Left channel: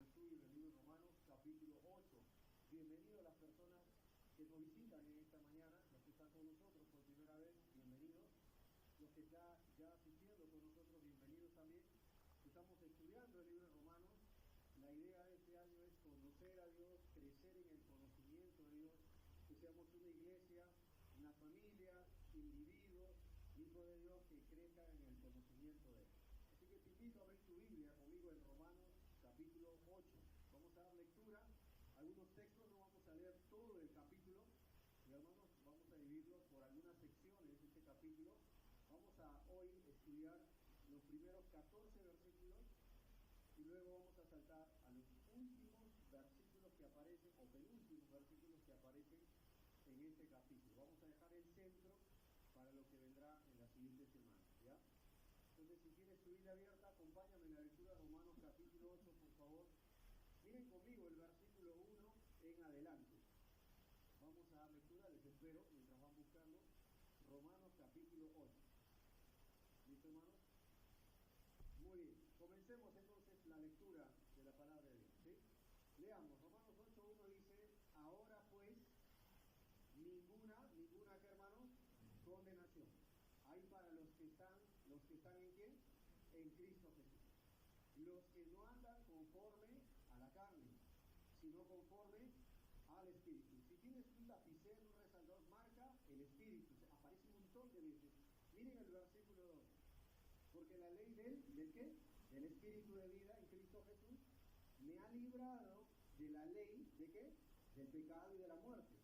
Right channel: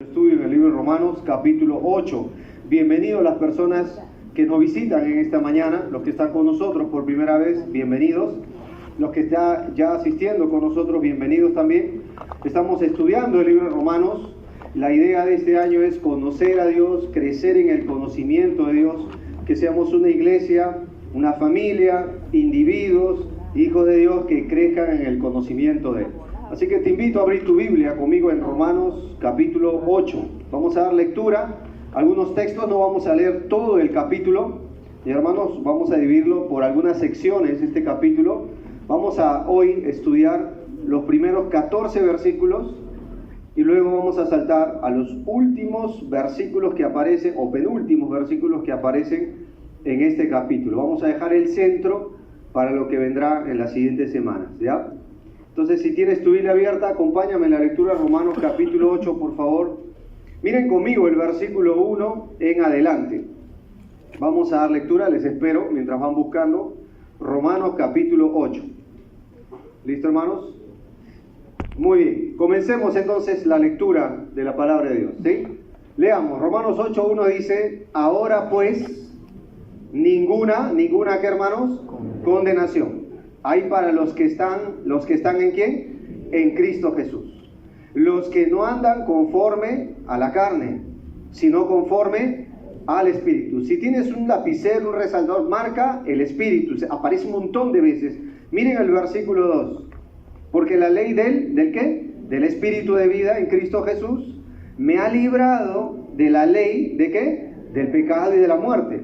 Estudio en el libro de Romanos, capítulo 8. Bienvenidos las personas que nos visitan en esta mañana, los que están con nosotros por primera vez, bienvenidos. Los que están ya asistiendo con nosotros, bienvenidos también. Estamos estudiando el libro de Romanos. La idea de este año es conocer a Dios, crecer en el conocimiento de Dios, que seamos una iglesia, una familia, individuos, hijos de Dios que crezcan en el conocimiento de Él. Así que te invito a abrir tu Biblia conmigo en Romanos capítulo 8. Vamos a dar lectura a algunos textos, no vamos a leer todo el capítulo. Y hermanos, vamos a dividirlo por algunas secciones, este capítulo. Vamos a hoy estudiar los primeros 14 versículos y luego vamos a saltar a los últimos versículos que aparecen, o penúltimos versículos que aparecen en este capítulo. Vamos a dejar el centro para lo que vendrá en las siguientes semanas, ¿ya? Entonces, si tienes tu Biblia abierta, acompáñame en la lectura de Romanos capítulo 8, por favor. Miren conmigo el versículo 1 en adelante. Vamos a dar lectura, les espero, mientras van buscando. Romanos capítulo 8. ¿Listo, hermanos? Muy bien. Comencemos entonces la lectura de la palabra de Dios, ¿sí? Leamos. Romanos 8:1 dice: ahora pues, ninguna, ¿qué, hermanos? Condenación hay para los que están ¿en quién? En Cristo Jesús. Los que no andan conforme a la carne, sino conforme al Espíritu. Si tienes un lapicero, un resaltador, marca el Espíritu. Aparece un montón de veces. Miren el versículo 2. Porque la ley ¿del qué? Del Espíritu de vida en Cristo Jesús me ha librado de la ley ¿de qué? Del pecado y de la muerte.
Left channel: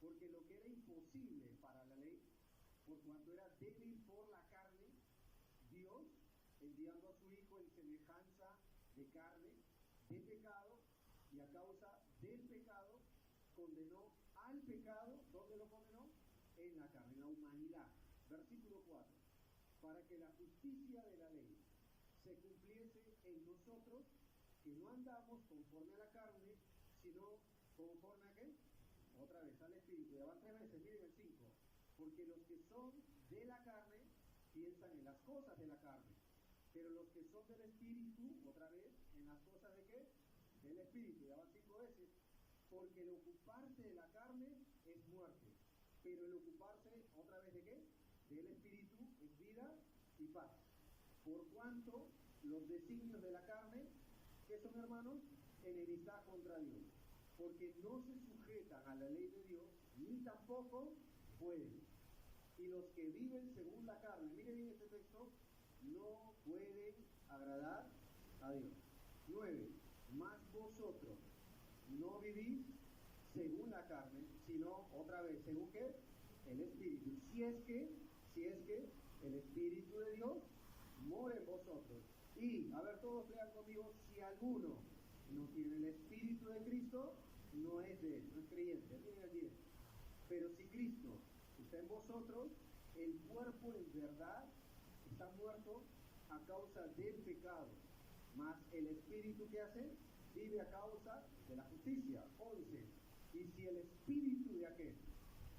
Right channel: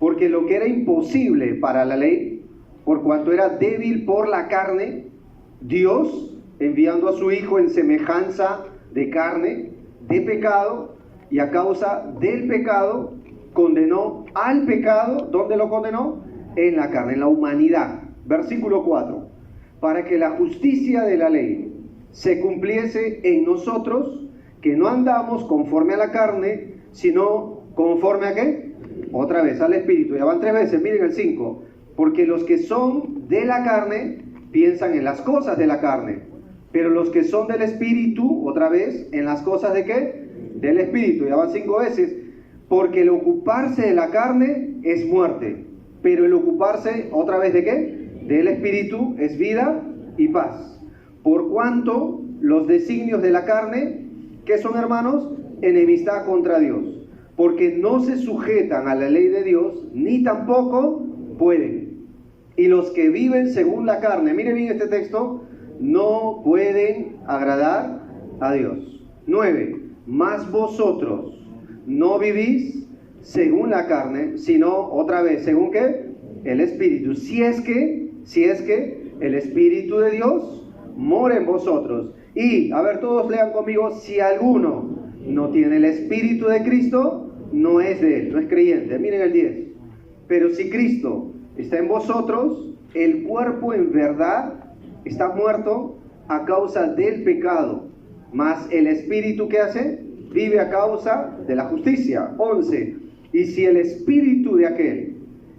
Porque lo que era imposible para la ley, por cuanto era débil por la carne, Dios, enviando a su Hijo en semejanza de carne, de pecado, y a causa del pecado, condenó al pecado. ¿Dónde lo condenó? En la carne, en la humanidad. Versículo 4. Para que la justicia de la ley se cumpliese en nosotros, que no andamos conforme a la carne, sino conforme a ¿qué? Otra vez, al Espíritu. Ya van 3 veces, miren el 5. Porque los que son de la carne piensan en las cosas de la carne, pero los que son del Espíritu, otra vez, en las cosas ¿de qué? Del Espíritu. Ya van 5 veces. Porque el ocuparse de la carne es muerte, pero el ocuparse, otra vez, ¿de qué? Del Espíritu es vida y paz. Por cuanto los designios de la carne, ¿qué son, hermanos? Enemistad contra Dios, porque no se sujetan a la ley de Dios, ni tampoco pueden. Y los que viven según la carne, mire bien este texto, no pueden agradar a Dios. 9. Mas vosotros no vivís según la carne, sino, otra vez, ¿según qué? El Espíritu. Si es que el Espíritu de Dios mora en vosotros. Y, a ver, todos lean conmigo: si alguno no tiene el Espíritu de Cristo, no es de él, no es creyente. Miren el 10. Pero si Cristo está en vosotros, el cuerpo en verdad está muerto a causa del pecado, mas el Espíritu, ¿qué hace? Vive a causa de la justicia. 11. Y si el Espíritu de aquel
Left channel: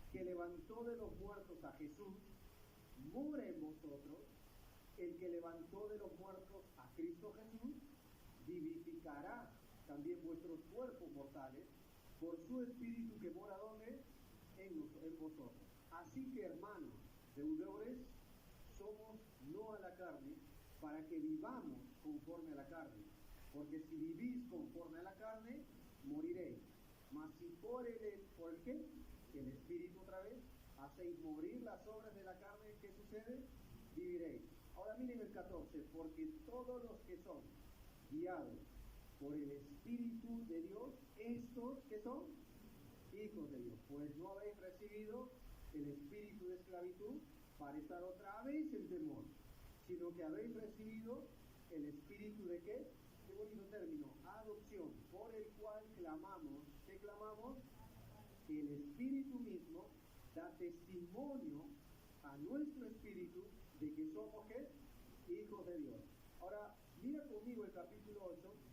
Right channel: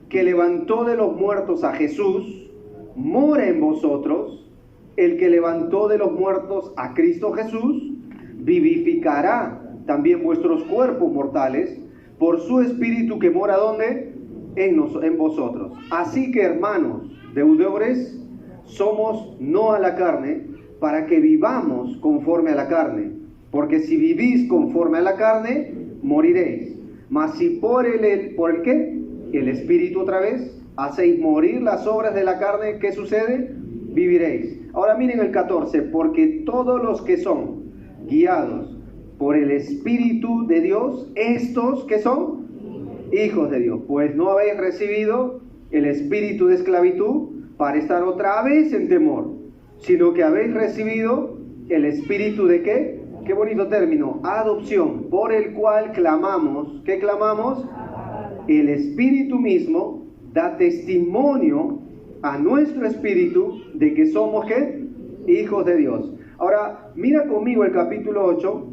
que levantó de los muertos a Jesús mora en vosotros, el que levantó de los muertos a Cristo Jesús vivificará también vuestros cuerpos mortales por su Espíritu que mora ¿dónde? En vosotros. Así que, hermanos, deudores, somos no a la carne, para que vivamos conforme a la carne. Porque si vivís conforme a la carne, moriréis. Mas si ¿por el qué? El Espíritu, otra vez, hacéis morir las obras de la carne, ¿qué sucede? Viviréis. Ahora miren el 14. Porque todos los que son guiados por el Espíritu de Dios, estos, ¿qué son? Hijos de Dios. Pues no habéis recibido el espíritu de esclavitud para estar otra vez en temor, sino que habéis recibido el espíritu de ¿qué? Qué bonito término: adopción, por el cual clamamos. ¿Qué clamamos? El Espíritu mismo da testimonio a nuestro espíritu de que somos ¿qué? Hijos de Dios. Ahora, mira conmigo el capítulo 8,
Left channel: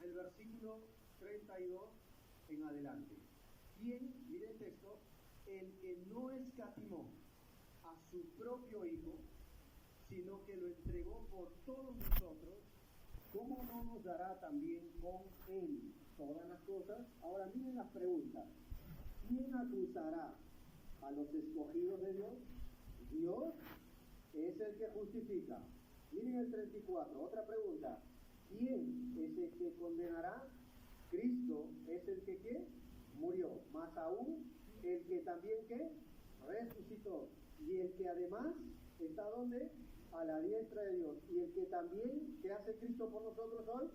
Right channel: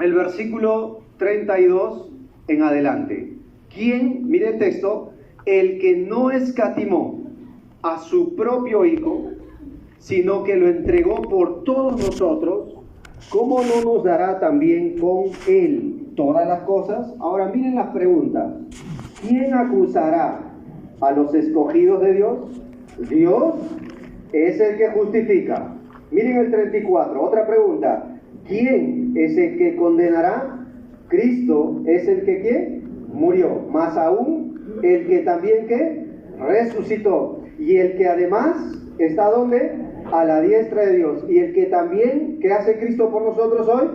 el versículo 32 en adelante. ¿Quién? Mire el texto: el que no escatimó a su propio Hijo, sino que lo entregó por todos nosotros, ¿cómo no nos dará también con Él todas las cosas? Ahora miren las preguntas. ¿Quién acusará a los escogidos de Dios? Dios es el que justifica. Miren el 34, otra pregunta. ¿Quién es el que condenará? Cristo es el que ¿qué? Murió. Más aún, el que también ¿qué? Resucitó. Y el que además está ¿dónde? A la diestra de Dios. Y el que también, ¿qué hace Cristo por nosotros hoy?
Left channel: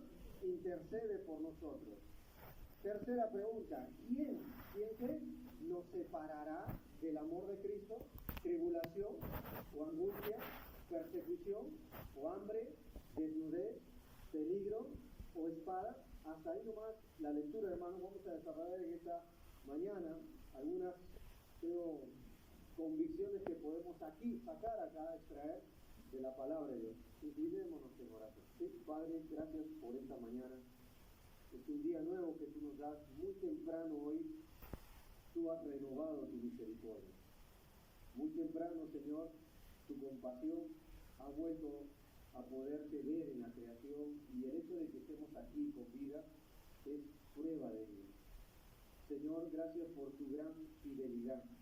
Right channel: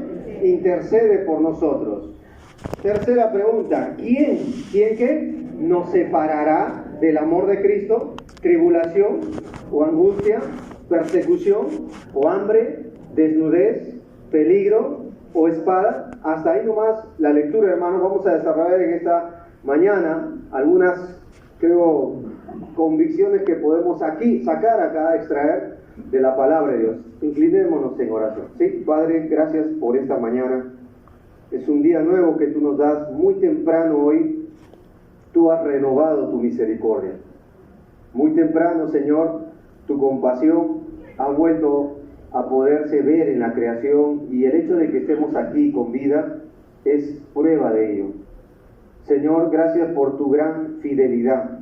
Intercede por nosotros. Tercera pregunta. ¿Quién qué? Nos separará del amor de Cristo? ¿Tribulación o angustia? ¿Persecución o hambre? ¿Desnudez? ¿Peligro o espada? Hasta ahí nomás la lectura, hermanos. Vamos a desarrollar en esta mañana algunas, creo, convicciones que podemos aquí sacar acá, extraer de la palabra de Dios. Inclinémonos en oración. Sí, Padre, gracias por esta mañana. Es un día nuevo que tú nos das muy temprano hoy. Tú has renovado tu misericordia. Muy temprano, Señor, tu compasión ha vuelto a poderse ver en la creación, y el hecho de que estemos aquí con vida es prueba de ello. Señor, gracias por tu gran fidelidad,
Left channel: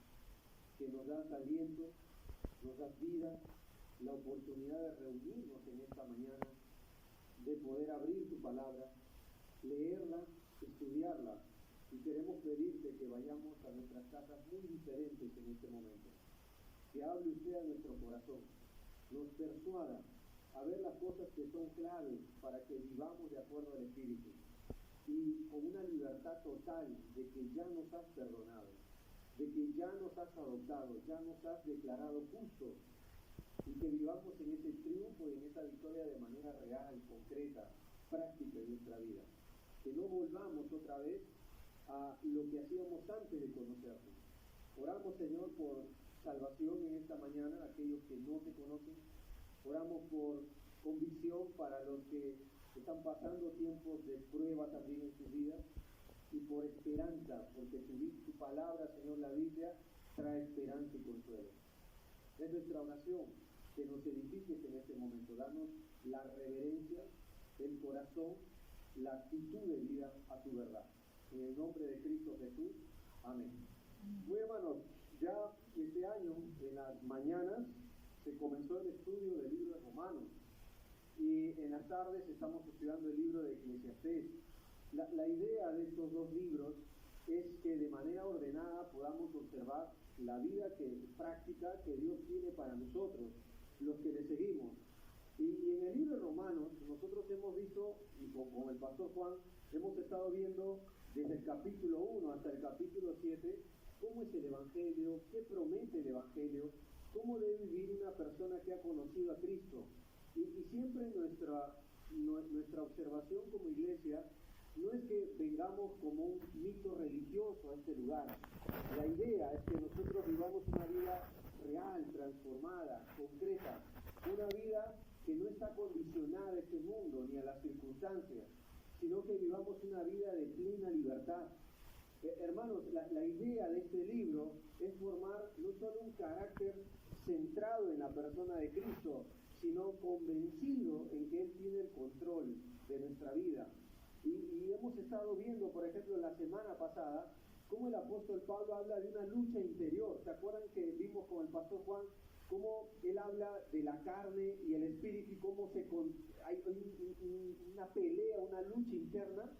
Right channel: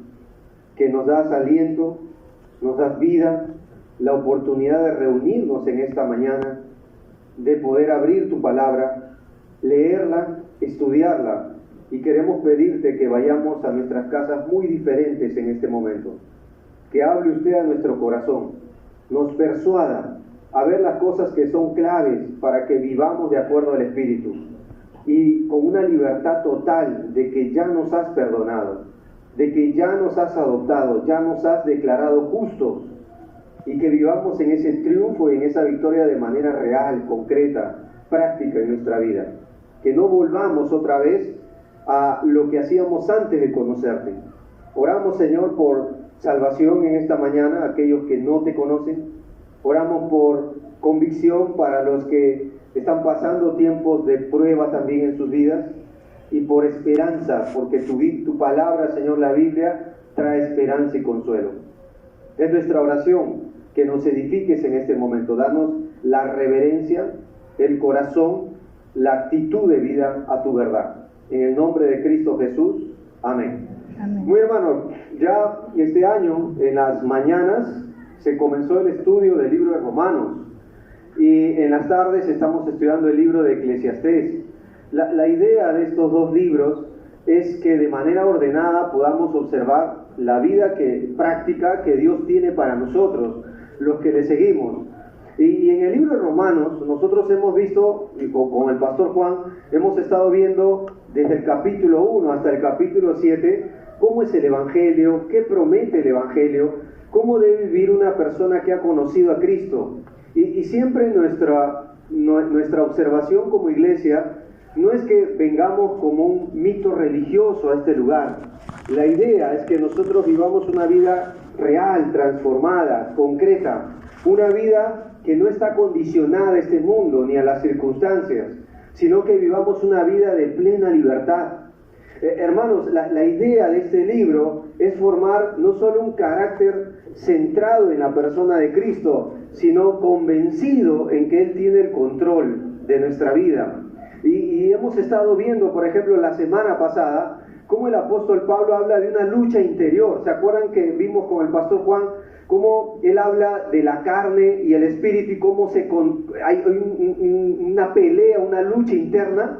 que nos das aliento, nos das vida, la oportunidad de reunirnos en esta mañana, de poder abrir tu palabra, leerla, estudiarla, y queremos pedirte que vayamos a nuestras casas muy diferentes en este momento. Que hable usted a nuestro corazón, nos persuada a ver las cosas que son claves para que vivamos de acuerdo al Espíritu, y con una libertad total de que ya nos has perdonado, de que ya nos has adoptado, ya nos has declarado justos, y que vivamos en ese triunfo y en esa victoria de manera real, concreta, práctica en nuestra vida. Que no volvamos otra vez a lo que hacíamos antes de conocerte. Oramos, Señor, por salvación en esta mañana, aquellos que no te conocen. Oramos por convicción para los que están pasando tiempos de prueba también en sus vidas, y por esperanza, porque tu palabra, Señor, la Biblia, trae esperanza y consuelo. Es nuestra oración que nos edifiques en este momento. Danos la reverencia, el corazón, la actitud de vida a tu verdad. En el nombre de Cristo Jesús. Amén. Amén. Muy hermanos, ya este año, en las mañanas, se comenzó el estudio del libro de Romanos, y en las tardes estamos estudiando el libro de Eclesiastés. La idea de estos dos libros es que de manera ordenada podamos observar la vida práctica que Dios tiene para nosotros, los que le seguimos. Y en el libro de Romanos nosotros hemos visto, y con el pastor Juan, hemos estado viendo desde el capítulo 1 hasta el capítulo 7, cómo es el Evangelio, qué promete el Evangelio, cómo debe vivir una persona que ha conocido a Cristo. Y siempre nuestra observación como iglesia no es que vengamos como un mito religioso a este lugar. La idea es que nosotros vivamos una vida real, transformada, concreta, una vida que no está condicionada a este mundo ni a las circunstancias, sino que vivamos una vida de plena libertad. Hermanos, la idea de este libro es formar no solo un carácter centrado en la persona de Cristo, sino convencido en que Él tiene el control de nuestra vida. Y hemos estado viendo, por ejemplo, la semana pasada, cómo el apóstol Pablo habla de una lucha interior. ¿Se acuerdan que vimos con el pastor Juan cómo él habla de la carne y el espíritu, y cómo hay una pelea, una lucha interna?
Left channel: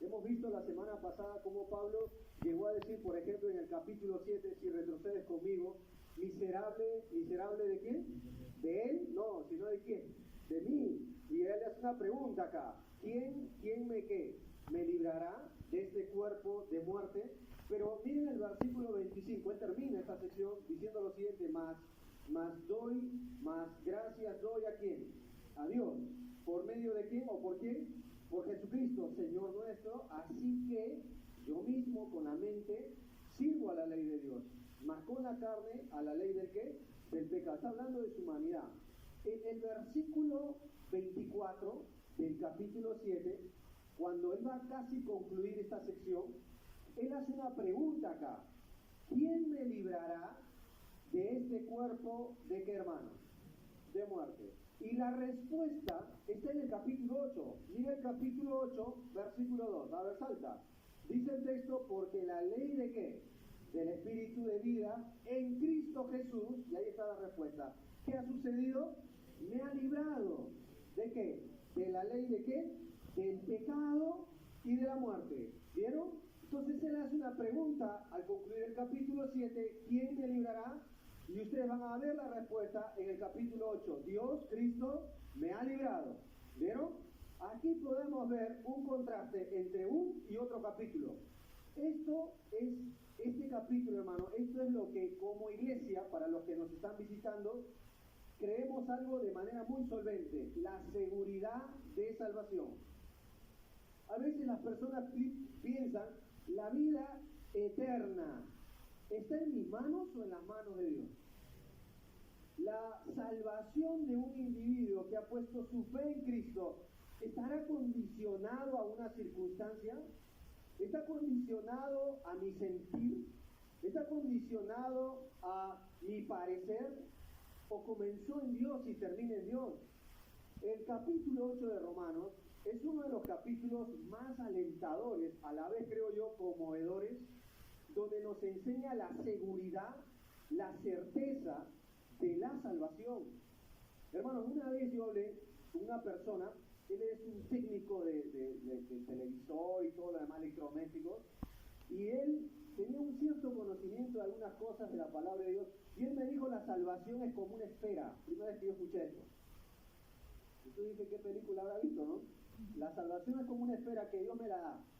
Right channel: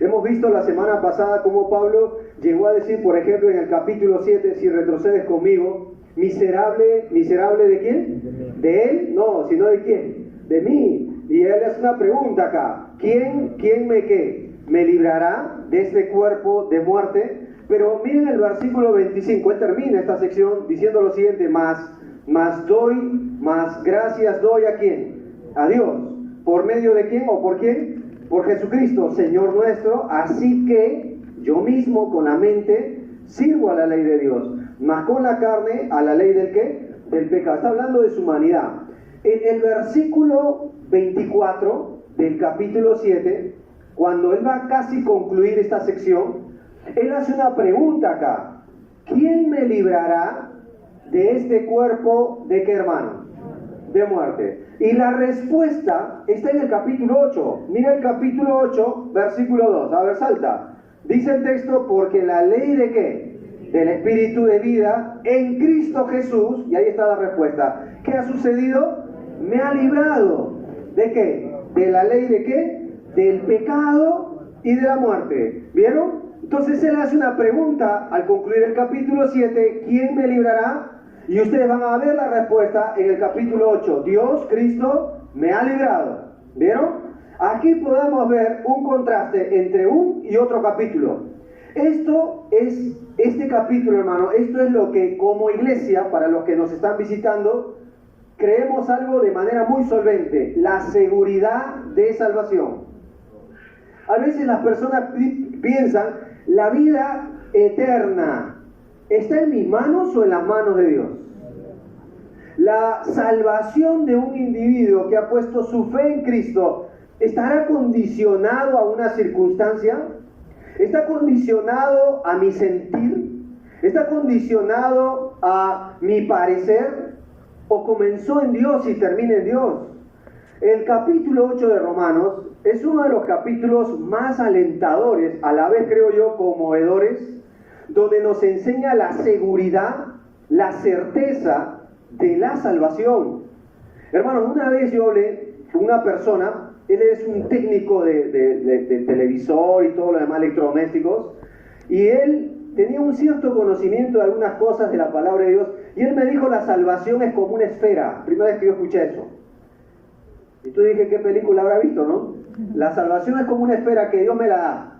Hemos visto la semana pasada cómo Pablo llegó a decir, por ejemplo, en el capítulo 7, si retrocedes conmigo, miserable ¿de quién? ¿De él? No, sino ¿de quién? De mí. Y él hace una pregunta acá: ¿Quién me librará de este cuerpo de muerte? Pero miren el versículo 25, él termina esta sección diciendo lo siguiente: más gracias doy ¿a quién? A Dios. ¿Por medio de quién o por quién? Por Jesucristo, Señor nuestro. Así que yo mismo con la mente sirvo a la ley de Dios, mas con la carne a la ley del ¿qué? Del pecado. Está hablando de su humanidad. En el versículo 24 del capítulo 7, cuando él va a casi concluir esta sección, él hace una pregunta acá: ¿quién me librará de este cuerpo de qué, hermano? De muerte. Y la respuesta está en el capítulo 8. Mira el capítulo 8, versículo 2. A ver, salta. Dice el texto, porque la ley de ¿qué? Del Espíritu de vida en Cristo Jesús, y ahí está la respuesta. ¿Qué ha sucedido? Me ha librado. ¿De qué? ¿De la ley de qué? Del pecado y de la muerte. ¿Vieron? Entonces él hace una pregunta al concluir el capítulo 7, ¿quién me librará? Y ustedes van a ver la respuesta en el capítulo 8, Dios, Cristo, me ha librado. ¿Vieron? Aquí podemos ver un contraste entre un y otro capítulo. Este capítulo, hermano, esto es lo que como iglesia, para los que nos están visitando, creemos algo de manera muy solvente, la seguridad de salvación. A veces las personas piensan, la vida eterna, ¿está en mis manos o en las manos de Dios? La salvación de un individuo que ha puesto su fe en Cristo, ¿estará condicionado a una circunstancia? ¿Está condicionado a mi sentir? ¿Está condicionado a mi parecer? ¿O comenzó en Dios y termina en Dios? El capítulo 8 de Romanos es uno de los capítulos más alentadores, a la vez creo yo conmovedores, donde nos enseña la seguridad, la certeza de la salvación. Hermanos, una vez yo hablé con una persona, él es un técnico de televisor y todo lo demás electrodomésticos, y él tenía un cierto conocimiento de algunas cosas de la palabra de Dios, y él me dijo, la salvación es como una esfera. Primera vez que yo escuché eso. Y tú dije, ¿qué película habrá visto, no? La salvación es como una esfera que Dios me la da.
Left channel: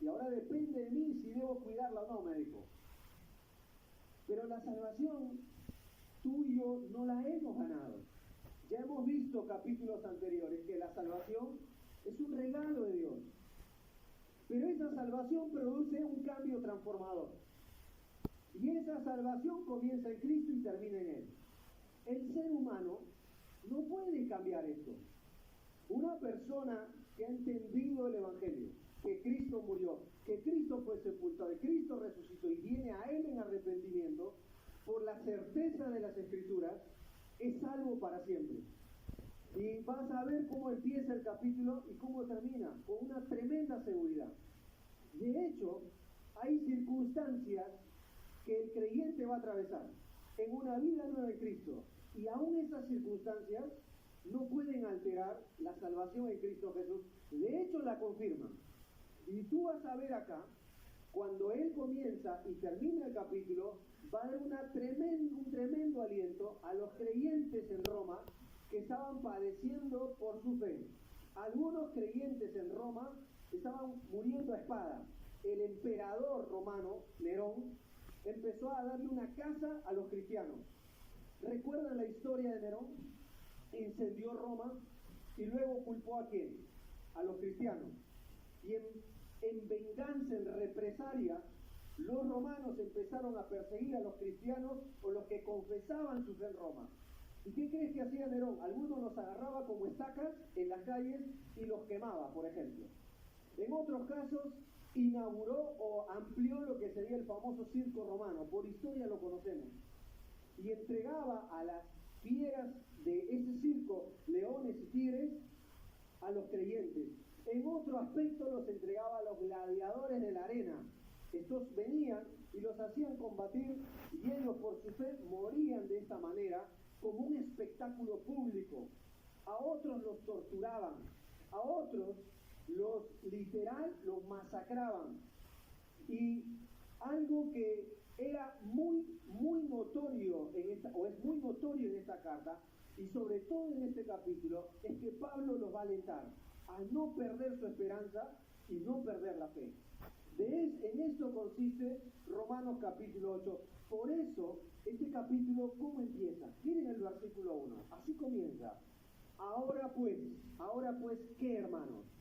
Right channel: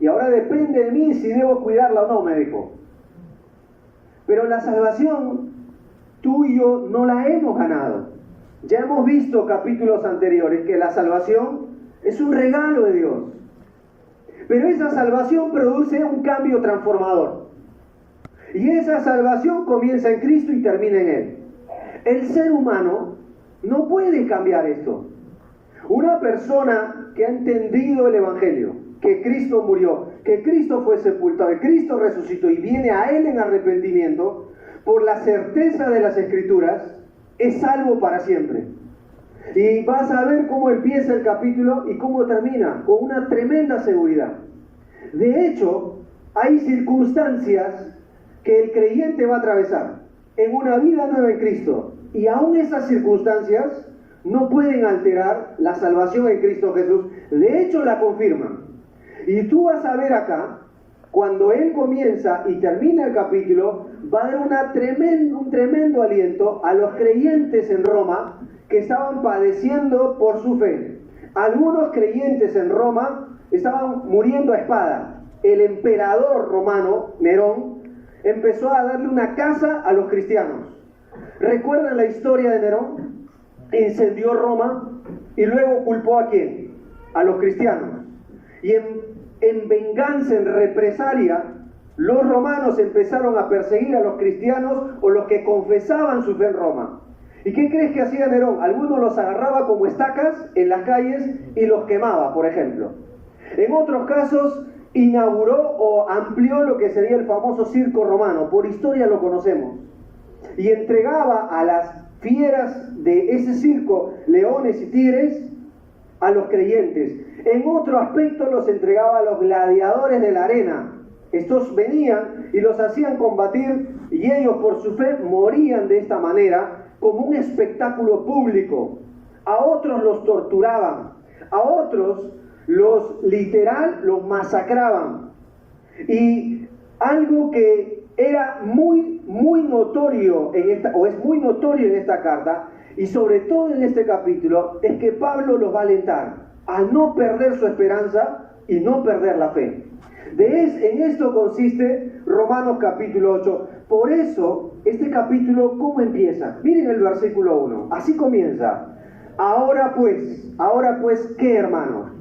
Y ahora depende de mí si debo cuidarla o no, me dijo. Pero la salvación, tú y yo no la hemos ganado. Ya hemos visto capítulos anteriores que la salvación es un regalo de Dios. Pero esa salvación produce un cambio transformador. Y esa salvación comienza en Cristo y termina en Él. El ser humano no puede cambiar esto. Una persona que ha entendido el Evangelio, que Cristo murió, que Cristo fue sepultado, que Cristo resucitó y viene a Él en arrepentimiento, por la certeza de las Escrituras, es salvo para siempre. Y vas a ver cómo empieza el capítulo y cómo termina, con una tremenda seguridad. De hecho, hay circunstancias que el creyente va a atravesar en una vida nueva en Cristo. Y aún esas circunstancias no pueden alterar la salvación en Cristo Jesús. De hecho, la confirman. Y tú vas a ver acá, cuando Él comienza y termina el capítulo, va a dar un tremendo aliento a los creyentes en Roma que estaban padeciendo por su fe. Algunos creyentes en Roma estaban muriendo a espada. El emperador romano, Nerón, empezó a darle una caza a los cristianos. ¿Recuerdan la historia de Nerón? Incendió Roma y luego culpó ¿a quién? A los cristianos. Y en venganza, en represalia, los romanos empezaron a perseguir a los cristianos o los que confesaban su fe en Roma. ¿Y qué crees que hacía Nerón? Algunos los agarraba como estacas en las calles y los quemaba, por ejemplo. En otros casos, inauguró o amplió lo que sería el famoso circo romano. Por historia lo conocemos. Y entregaba a las fieras de ese circo, leones y tigres, a los creyentes. En otro aspecto los entregaba a los gladiadores de la arena. Estos venían y los hacían combatir y ellos por su fe morían de esta manera como un espectáculo público. A otros los torturaban, a otros los masacraban. Y algo que era muy notorio es muy notorio en esta carta, y sobre todo en este capítulo, es que Pablo los va a alentar a no perder su esperanza y no perder la fe. En esto consiste Romanos capítulo 8. Por eso, este capítulo, ¿cómo empieza? Miren el versículo 1, así comienza. Ahora pues, ¿qué, hermanos?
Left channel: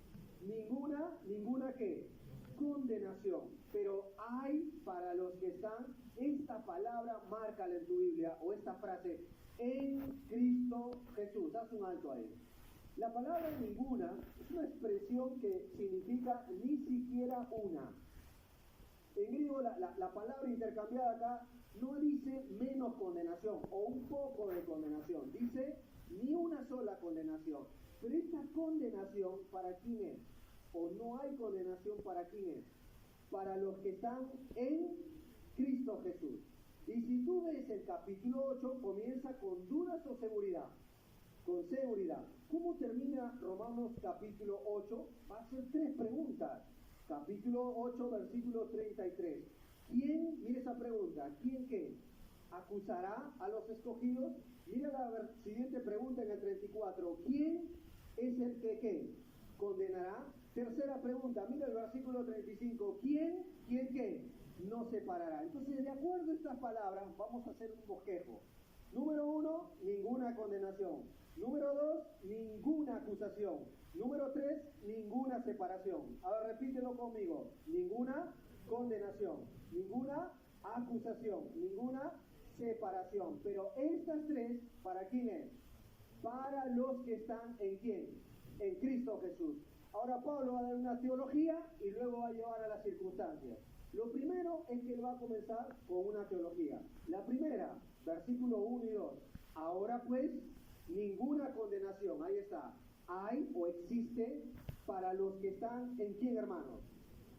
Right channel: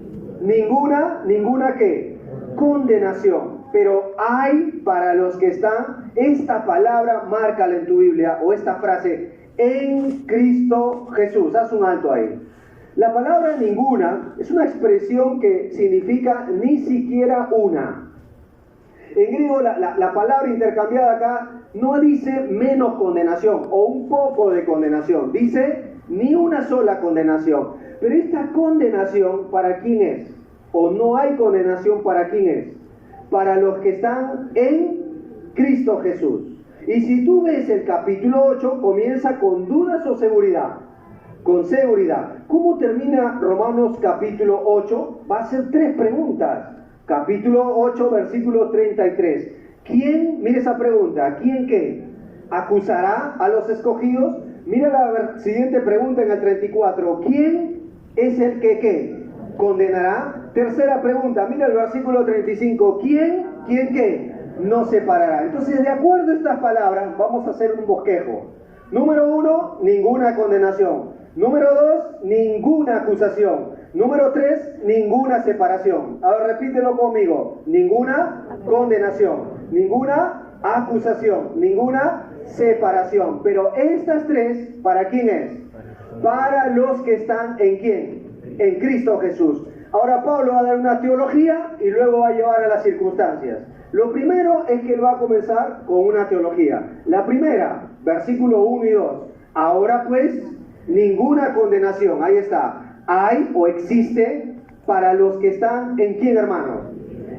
Ninguna ¿qué? Condenación. Pero hay para los que están, esta palabra, márcala en tu Biblia, o esta frase, en Cristo Jesús. Haz un alto ahí. La palabra ninguna es una expresión que significa ni siquiera una. En griego la palabra intercambiada acá no dice menos condenación o un poco de condenación, dice Ni una sola condenación. Pero esta condenación, ¿para quién es? ¿O no hay condenación para quién es? Para los que están en Cristo Jesús. Y si tú ves el capítulo 8, comienza con dudas o seguridad. Con seguridad. ¿Cómo termina Romanos capítulo 8? Va a ser 3 preguntas. Capítulo 8, versículo 33. ¿Quién, mire esa pregunta, ¿quién qué? ¿Acusará a los escogidos? Mira la siguiente pregunta en el 34. ¿Quién es el que qué? ¿Condenará? Tercera pregunta, mira el versículo 35. ¿Quién qué? No separará. Entonces, de acuerdo a estas palabras, vamos a hacer un bosquejo. Número 1, ninguna condenación. Número 2, ninguna acusación. Número 3, ninguna separación. Ahora repítelo conmigo. Ninguna condenación. Ninguna acusación. Ninguna separación. Pero estas 3, ¿para quién es? Para los que están en ¿quién? En Cristo Jesús. Ahora Pablo va a dar una teología y luego va a llevar a las circunstancias. Lo primero es que él va a comenzar con una teología. La primera, versículo 1 y 2. Ahora pues, ninguna condenación. Ahí está. Hay o existe para los que están en ¿quién, hermanos?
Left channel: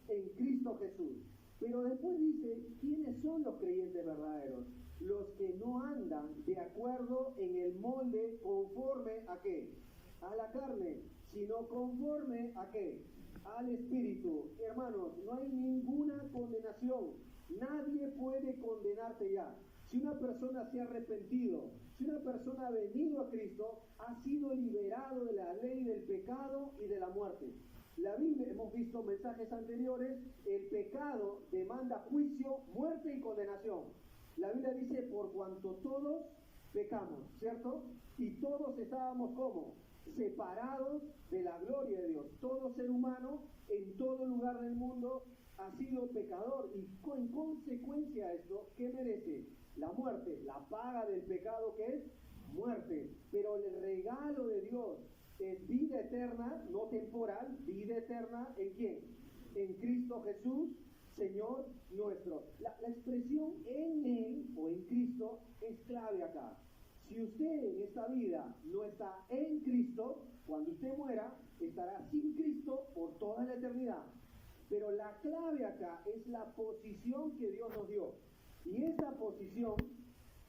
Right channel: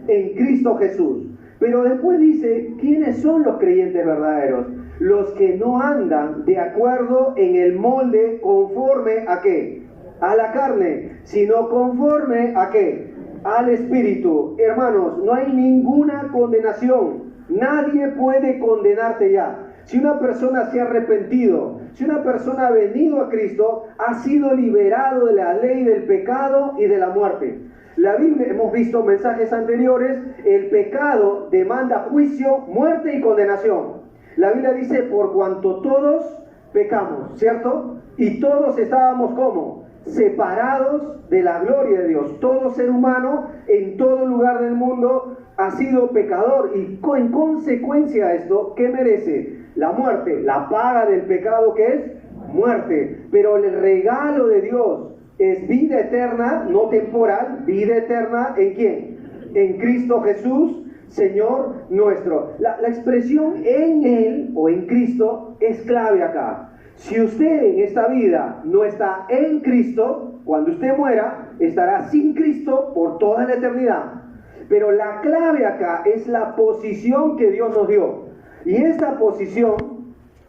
En Cristo Jesús. Pero después dice, ¿quiénes son los creyentes verdaderos? Los que no andan de acuerdo en el molde conforme a ¿qué? A la carne, sino conforme a ¿qué? Al Espíritu. Hermanos, no hay ninguna condenación. Nadie puede condenarte ya. Si una persona se ha arrepentido, si una persona ha venido a Cristo, ha sido liberado de la ley del pecado y de la muerte. La Biblia, hemos visto mensajes anteriores, el pecado demanda juicio, muerte y condenación. La Biblia dice, por cuanto todos pecamos, ¿cierto? Y todos estábamos ¿cómo? Separados de la gloria de Dios. Todo ser humano en todo lugar del mundo ha sido pecador y en consecuencia de esto, ¿qué merece? La muerte, la paga del pecado que es muerte. Pero el regalo de Dios es vida eterna, no temporal, vida eterna ¿en quién? En Cristo Jesús, Señor nuestro. La expresión en Él o en Cristo es clave acá. Si usted en esta vida no está en Cristo, cuando usted muera, estará sin Cristo por toda la eternidad. Pero la clave acá es la posición que Dios nos dio. Y esta posición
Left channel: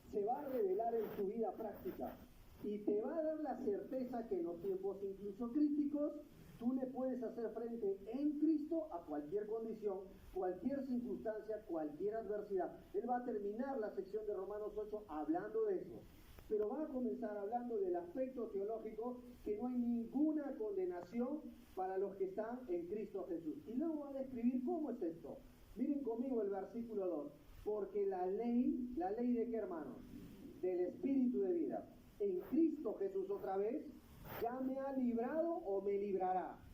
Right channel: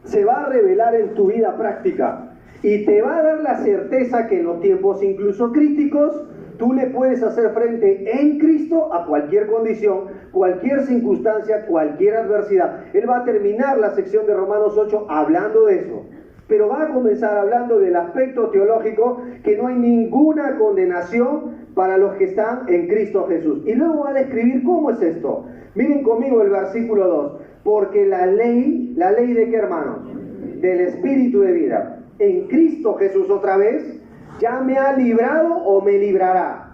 se va a revelar en tu vida práctica. Y te va a dar la certeza que en los tiempos incluso críticos, tú le puedes hacer frente en Cristo a cualquier condición, cualquier circunstancia, cualquier adversidad. Él va a terminar la sección de Romanos 8 hablando de eso. Pero va a comenzar hablando del aspecto teológico, que no hay ninguna condenación para los que están en Cristo Jesús. Y luego va a describir cómo es esto. Miren conmigo el versículo 2. Porque la ley ¿de qué, hermanos? Del Espíritu de vida. En Cristo Jesús otra vez, ya me ha librado o me librará.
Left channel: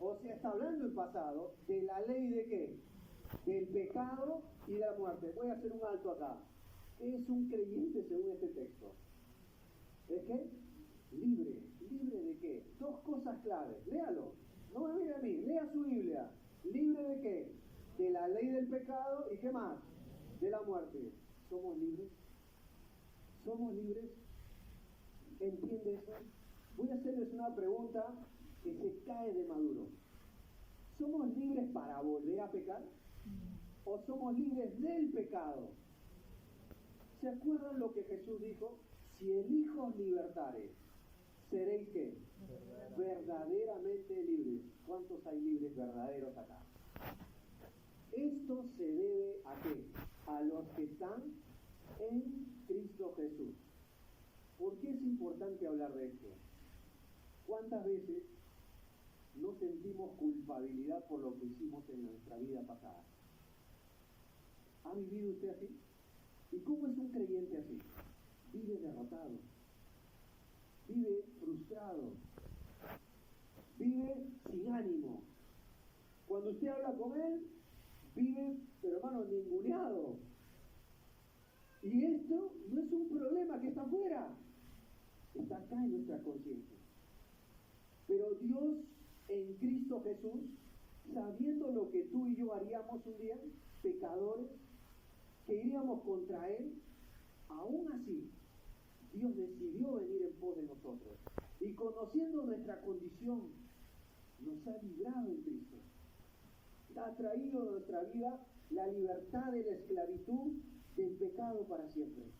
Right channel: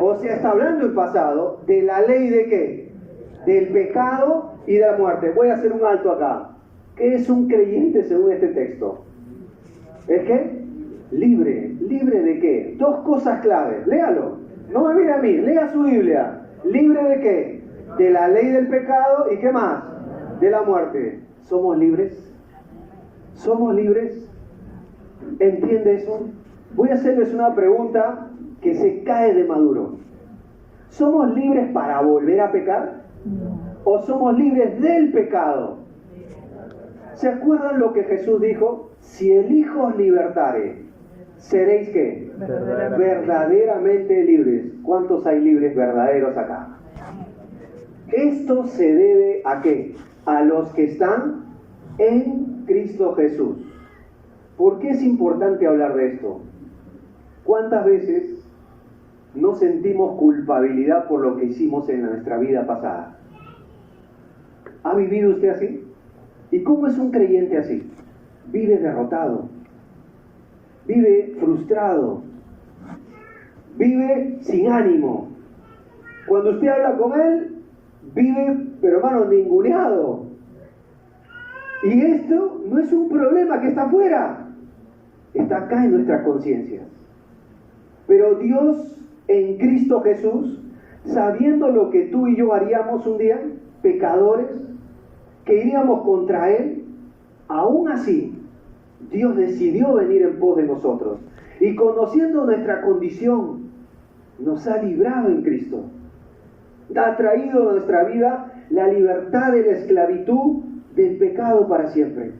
O sea, está hablando en pasado de la ley de qué? Del pecado y de la muerte. Voy a hacer un alto acá. ¿Qué es un creyente según este texto? ¿Es qué? Libre. ¿Libre de qué? 2 cosas claves. Léalo. No me mire a mí, lea su Biblia. ¿Libre de qué? De la ley del pecado y ¿qué más? De la muerte. ¿Somos libres? ¿Somos libres? ¿Entiende eso? Voy a hacerles una pregunta que se cae de maduro. ¿Somos libres para volver a pecar? ¿O somos libres del pecado? ¿Se acuerdan lo que Jesús dijo? Si el Hijo os libertare, ¿seréis qué? Verdaderamente libres. ¿Cuántos hay libres verdaderos acá? Esto se debe ¿a qué? A los que están en Cristo Jesús. ¿Por qué es importante hablar de esto? ¿Cuántas veces no sentimos culpabilidad por lo que hicimos en nuestra vida pasada? ¿Ha vivido usted así? ¿Y cómo es un creyente así? Vive derrotado, vive frustrado, vive sin ánimo. Cuando usted habla con él, vive, pero hermano, ninguneado. Y esto no es un problema que está afuera, está acá en nuestras conciencias. Pero Dios en Cristo Jesús, sabiendo lo que tú y yo haríamos un día, pecadores, que iríamos contra Él, aún así, Dios decidió venir en pos de nosotros. Y conociendo nuestra condición, nos ha librado en Cristo. Ha traído a nuestra vida la libertad de la esclavitud del pecado para siempre.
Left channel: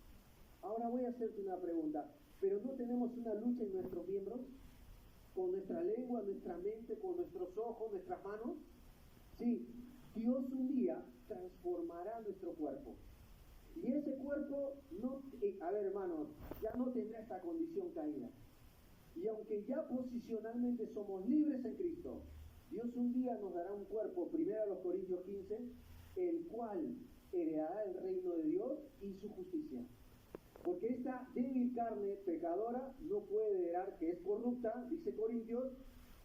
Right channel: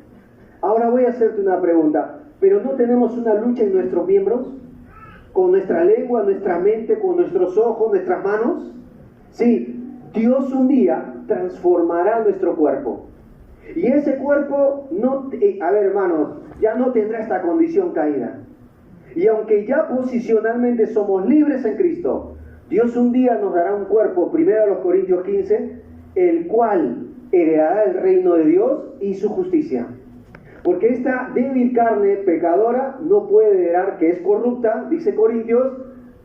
Ahora voy a hacerte una pregunta. ¿Pero no tenemos una lucha en nuestros miembros? ¿Con nuestra lengua, nuestra mente, con nuestros ojos, nuestras manos? Sí, Dios un día transformará nuestro cuerpo. Y ese cuerpo, hermanos, ya no tendrá esta condición caída. Y aunque ya posicionalmente somos libres en Cristo, Dios un día nos dará un cuerpo, 1 Corintios 15, el cual heredará el reino de Dios y su justicia. Porque esta débil carne pecadora no puede heredar, que es corrupta, dice Corintios,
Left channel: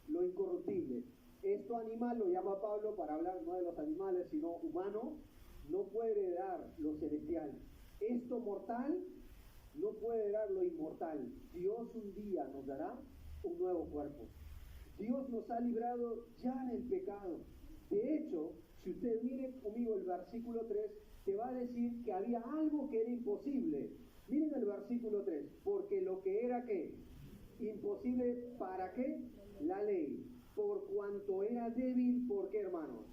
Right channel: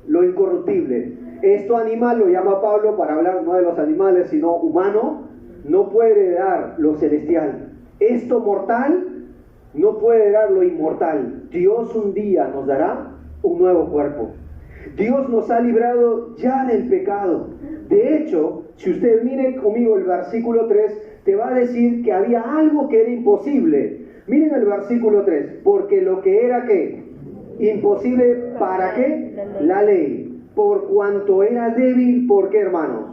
lo incorruptible. Esto animal lo llama Pablo para hablar no de los animales, sino humano, no puede heredar lo celestial. Esto mortal no puede heredar lo inmortal. Dios un día nos dará un nuevo cuerpo. Dios nos ha librado ya del pecado. De hecho, si usted mire conmigo el versículo 3, te va a decir que había algo que era imposible. Miren el versículo 3, porque lo que era ¿qué? Imposible, ¿para qué? La ley. Por cuanto era débil, ¿por qué, hermanos?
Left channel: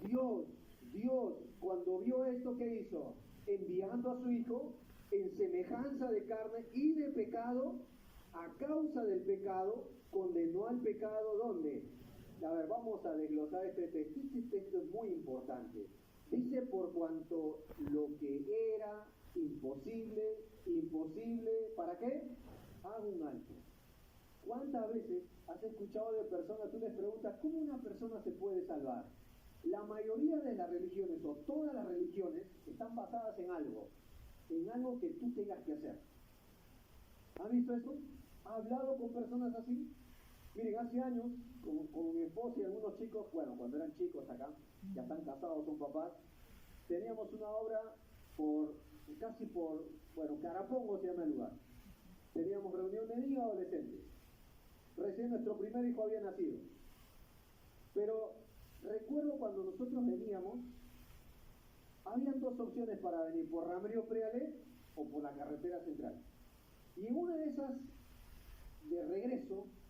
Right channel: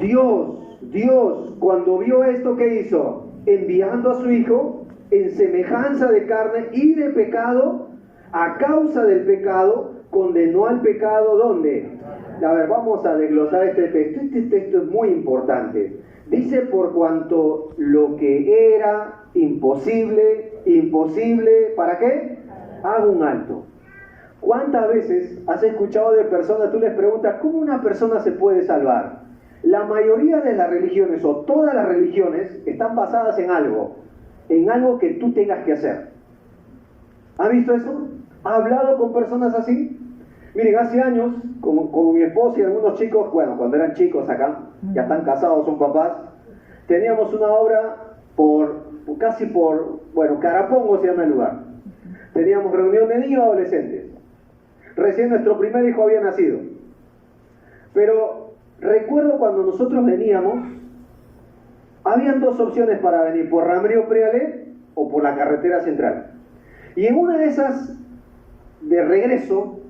Dios, cuando vio esto, ¿qué hizo? Enviando a su Hijo en semejanza de carne y de pecado, a causa del pecado, condenó al pecado, ¿dónde? A ver, vamos a desglosar este texto. Este texto es muy importante. Dice, por cuanto lo que era imposible, ¿para qué? Haga un alto. ¿Cuántas veces has escuchado de personas, tú les preguntas, ¿cómo una persona se puede salvar? La mayoría de las religiones, o todas las religiones, están basadas en algo que tú tengas que hacer. ¿Has visto eso? ¿Ha hablado con personas así? Miren, hace años, como mi esposa y algunos chicos, bueno, cuando eran chicos acá, ya están casados, son papás, teníamos una obra casi por Carapongo se llama el lugar. Teníamos reunión de niños y adolescentes. Recién nuestro primer hijo había nacido. Pero recuerdo cuando nosotros veníamos, habían dos opciones para venir, por Ramiro Prealé o por la carretera central. Y en una de esas, de regreso,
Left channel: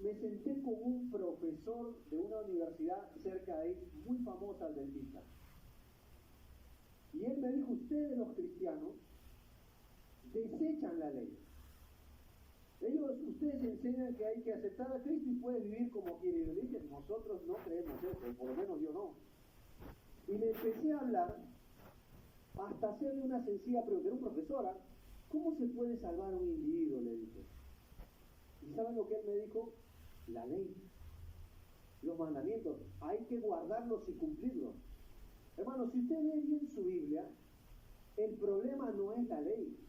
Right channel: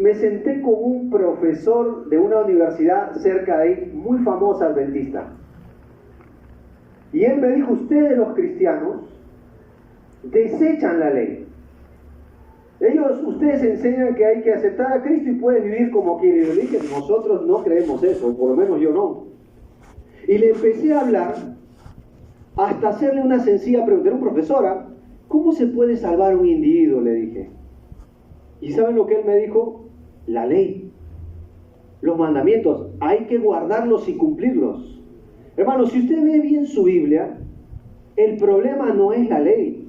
me senté con un profesor de una universidad cerca de ahí, muy famosa, adventista. Y él me dijo, ustedes los cristianos desechan la ley. Ustedes enseñan que hay que aceptar a Cristo y pueden vivir como quieren. Y yo le dije, nosotros no creemos eso, por lo menos yo no. Y le empecé a hablar hasta hacerle una sencilla pregunta. Era un profesora, ¿cómo se puede salvar un individuo? Le dije. ¿Y saben lo que él me dijo? La ley. Los mandamientos, hay que guardarlos y cumplirlos. Hermanos, si usted ve bien su Biblia, el problema no es la ley.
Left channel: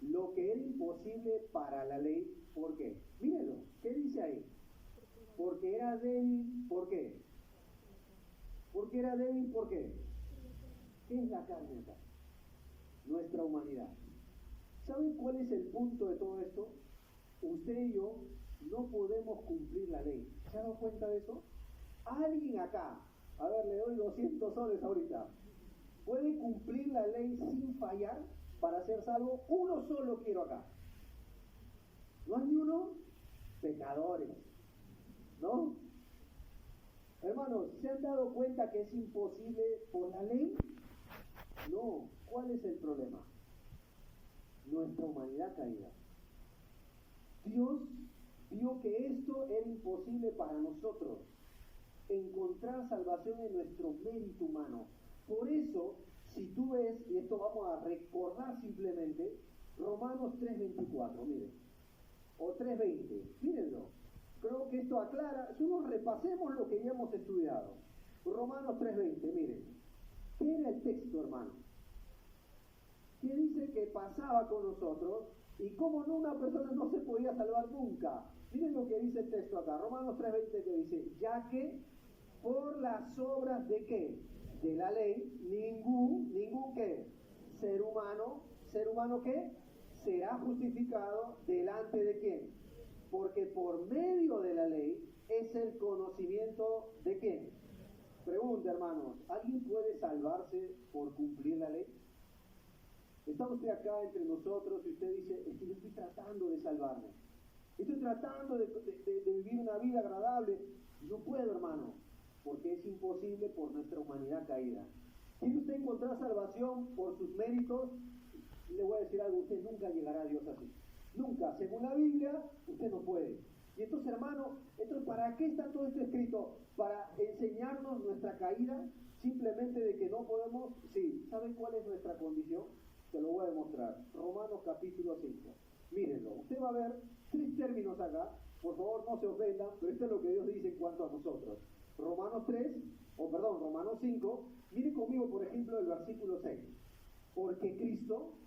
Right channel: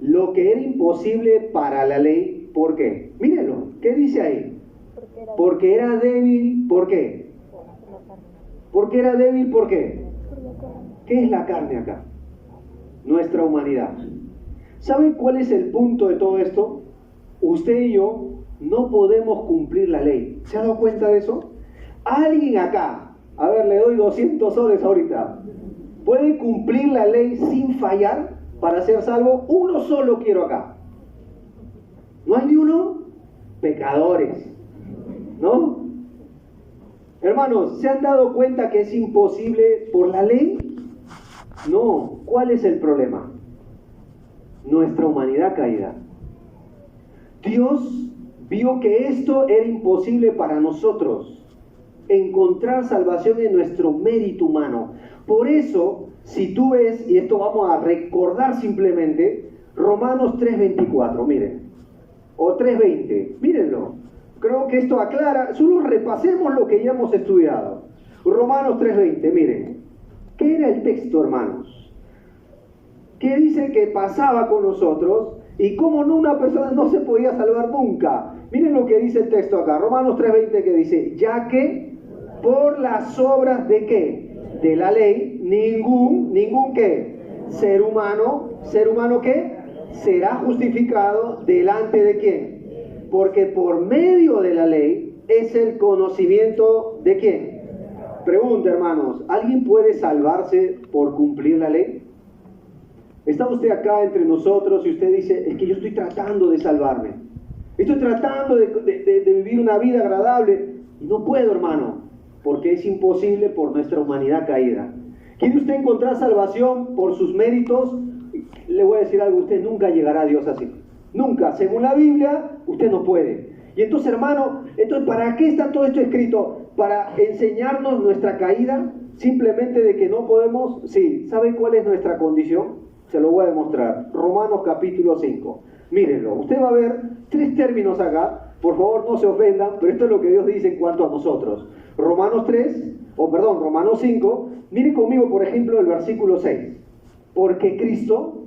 Lo que era imposible para la ley, ¿por qué? Mírenlo, ¿qué dice ahí? Porque era débil, ¿por qué? Porque era débil, ¿por qué? ¿Qué es la carne acá? Nuestra humanidad. ¿Saben cuál es el punto de todo esto? Usted y yo no podemos cumplir la ley. ¿Se ha dado cuenta de eso? Alguien acá, a ver, le doy 200 soles ahorita, ¿puede cumplir la ley sin fallar para ser salvo? Uno solo quiero acá. ¿No hay ni uno? Pecadores, ¿no? Hermanos, ¿se han dado cuenta que es imposible por la ley? No. ¿Cuál es el problema? Nuestra humanidad caída. Dios vio que esto era imposible para nosotros, encontrar salvación en nuestro mérito humano. Por eso, si tú ves, y esto vamos a recordar simplemente, Romanos 3:24, miren, o 3:20, mírenlo. Creo que esto aclara, solo repasemos lo que ya hemos estudiado. Romanos 3:20, miren. ¿Qué era el texto, hermanos? ¿Qué dice que pasaba con nosotros? Y cómo no, una persona no se podía salvar nunca. Miren lo que dice el texto acá, Romanos 3:20, que dice, ya que por las obras de ¿qué? De la ley, ningún ¿qué? Ser humano ¿qué? Será justificado delante de ¿quién? Porque por medio de la ley es el conocimiento ¿de quién? Pregunta, hermanos, ¿alguien puede salvarse por cumplir la ley? Está usted acá entre nosotros y usted dice, es que yo estoy tratando de salvarme. Estoy tratando de vivir una vida agradable. Y no puedo, hermano, porque es imposible por nuestra humanidad caída. ¿Quiere usted encontrar salvación por sus méritos? Le voy a decir algo, usted nunca llegará a Dios así. Nunca. Según la Biblia, usted no puede. Y entonces, hermano, ¿para qué está todo esto escrito? ¿Para enseñarnos nuestra caída? Simplemente de que no podemos. Sí, ¿sabe cuál es nuestra condición? Se lo voy a demostrar. Romanos capítulo 5. Mírenlo. Usted va a ver 3 términos acá. Por favor, no se ofendan, pero esto es lo que Dios dice en cuanto a nosotros. Romanos 5. Miren conmigo, por ejemplo, el versículo 6. Porque Cristo,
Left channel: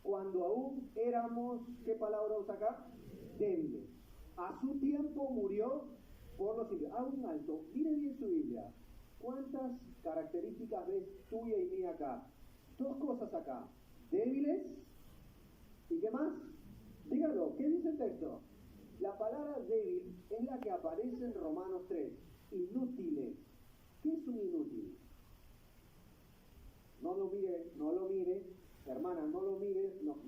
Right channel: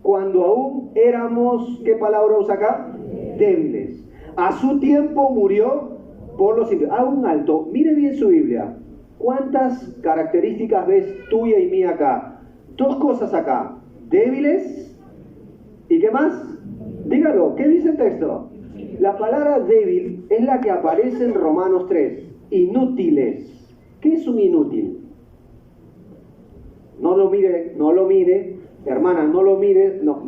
cuando aún éramos, ¿qué palabra usa acá? Débiles. A su tiempo murió por los impíos. Haga un alto. Mire bien su Biblia. ¿Cuántas características ves tuya y mía acá? 2 cosas acá. Débiles. ¿Y qué más? Dígalo. ¿Qué dice el texto? La palabra débil es la que aparece en Romanos 3. Inútiles. ¿Qué es un inútil? No lo mire. Hermana, no lo mire. No.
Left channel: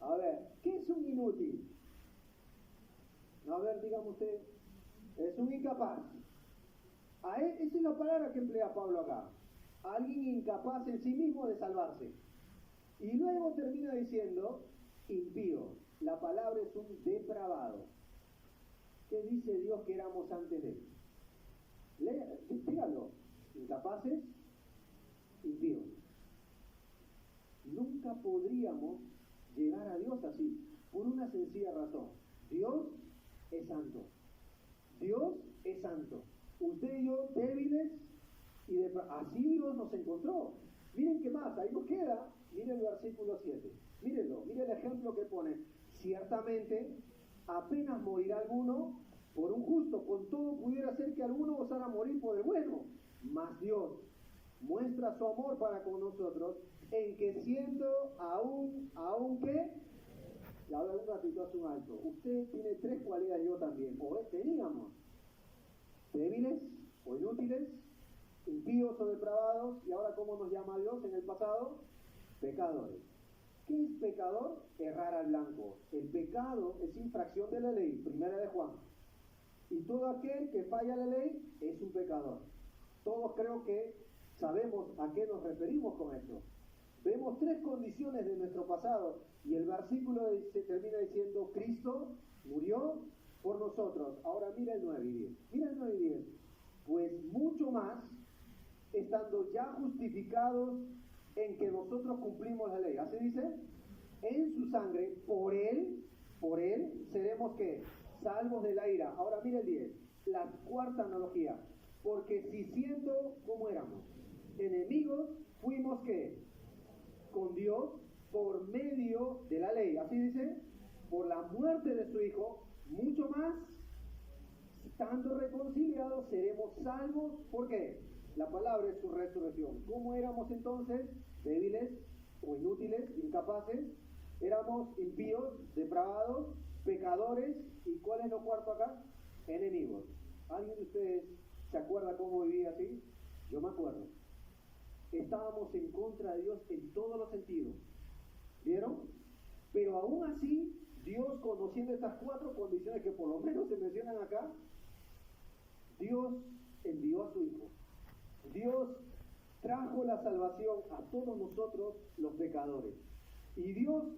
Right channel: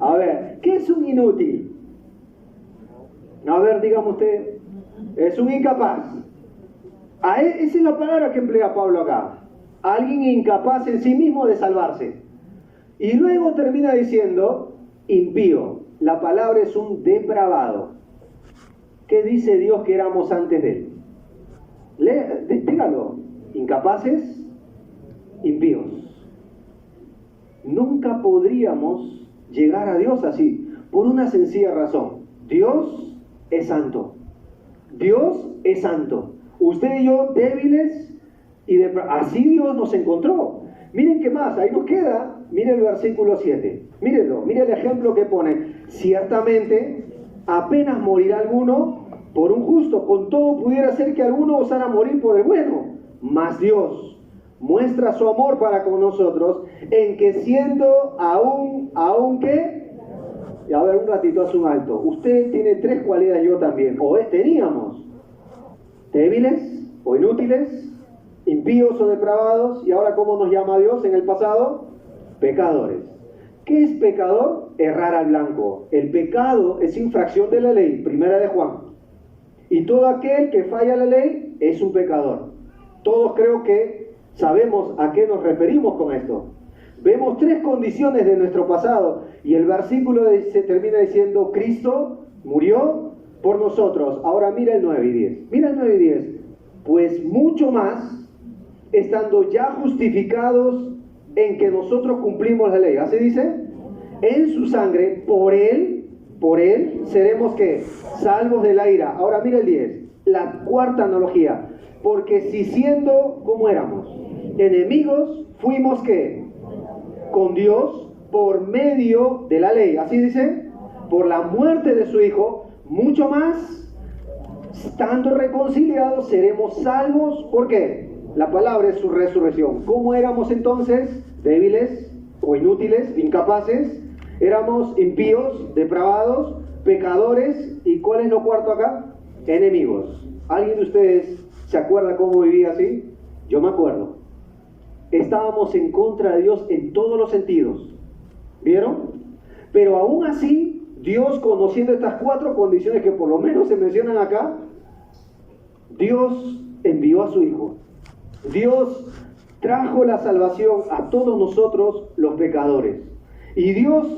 A ver, ¿qué es un inútil? A ver, dígame usted. Es un incapaz. Esa es la palabra que emplea Pablo acá. Alguien incapaz en sí mismo de salvarse. Y luego termina diciendo impío. La palabra es un depravado. ¿Qué dice Dios que éramos antes de él? Dígalo. Incapaces, impíos. Nunca podríamos llegar a Dios así, por una sencilla razón. Dios es santo. Dios es santo. Usted y yo débiles y así Dios nos encontró. Miren qué más, ahí nos queda. Miren el versículo 7. Mírenlo, miren el ejemplo que pone. Ciertamente, apenas morirá alguno por un justo. Con todo pudiera ser que alguno osara morir por el bueno. Mas Dios muestra su amor para con nosotros en que siendo aún que... Y a ver, un ratito, hace un alto. Usted tiene 3 cualidades, yo también. Teníamos débiles o inútiles, impíos o depravados. Y ahora, ¿cómo nos llama Dios en el pasado? Pecadores. ¿Qué es pecador? Errar al blanco. El pecado es infracción de la ley, 1 de Juan. Y todo aquel que falla la ley es un pecador. Todos creo que sabemos a qué nos referimos con esto. Vemos 3 condiciones de nuestro pasado y el versículo se termina diciendo Cristo murió por nosotros. Ahora mira el 9 y 10. Mira el 9 y 10. Pues mucho más, estando ya justificados en que nosotros cumplimos la ley. ¿Así dice? En su sangre, por él seremos ¿qué? Salvos de la ira. Ahora mira el 10. La cuarta analogía. Porque si siendo, ¿cómo éramos? Enemigos, fuimos ¿qué? Con Dios por medio de la ley. ¿Así dice? Por la muerte de su Hijo, mucho más, estando reconciliados, seremos salvos. ¿Por qué? La palabra es su resurrección. ¿Cómo éramos entonces? Débiles o inútiles, incapaces. Éramos impíos, depravados, pecadores. ¿Y cuál es lo cuarto acá? Enemigos. ¿Alguien de ustedes se acuerda cómo vivía así? Yo me acuerdo. Estábamos en contra de Dios en todos los sentidos. ¿Vieron? Pero aún así, Dios, conociendo estas 4 condiciones que por lo menos se mencionan acá, Dios envió a su Hijo. Dios trajo la salvación a todos nosotros los pecadores. Y Dios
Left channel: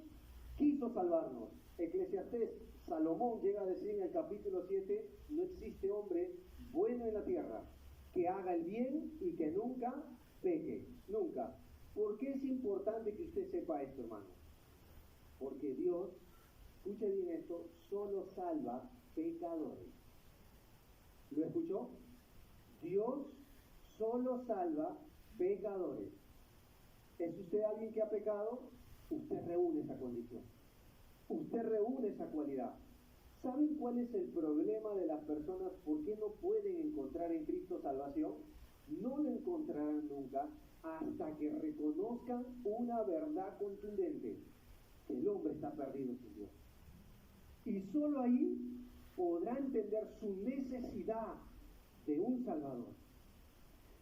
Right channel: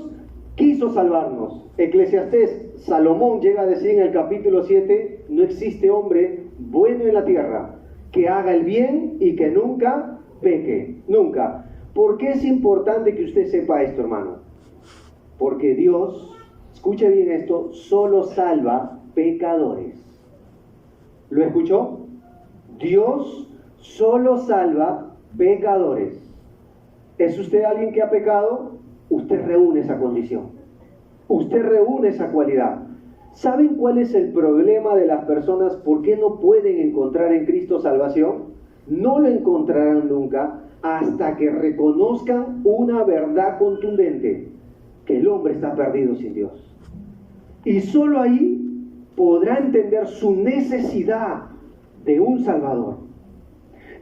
quiso salvarnos. Eclesiastés, Salomón llega a decir en el capítulo 7, no existe hombre bueno en la tierra que haga el bien y que nunca peque. Nunca. ¿Por qué es importante que usted sepa esto, hermano? Porque Dios, escuche bien esto, solo salva pecadores. ¿Lo escuchó? Dios solo salva pecadores. ¿Es usted alguien que ha pecado? Usted reúne esa condición. Usted reúne esa cualidad. ¿Saben cuál es el problema de las personas? ¿Por qué no pueden encontrar en Cristo salvación? No lo encontrarán nunca hasta que reconozcan una verdad contundente, que el hombre está perdido sin Dios. Y solo ahí podrá entender su necesidad de un Salvador.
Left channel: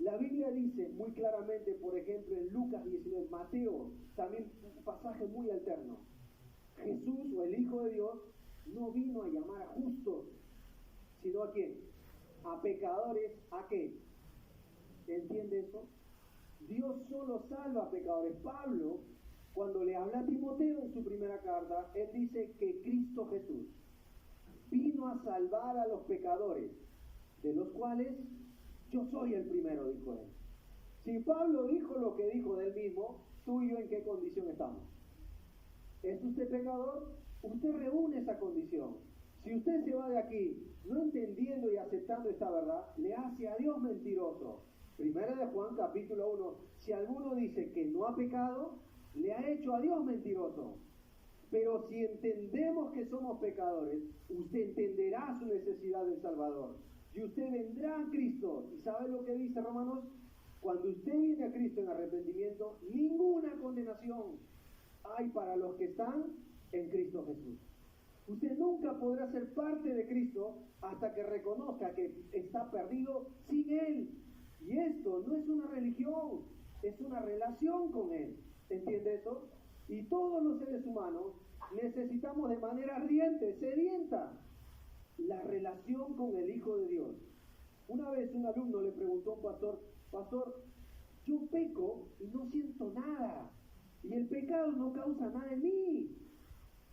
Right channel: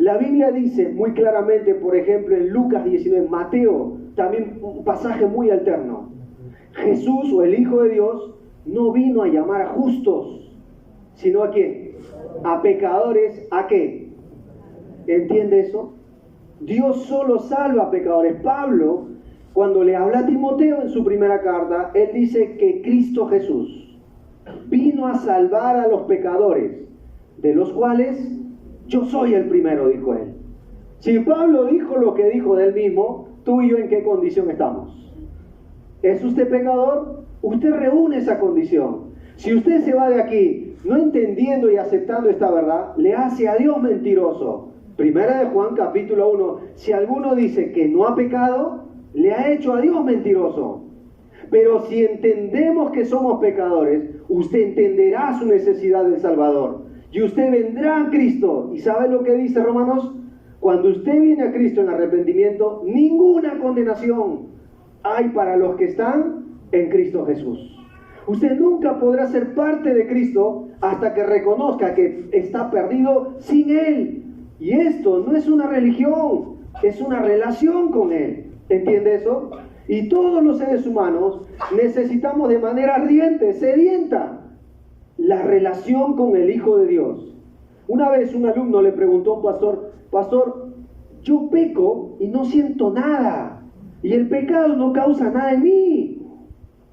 La Biblia dice muy claramente, por ejemplo, en Lucas 19, Mateo, también un pasaje muy alterno. Jesús, o el Hijo de Dios, no vino a llamar a justos, sino ¿a quién? A pecadores, ¿a qué? ¿Entiende eso? Dios solo salva a pecadores. Pablo, cuando le habla a Timoteo en su primera carta, él dice que Cristo Jesús vino a salvar a los pecadores, de los cuales yo soy el primero, dijo él. Si Pablo dijo lo que dijo de él mismo, tú y yo, ¿en qué condición estamos? ¿Es usted pecador? Usted reúne esa condición. Si usted se va de aquí no entendiendo y aceptando esta verdad, le hace a Dios mentiroso. Primera de Juan capítulo 1, si alguno dice que no ha pecado, le ha hecho a Dios mentiroso. Pero si entendemos que somos pecadores, usted entenderá su necesidad del Salvador. Y usted vendrá a Cristo. ¿Y sabe lo que dice Romanos? Cuando usted viene a Cristo en arrepentimiento, ninguna condenación hay para los que están en Cristo Jesús. Usted nunca podrá ser parte de Cristo hasta que reconozca que está perdido sin Él. Y esto no es una religión, es una relación con Él. ¿Entiende eso? Y todos los seres humanos necesitamos de manera ardiente, sedienta, la relación con el Hijo de Dios. Una vez un alumno le preguntó a un pastor: pastor, yo peco y no siento nada, y el pecado no causa nada en mí.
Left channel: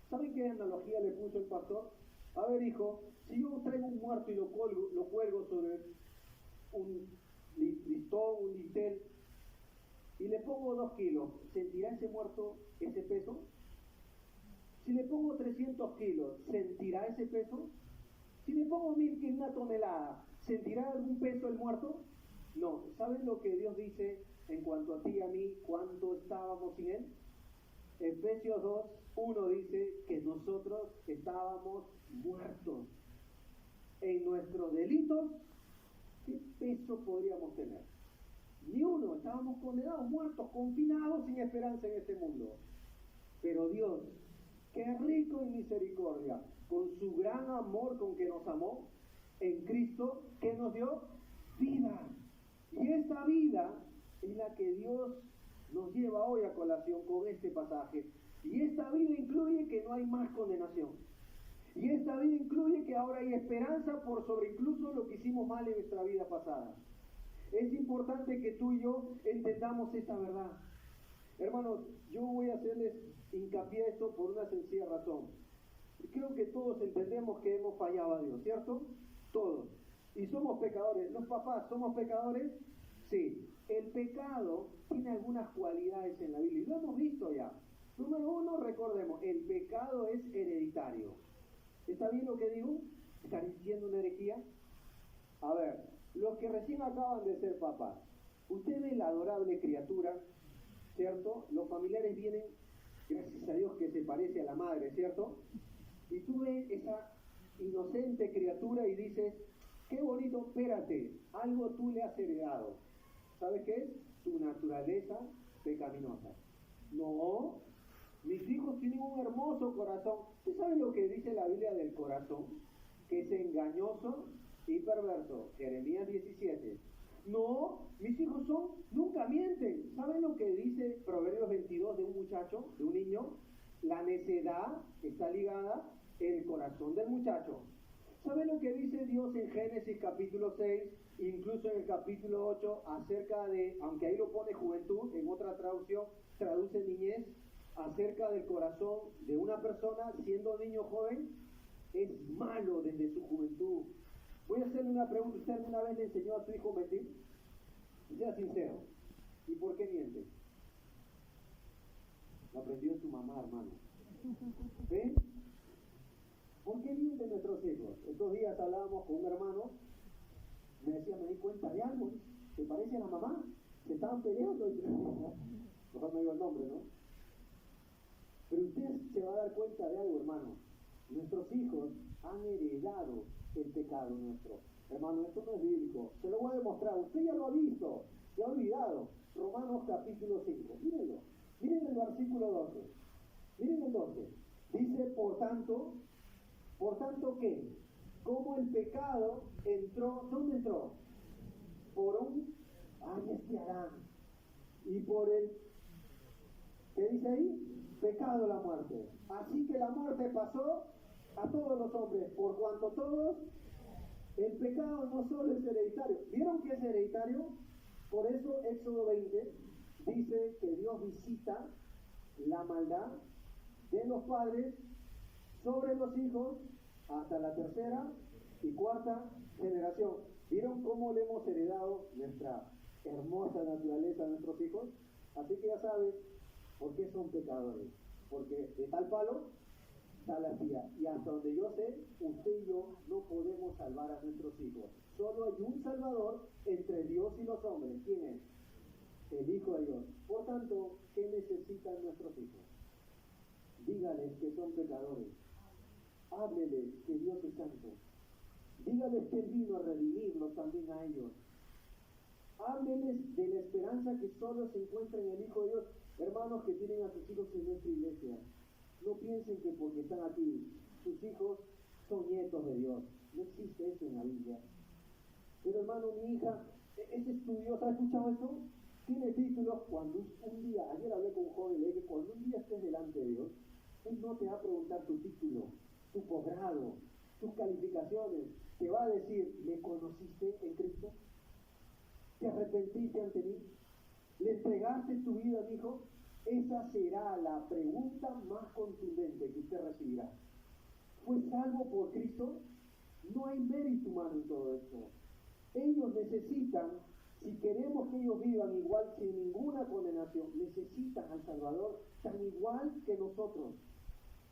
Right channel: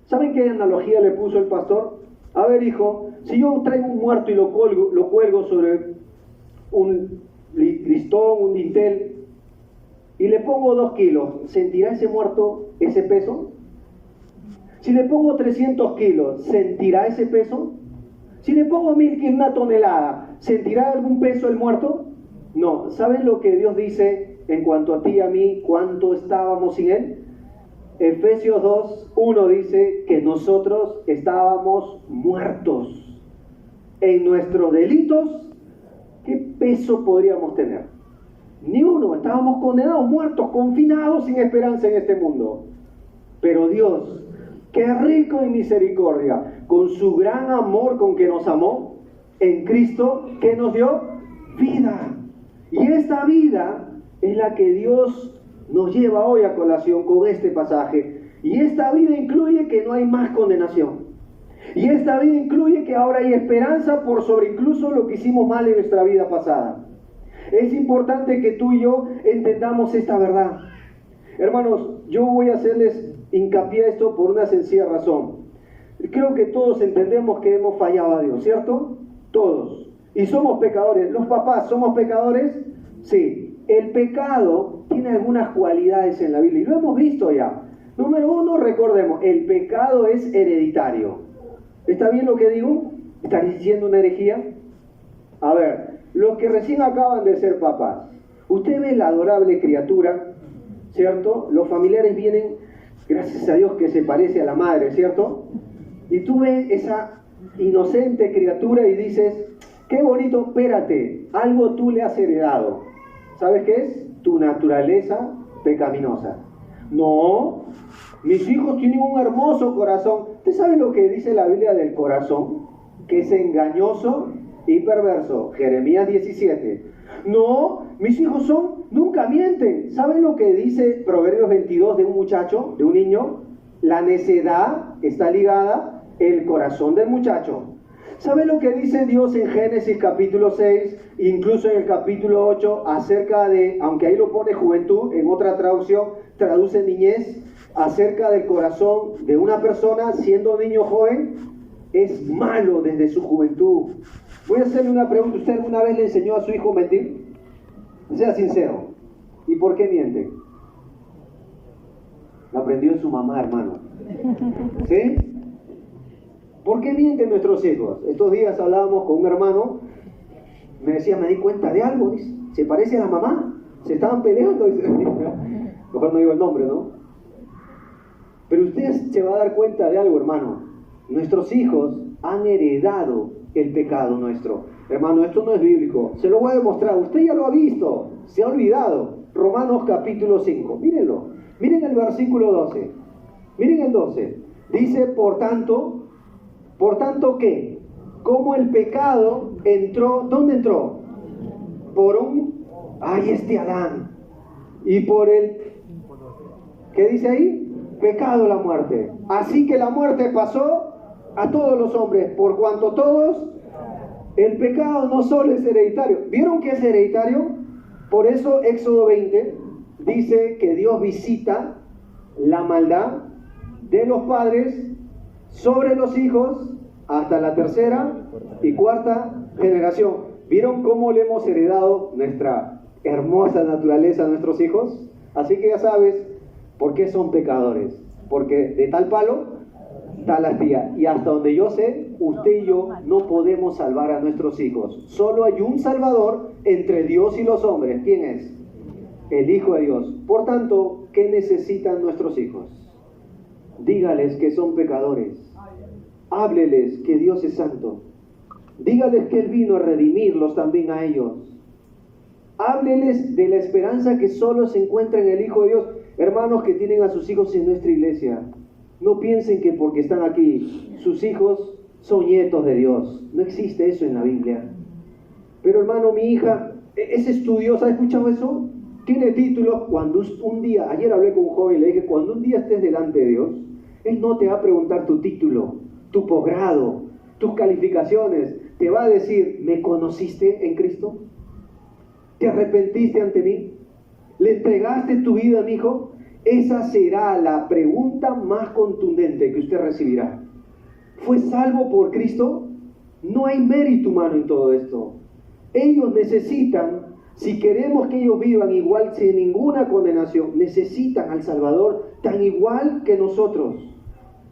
¿Saben qué analogía le puso el pastor? A ver, hijo, si yo traigo un muerto y lo cuelgo sobre un listón, un dintel, y le pongo 2 kilos, ¿sentirá ese muerto ese peso? Si le pongo 300 kilos, ¿sentirá ese peso? Si le pongo 1000 kilos, 1 tonelada, ¿sentirá algún peso el muerto? No. ¿Saben lo que Dios dice en cuanto a ti y a mí, cuánto estábamos sin Él? Efesios 2:1 dice que nosotros estábamos muertos en nuestros delitos. ¿Qué peso podríamos tener? Ni uno. Estábamos condenados, muertos, confinados, sin esperanza en este mundo. Pero Dios, que es rico en misericordia, con su gran amor con que nos amó, en Cristo, ¿qué nos dio? Vida. Y esta vida es la que Dios nos lleva hoy a colación con este pasaje. Y esta vida incluye que no hay más condenación. Y esta vida incluye que ahora hay esperanza por sobre incluso lo que hicimos mal en nuestra vida pasada. Es importante que tú y yo entendamos esta verdad. Hermanos, yo voy a hacerles hincapié a esto por una sencilla razón. Creo que todos entendemos que hemos fallado a Dios, ¿cierto? Todos. Y somos pecadores. ¿Los papás somos pecadores? Sí. El pecado tiene algunas cualidades en la Biblia y lo hemos visto ya. Número 1, recordemos, el pecado es hereditario. ¿Está bien lo que digo? ¿Está diciendo una herejía? A ver, los que recién acaban de ser papás, usted ve la adorable criatura, ¿cierto? Los familiares vienen, gracias a Dios que se parece a la madre, ¿cierto? Y tú ves esa inocente criatura y dices: qué bonito, espérate, algo tú le has heredado. ¿Sabes qué es? Tu naturaleza pecaminosa. No, mis hijos tienen un hermoso corazón. ¿Usted sabe lo que dice la Biblia del corazón? Que es engañoso y perverso. Jeremías 17. No, mis hijos nunca mienten. ¿Saben lo que dice Proverbios 22 de un muchacho, de un niño? La necedad está ligada al corazón del muchacho. ¿Sabe lo que dice Dios en Génesis capítulo 6, incluso en el capítulo 8, acerca de, aunque ahí lo pone juventud, en otra traducción traduce niñez, acerca del corazón de una persona siendo niño joven? Es malo desde su juventud. Voy a hacerle una pregunta. ¿Usted alguna vez le enseñó a su hijo a mentir? Sea sincero. ¿Y por qué miente? Lo aprendió en su mamá, hermano. ¿Sí? ¿Por qué mienten nuestros hijos? Estos días hablábamos con un hermano, me decía: me di cuenta de algo, dice, se parece a la mamá, se estaban peleando, dice. Mejor no digo el nombre, ¿no? Pero usted se va a dar cuenta de algo, hermano. Nuestros hijos han heredado el pecado nuestro. Hermano, esto no es bíblico, se lo voy a demostrar, usted ya lo ha visto, se ha olvidado. Romanos capítulo 5, mírenlo, miren el versículo 12, miren el 12, dice: por tanto, ¿qué? ¿Cómo el pecado entró? ¿Dónde entró? Por un Ay, este Adán. Y por el, ¿qué dice ahí? Pecado la muerte. Así que la muerte pasó a todos los hombres, por cuanto todos, el pecado no solo es hereditario. ¿Vieron que es hereditario? Por eso Éxodo 20 dice que Dios visita la maldad de los padres sobre los hijos hasta la tercera y cuarta generación. ¿Vieron cómo le hemos heredado nuestra hermosa naturaleza a nuestros hijos? Así que ya sabes por qué son pecadores. Porque de tal palo, tal astilla. Y hasta donde yo sé, usted y yo no podemos salvar a nuestros hijos. Solo hay un Salvador entre Dios y los hombres. ¿Quién es? El Hijo de Dios. Por tanto, ¿qué necesitan nuestros hijos? Dígales que son pecadores. Hábleles que Dios es santo. Dígales que Él vino a redimirlos también a ellos. Hábleles de la esperanza que solo se encuentra en el Hijo de Dios. Hermanos que tienen a sus hijos en nuestra iglesia, no piensen que porque están aquí, sus hijos son nietos de Dios. No existe eso en la Biblia. Pero hermano, mi hija es estudiosa, ¿ha escuchado eso? Tiene títulos. Cuando un día, ayer hablé con un joven y le dije, cuando un día estés delante de Dios, Él no te va a preguntar tu título, tu posgrado, tus calificaciones. Te va a decir, ¿me conociste en Cristo? ¿Te arrepentiste ante mí? ¿Le entregaste tu vida a mi hijo? Esa será la pregunta más contundente que usted recibirá. ¿Fue salvo por Cristo? No hay mérito humano en todo esto. Ellos necesitan, si queremos que ellos vivan igual, sin ninguna condenación, necesitan al Salvador tan igual que nosotros.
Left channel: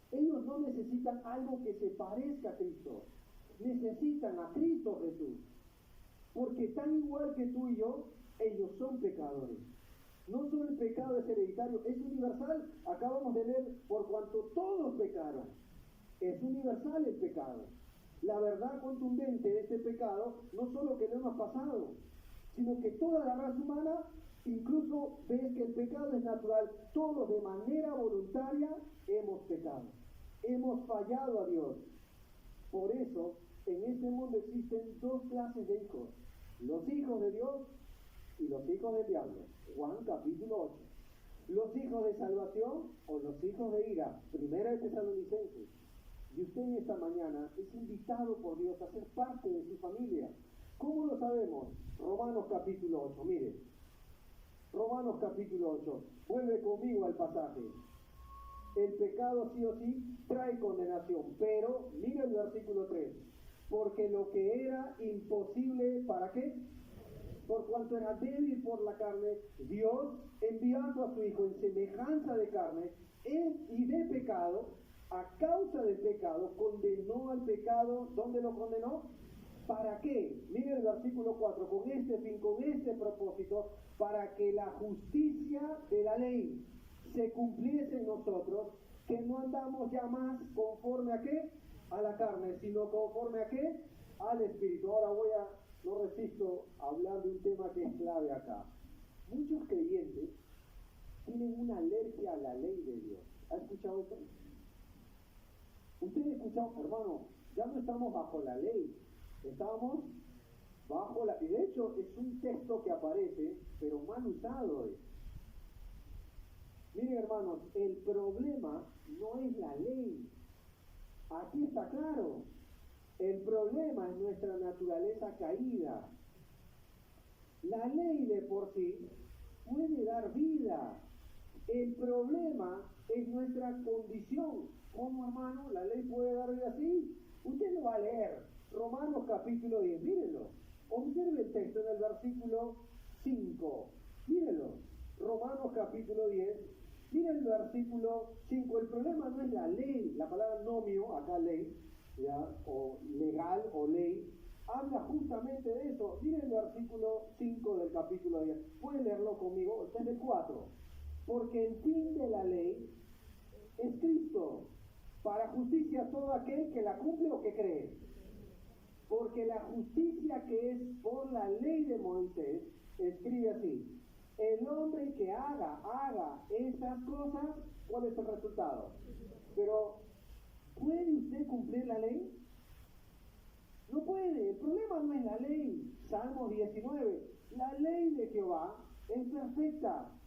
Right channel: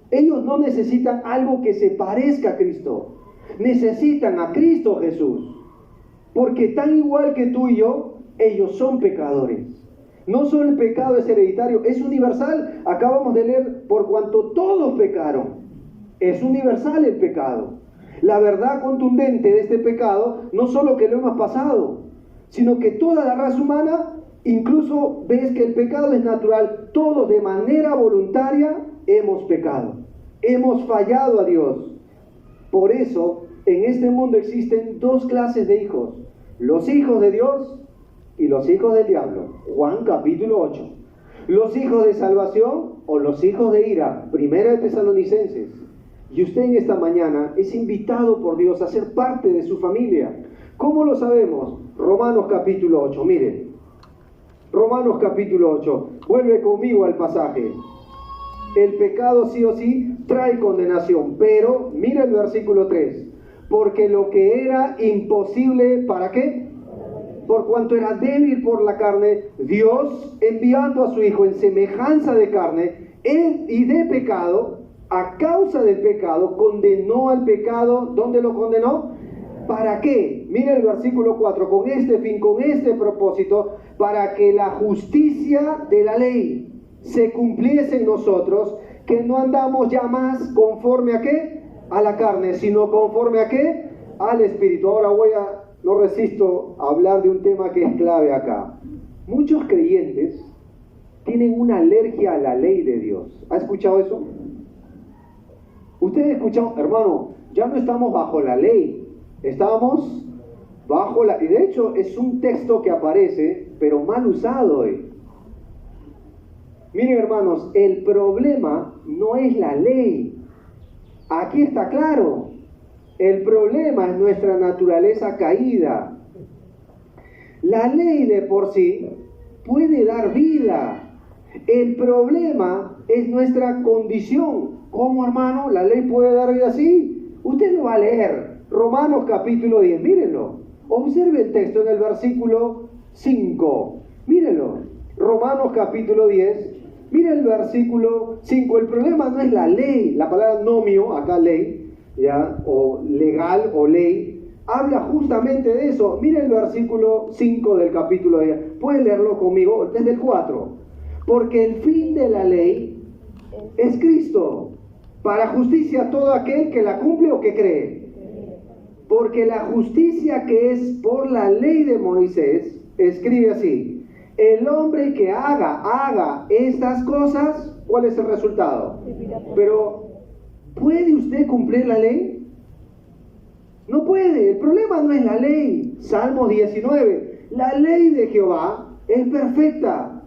Ellos no necesitan algo que se parezca a Cristo. Necesitan a Cristo Jesús. Porque tan igual que tú y yo, ellos son pecadores. No solo el pecado es hereditario, es universal. Acabamos de leer, por cuanto todos pecaron. Es universal el pecado. La verdad contundente de este pecado, no solo que lo hemos pasado, sino que toda la raza humana, incluso ves que el pecado es natural. Todos de manera voluntaria hemos pecado. Hemos fallado a Dios. Por eso, en este mundo existen dos clases de hijos. Los hijos de Dios y los hijos del diablo. Juan capítulo 8. Los hijos de salvación o los hijos de ira. Primera de Tesalonicenses. Y usted en esta mañana es invitado por Dios a ser parte de su familia. ¿Cómo lo sabemos? Romanos capítulo 8. Miren. Romanos capítulo 8. Vuelve conmigo al pasaje. El pecado sí o sí trae condenación. Pero, mira el versículo 3. Porque lo que era imposible, ¿para qué? Por cuanto era débil por la carne, Dios, enviando a su Hijo en semejanza de carne y de pecado, a causa del pecado, condenó al pecado. ¿Dónde lo condenó? ¿Para qué? Mira el versículo 4, con este fin, con este propósito, para que la justicia de la ley se cumpliese en nosotros, que no andamos ya más conforme a ¿qué? A la carne, sino conforme a ¿qué? Al Espíritu. Ahora no resisto a hablar de un tema que es clave acá. Muchos creyentes tienen una alergia a la ley de Dios. ¿Ha escuchado eso? Ustedes escuchado, hermano, ya no estamos bajo la ley, estamos bajo la... Y de hecho es un texto que aparece, pero mal usado hoy. Miren, hermanos, el problema no es la ley. Aquí está claro. El problema es nuestra naturaleza caída. La ley de por sí puede dar vida. El problema es nuestra condición. ¿Cómo, hermano? ¿La ley puede dar vida así? Usted lo va a leer. Romanos capítulo 10. Mírenlo. Observe el texto en el versículo 5. Mírenlo. Romanos capítulo 10. Mira el versículo 5. El problema no es la ley. La palabra nomio, acá ley, ¿ya? O legal o ley, habla justamente de eso. Mira el versículo 5 del capítulo 10. Pueden leerlo conmigo desde el 4. Porque el fin de la ley es Cristo, para justicia a todo aquel que la cumple o que cree. Porque la justicia que es por la ley de Moisés, escribe así: el hombre que haga estas cosas, ¿cuál es el resultado? Pero, ¿puede usted cumplir la ley? No puede, el problema no es la ley. Salmo 19, la ley de Jehová es perfecta,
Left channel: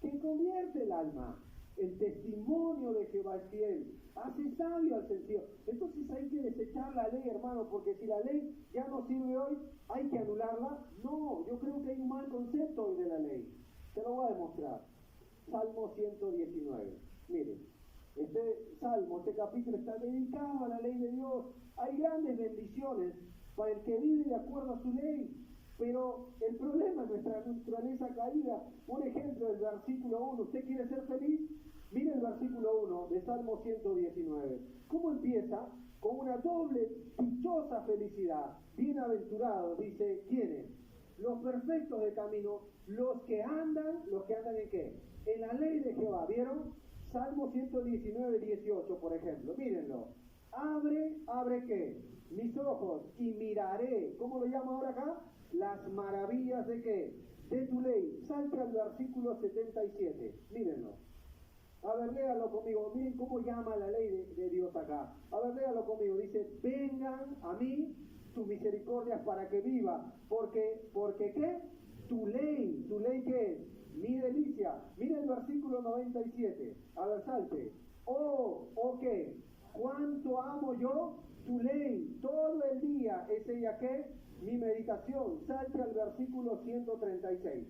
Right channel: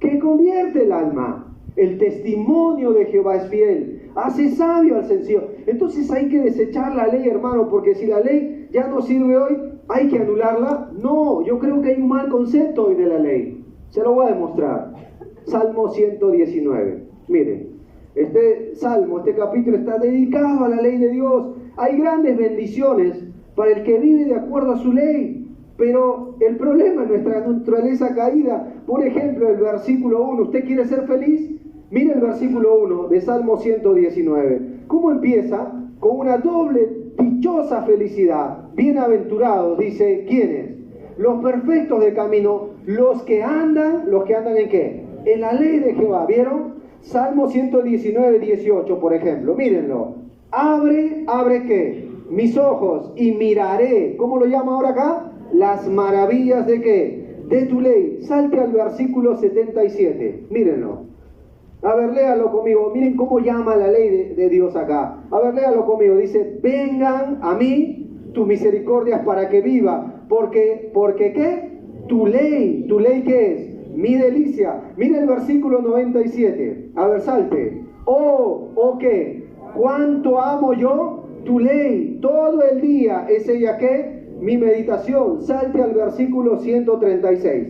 que convierte el alma. El testimonio de Jehová es fiel, hace sabio al sencillo. Entonces hay que desechar la ley, hermano, porque si la ley ya no sirve hoy, hay que anularla. No, yo creo que hay un mal concepto hoy de la ley. Se lo voy a demostrar. Salmo 119. Miren, este salmo, este capítulo está dedicado a la ley de Dios. Hay grandes bendiciones para el que vive de acuerdo a su ley. Pero el problema es nuestra naturaleza caída. Por ejemplo, el versículo 1. ¿Usted quiere ser feliz? Mire el versículo 1 de Salmo 119. ¿Cómo empieza? Con una doble dichosa felicidad. Bienaventurados, dice, ¿quiénes? Los perfectos de camino, los que andan ¿en qué? En la ley de Jehová. ¿Vieron? Salmo 119, 18, por ejemplo. Mírenlo. Abre ¿qué? Mis ojos y miraré. ¿Cómo lo llama ahora acá? Las maravillas de ¿qué? De tu ley. Salte al versículo 77. Mírenlo. A ver, léalo conmigo. Miren cómo llama la ley de Dios acá. A ver, léalo conmigo. Dice, vengan a mí tus misericordias para que viva. Porque ¿qué? Tu ley ¿qué es? Mi delicia. Mira el versículo 97. A ver, salte. ¿Qué? ¿Cuánto amo yo tu ley? Todo el día es ella ¿qué? Mi meditación. Salte al versículo 136.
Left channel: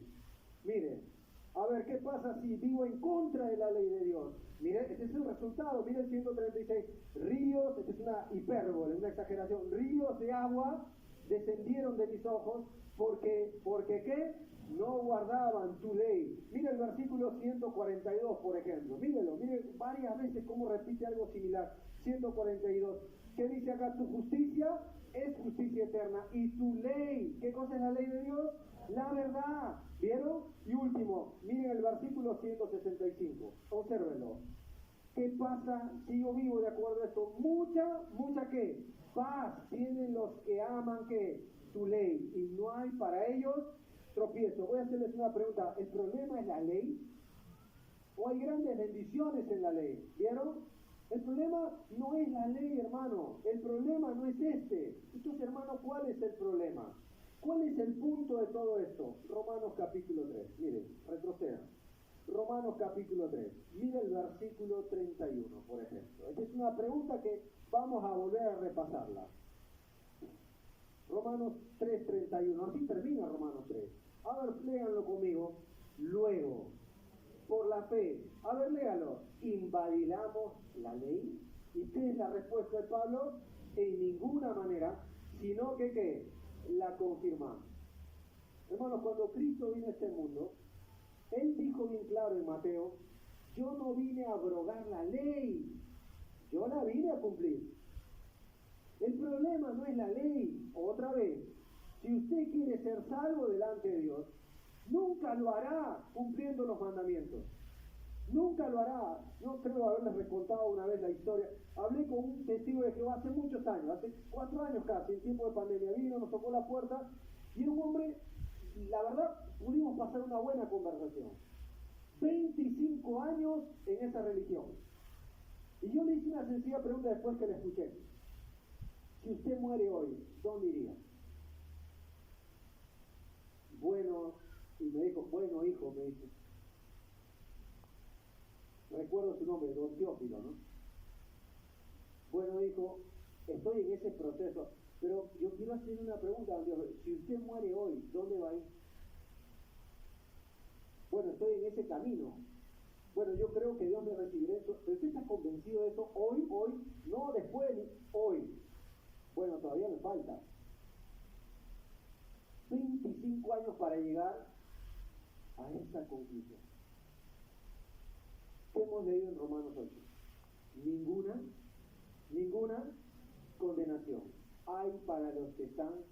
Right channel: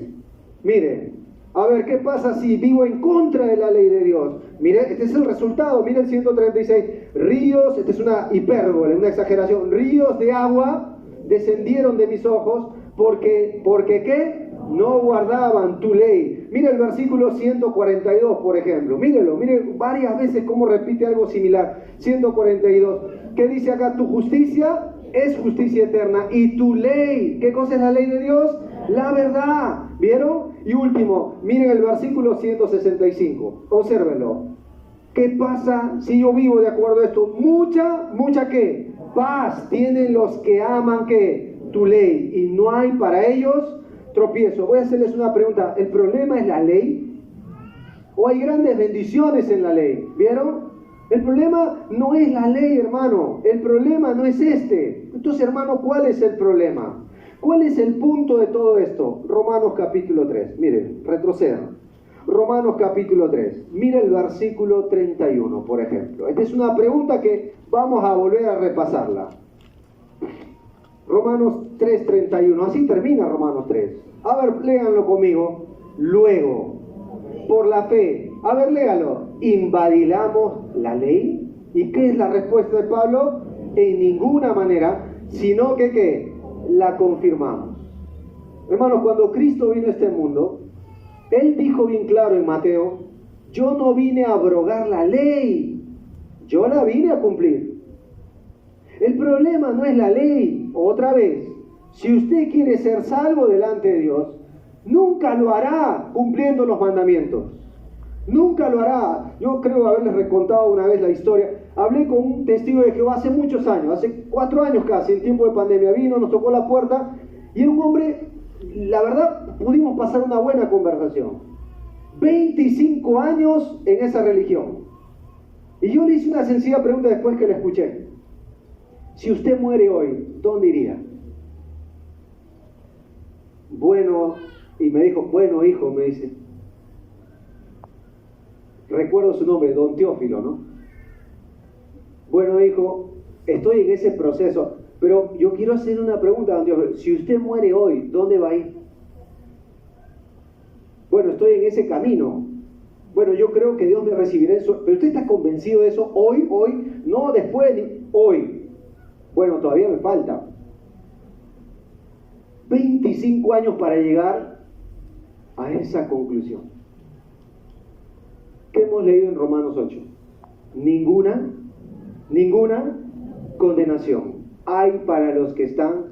Mire, a ver, ¿qué pasa si vivo en contra de la ley de Dios? Mire, este es el resultado. Mire el 136. Ríos, esta es una hipérbole, una exageración. Ríos de agua descendieron de mis ojos porque ¿qué? No guardaban tu ley. Mire el versículo 142, por ejemplo. Mírelo, mire varias veces cómo repite algo similar. 142. ¿Qué dice acá? Tu justicia es justicia eterna. Y tu ley, ¿qué cosa es la ley de Dios? La verdad. ¿Vieron? Y último, miren el versículo 165. Obsérvenlo. ¿Qué pasa si yo vivo de acuerdo a esto? Mucha ¿qué? Paz tienen los que aman ¿qué? Tu ley. Y no hay para ellos tropiezo. Voy a hacerles una pregunta. ¿El problema es la ley? ¿O hay grandes bendiciones en la ley? ¿Vieron? El problema no es la ley, hermano. El problema no es este. Entonces, hermano, ¿cuál es el problema? ¿Cuál es el punto de todo esto? Romanos capítulo 3. Miren, retrocedan. Romanos capítulo 3. Mira el versículo 31, por ejemplo. Esta es una pregunta que vamos a volver a repasarla. Romanos 3:31. Así termina Romanos 3. A ver, léanlo conmigo. Luego, por la fe. A ver, léalo. ¿Invalidamos la ley? ¿Y qué es la respuesta de Pablo? En ninguna manera, sino que ¿qué? La confirmamos. Hermanos, cuando Cristo vino a este mundo, Él dijo bien claro en Mateo, yo no vine a abrogar la ley, yo la vine a cumplir. El problema no es la ley, otra vez, si usted quiere ser salvo delante de Dios, nunca lo hará cumpliendo los mandamientos. Nunca lo hará. Yo creo haberles recontado una vez la historia. Hablé con un testigo de Jehová hace muchos años, hace 4 años casi, en tiempo de pandemia. Vino, nos tocó la puerta y era un hombre, la verdad, pudimos pasar una buena conversación. 25 años en esa religión. Y yo le hice una sencilla pregunta después que la escuché. Si usted muere hoy, ¿dónde iría? Bueno, y me dijo, bueno hijo, me dice. Recuerdo su nombre, don Teófilo, ¿no? Bueno hijo, estoy en ese proceso, pero yo quiero hacer una pregunta, don Teófilo. Si usted muere hoy, ¿dónde va a ir? Bueno, estoy en ese camino. Bueno, yo creo que Dios me recibirá eso. ¿Pero usted está convencido de eso? Hoy, no después, hoy. Bueno, todavía me falta 25 años para llegar a esa conclusión. ¿Qué hemos leído en Romanos 8? Ninguna condenación hay para los que están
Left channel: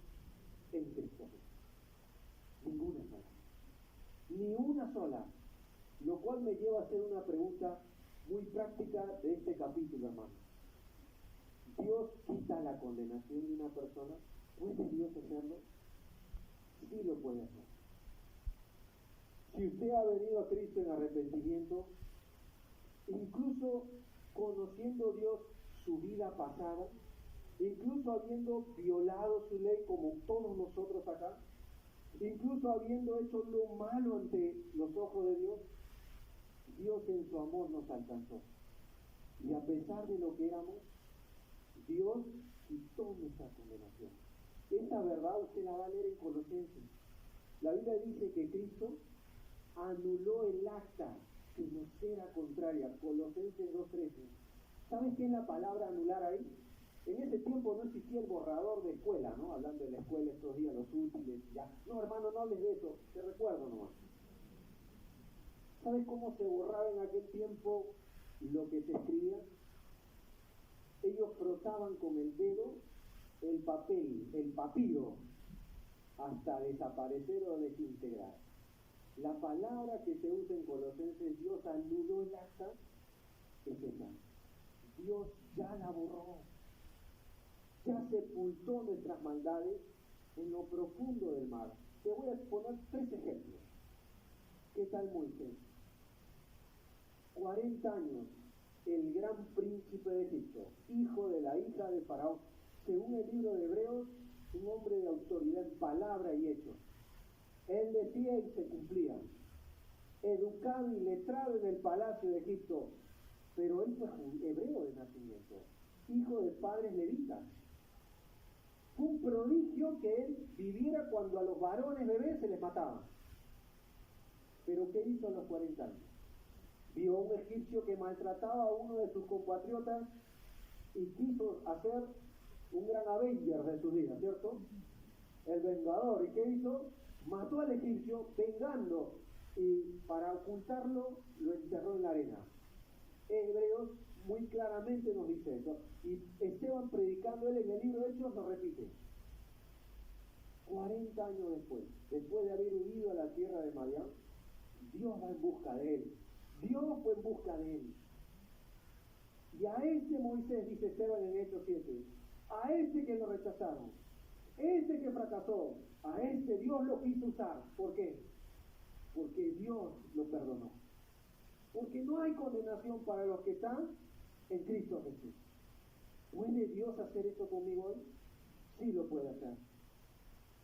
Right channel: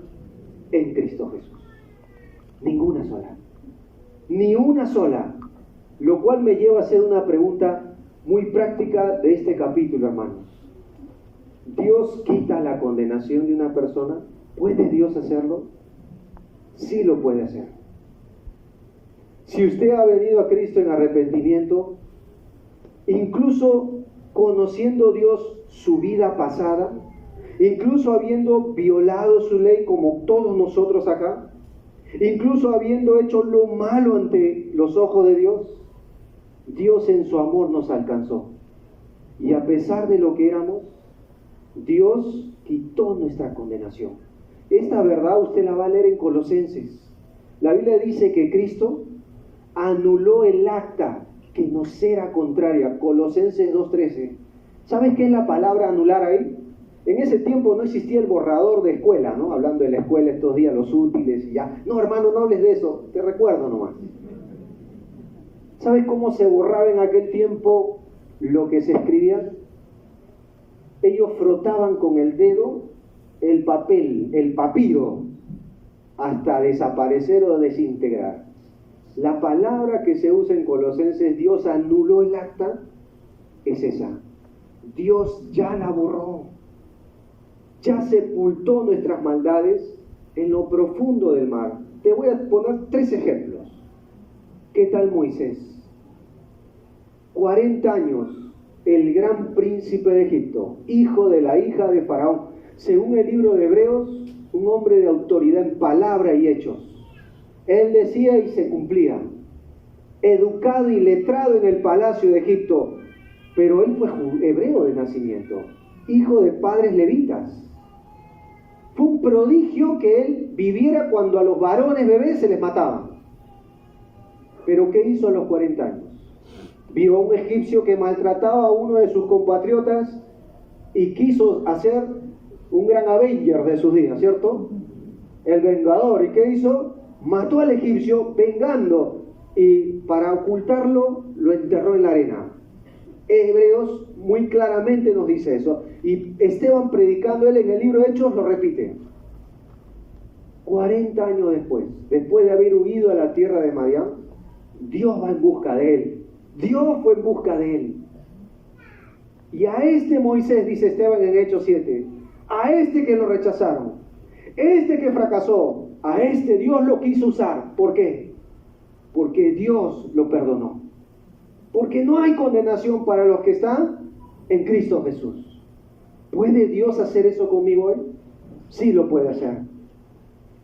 en Cristo Jesús. Ninguna sola. Ni una sola. Lo cual me lleva a hacer una pregunta muy práctica de este capítulo, hermanos. ¿Dios quita la condenación de una persona? ¿Puede Dios hacerlo? Sí lo puede hacer. Si usted ha venido a Cristo en arrepentimiento, incluso conociendo Dios su vida pasada, incluso habiendo violado su ley como todos nosotros acá, incluso habiendo hecho lo malo ante los ojos de Dios, Dios en su amor nos alcanzó. Y a pesar de lo que éramos, Dios quitó nuestra condenación. Esta verdad usted la va a leer en Colosenses. La Biblia dice que Cristo anuló el acta que nos era contraria. Colosenses 2:13. ¿Sabes qué es la palabra anular ahí? En ese tiempo no existía el borrador de escuela, ¿no? Hablando de la escuela estos días, los útiles y ya. No, hermano, no hables de eso, te recuerdo nomás. ¿Sabes cómo se borraba en aquel tiempo lo que se escribía? Ellos frotaban con el dedo el papel, el papiro, hasta desaparecer o desintegrar. La palabra que se usa en Colosenses, Dios anuló el acta, es esa. Dios ya la borró. Ya sepultó nuestras maldades en lo profundo del mar. Te voy a poner 3 ejemplos. ¿Qué tal Moisés? 40 años, el gran príncipe de Egipto, hijo de la hija de Faraón. Según el libro de Hebreos, un hombre de autoridad en palabra y hechos. Él decía y se cumplía. Educado y letrado en el palacio de Egipto, pero él fue hebreo de nacimiento, hijo de padres levitas. Fue un prodigio que él viviera cuando a los varones bebés se les mataban. Pero ¿qué hizo a los 40 años? Vio a un egipcio que maltrataba a uno de sus compatriotas y quiso hacer un gran Avenger de sus días, ¿cierto? El vengador. ¿Y qué hizo? Mató al egipcio vengando y para ocultarlo lo enterró en la arena. Hebreos muy claramente nos dice eso. Y Esteban, predicando él en el libro de Hechos, lo repite. 40 años después de haber huido a la tierra de Madián, Dios va en busca de él. Dios fue en busca de él. Y a este Moisés, dice Esteban en Hechos 7, a este que lo rechazaron, este que fracasó, a este Dios lo quiso usar. ¿Por qué? Porque Dios lo perdonó. Porque no hay condenación para los que están en Cristo Jesús. ¿Puede Dios hacer eso conmigo hoy? Sí lo puede hacer.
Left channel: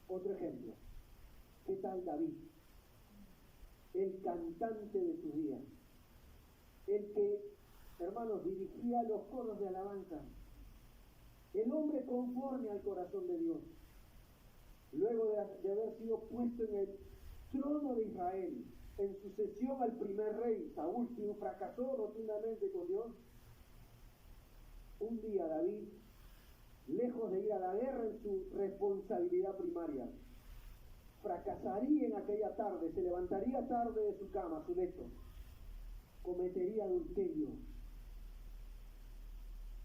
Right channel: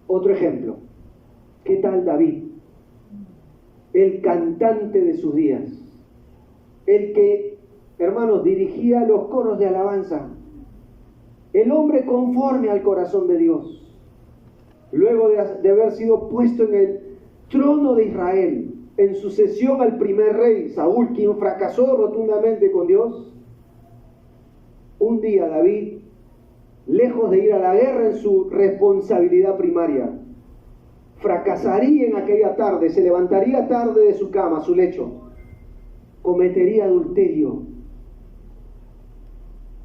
Otro ejemplo. ¿Qué tal David? El cantante de sus días. El que, hermanos, dirigía los coros de alabanza. El hombre conforme al corazón de Dios. Luego de haber sido puesto en el trono de Israel, en sucesión al primer rey, Saúl, quien fracasó rotundamente con Dios, un día David, lejos de ir a la guerra en su responsabilidad primaria, fracasaría en aquella tarde, se levantaría tarde de su cama, su lecho, cometería adulterio.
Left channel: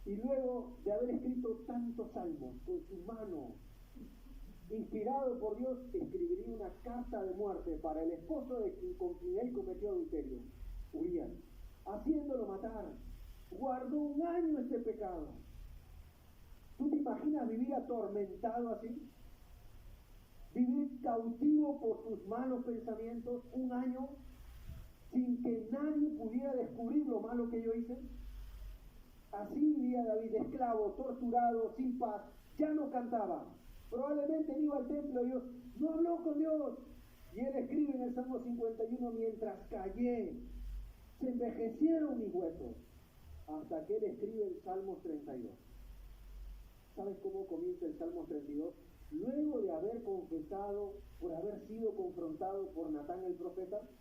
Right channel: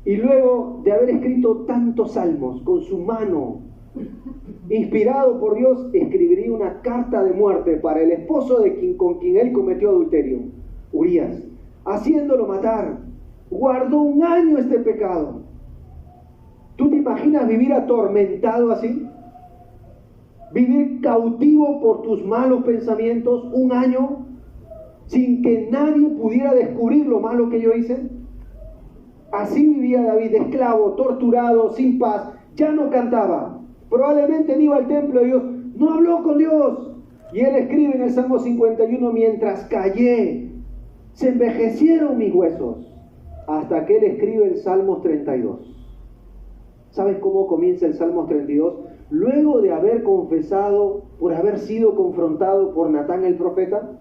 Y luego de haber escrito tantos salmos con su mano, inspirado por Dios, escribiría una carta de muerte para el esposo con quien él cometió adulterio, Urías, haciéndolo matar. Guardó 1 año este pecado. ¿Tú te imaginas vivir atormentado así? Vivir cautivo por tus malos pensamientos 1 año sin que nadie pudiera descubrir lo malo que yo hice. Así vivía David, esclavo, torturado, sin paz, ya no cantaba. Probablemente no iba al templo de Dios, no habló con Dios. Y él escribe en el Salmo 51, mientras callé, se envejecieron mis huesos. Hasta que él escribe el Salmo 32. ¿Sabes cómo comienza el Salmo 32? Luego de haber confesado, por haber sido confrontado por Natán el profeta,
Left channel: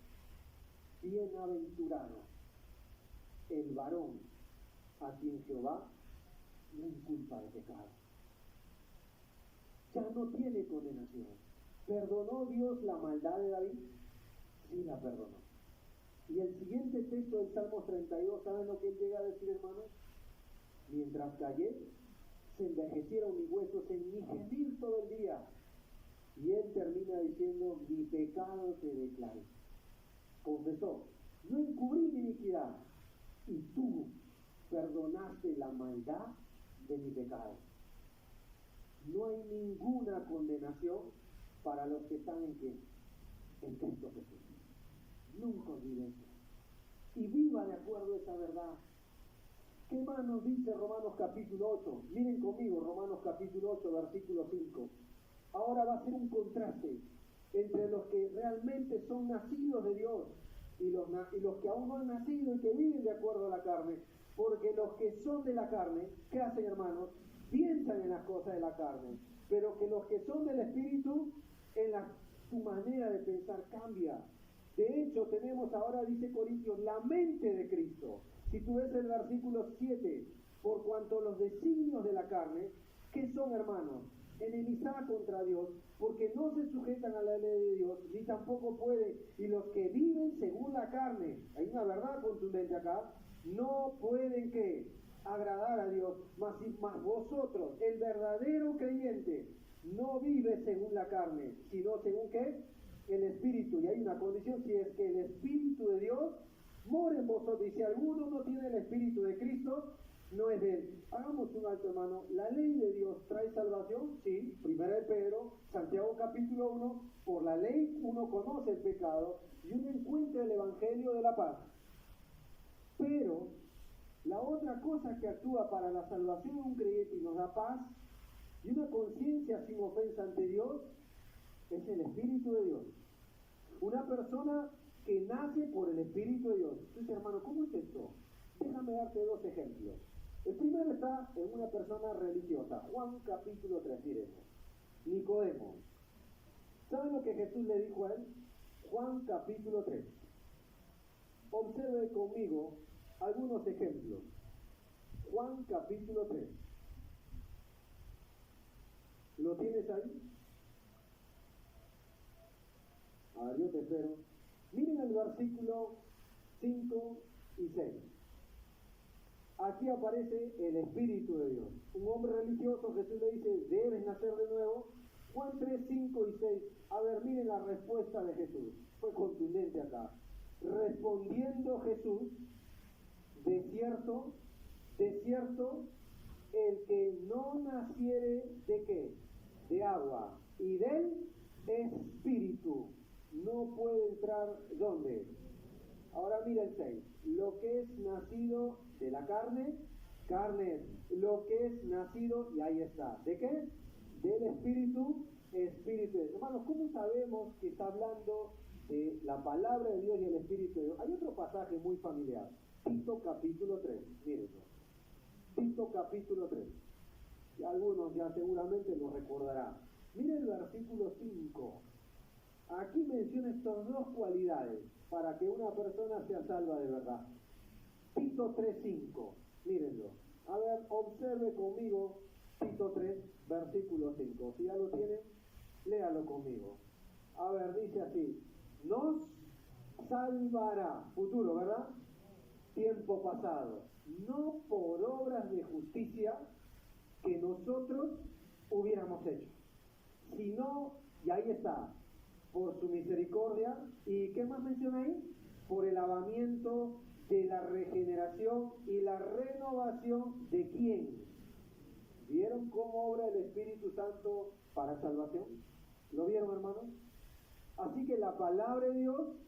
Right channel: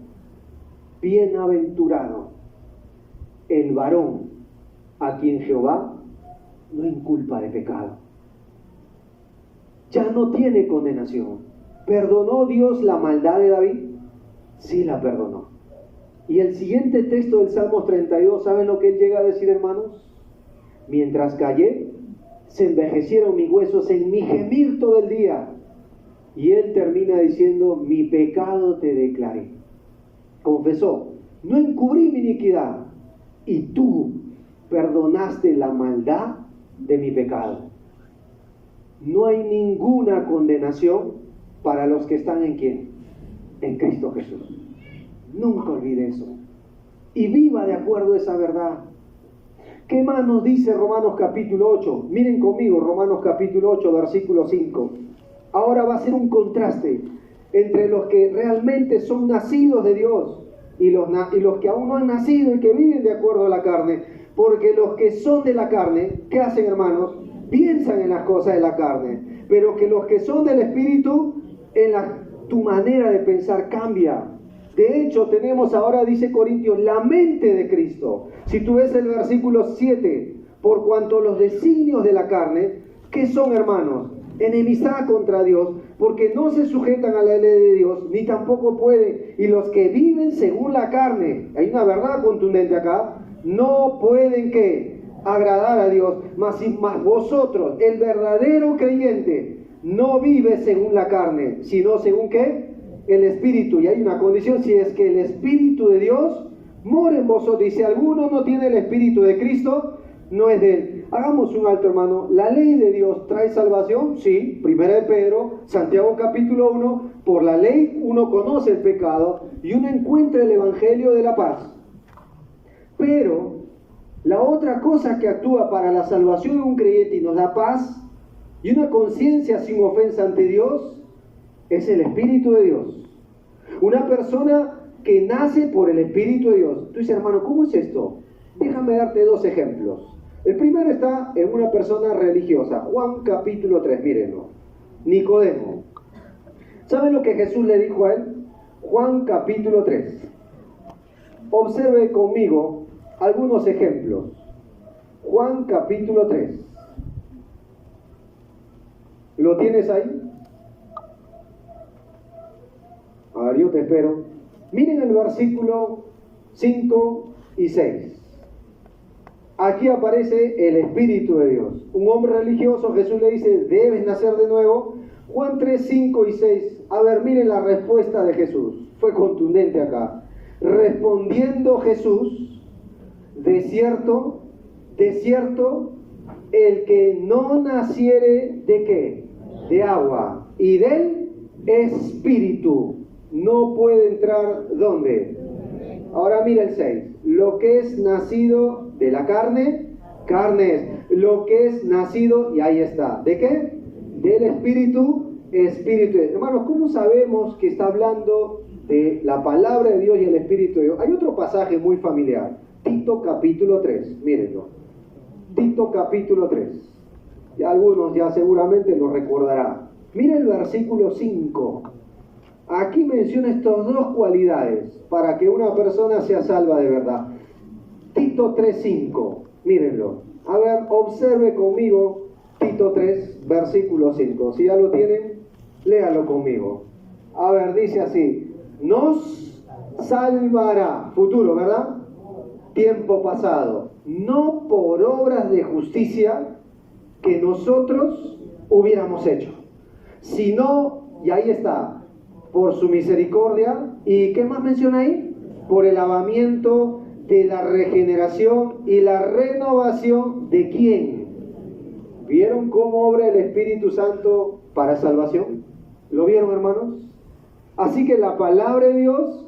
bienaventurado el varón a quien Jehová no inculpa de pecado. Ya no tiene condenación. ¿Perdonó Dios la maldad de David? Sí la perdonó. Y el siguiente texto del Salmo 32, ¿saben lo que él llega a decir, hermanos? Mientras callé, se envejecieron mis huesos en mi gemir todo el día. Y él termina diciendo, mi pecado te declaré. Confesó, no encubrí mi iniquidad, y tú perdonaste la maldad de mi pecado. No hay ninguna condenación para los que están en ¿quién? En Cristo Jesús. Nunca olvide eso. Y viva de acuerdo a esa verdad. ¿Qué más nos dice Romanos capítulo 8? Miren conmigo, Romanos capítulo 8, versículo 5. Ahora va a ser un contraste entre los que realmente son nacidos de Dios y los que aún no han nacido y que viven de acuerdo a la carne. Porque los que son de la carne, ¿qué hacen, hermanos? Piensan en las cosas de la carne. Pero que los que son del Espíritu, tu manera de pensar cambia. De hecho, tenemos ahora, dice Corintios, la mente de Cristo. Si tú ves el versículo 7, por cuanto los designios de la carne, ¿qué son, hermanos? Enemistad contra Dios, porque no se sujetan a la ley de Dios, ni tampoco pueden. Y los que viven según la carne, hay una verdad contundente acá, no pueden ¿qué? Agradar a Dios. Mas vosotros, el verdadero creyente, no vive según la carne, sino según ¿qué? El Espíritu. Y hay una condición: si es que el Espíritu de Dios mora en vosotros. Y si alguno no tiene el Espíritu de Cristo, no es de él. Hagamos un alto, hermano. ¿La ley de Dios trae salvación? Sí. Primera de Pedro, Santiago capítulo 1. Por la ley uno conoce el pecado y uno encuentra el Evangelio de la paz. Pero la otra cosa que actúa para la salvación de un creyente y nos da paz y una conciencia sin ofensa ante Dios es el Espíritu de Dios. Una persona que nace por el Espíritu de Dios. Tú dices, hermano, ¿cómo es esto? Déjame darte dos ejemplos. El primero está en una persona religiosa. Juan capítulo 3, mírenlo. Nicodemo. ¿Saben lo que Jesús le dijo a él? Juan capítulo 3. Observe conmigo algunos ejemplos. Juan capítulo 3. ¿Lo tienes ahí? A ver, yo te espero. Miren el versículo 5 y 6. Aquí aparece el Espíritu de Dios. Un hombre religioso, Jesús le dice, debes nacer de nuevo. Juan 3, 5 y 6. A ver, miren la respuesta de Jesús. Fue contundente acá. Respondiendo Jesús, de cierto, el que no naciere ¿de qué? De agua y del Espíritu no puede entrar, ¿dónde? Ahora mira el 6. Lo que es nacido de la carne, carne es. Lo que es nacido, y ahí está. ¿De qué? Del Espíritu, Espíritu es. Hermanos, ¿cómo sabemos que está hablando de la palabra de Dios y el Espíritu de Dios? Hay otro pasaje muy familiar. Tito capítulo 3. Mírenlo. Tito capítulo 3. Y algunos ya seguramente lo recordarán. Mira el versículo 5. Aquí menciona estas dos cualidades para que una persona sea salva de verdad. Tito 3:5, mírenlo. A ver, observe conmigo Tito 3, versículo 5. Si ya lo tienen, léalo conmigo. A ver, dice así: nos salvará, futuro, ¿verdad? Tiempo pasado, no por obras de justicia que nosotros hubiéramos hecho, sino, y ahí está, por su misericordia. ¿Y qué más menciona ahí? Por el lavamiento de la regeneración y la renovación de ¿quién? ¿Vieron cómo obra el Espíritu Santo para salvación? ¿Lo vieron, hermanos? Así que la palabra de Dios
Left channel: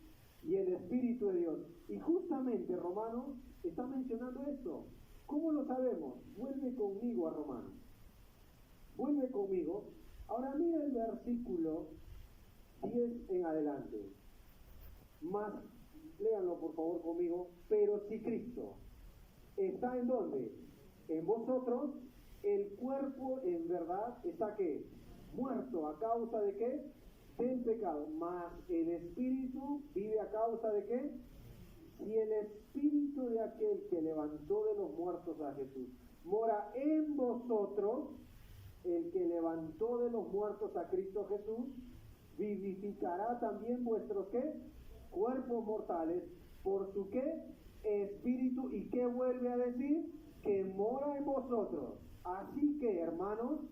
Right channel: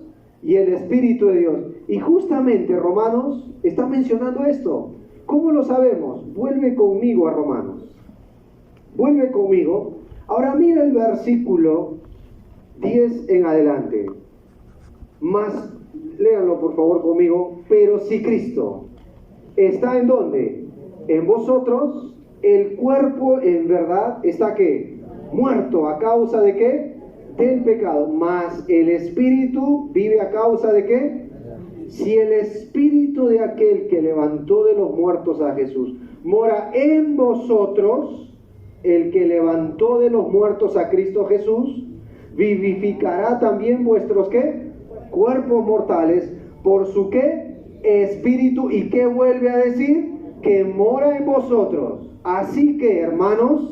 y el Espíritu de Dios. Y justamente Romanos está mencionando esto. ¿Cómo lo sabemos? Vuelve conmigo a Romanos. Vuelve conmigo. Ahora mira el versículo 10 en adelante. Más, léanlo por favor conmigo. Pero si Cristo está ¿en dónde? En vosotros, el cuerpo en verdad está ¿qué? Muerto. ¿A causa de qué? Del pecado. Mas el Espíritu vive a causa de qué? Si el Espíritu de aquel que levantó de los muertos a Jesús mora en vosotros, el que levantó de los muertos a Cristo Jesús, vivificará también vuestros ¿qué? Cuerpos mortales por su ¿qué? Espíritu. ¿Y qué vuelve a decir? Que mora en vosotros. Así que, hermanos,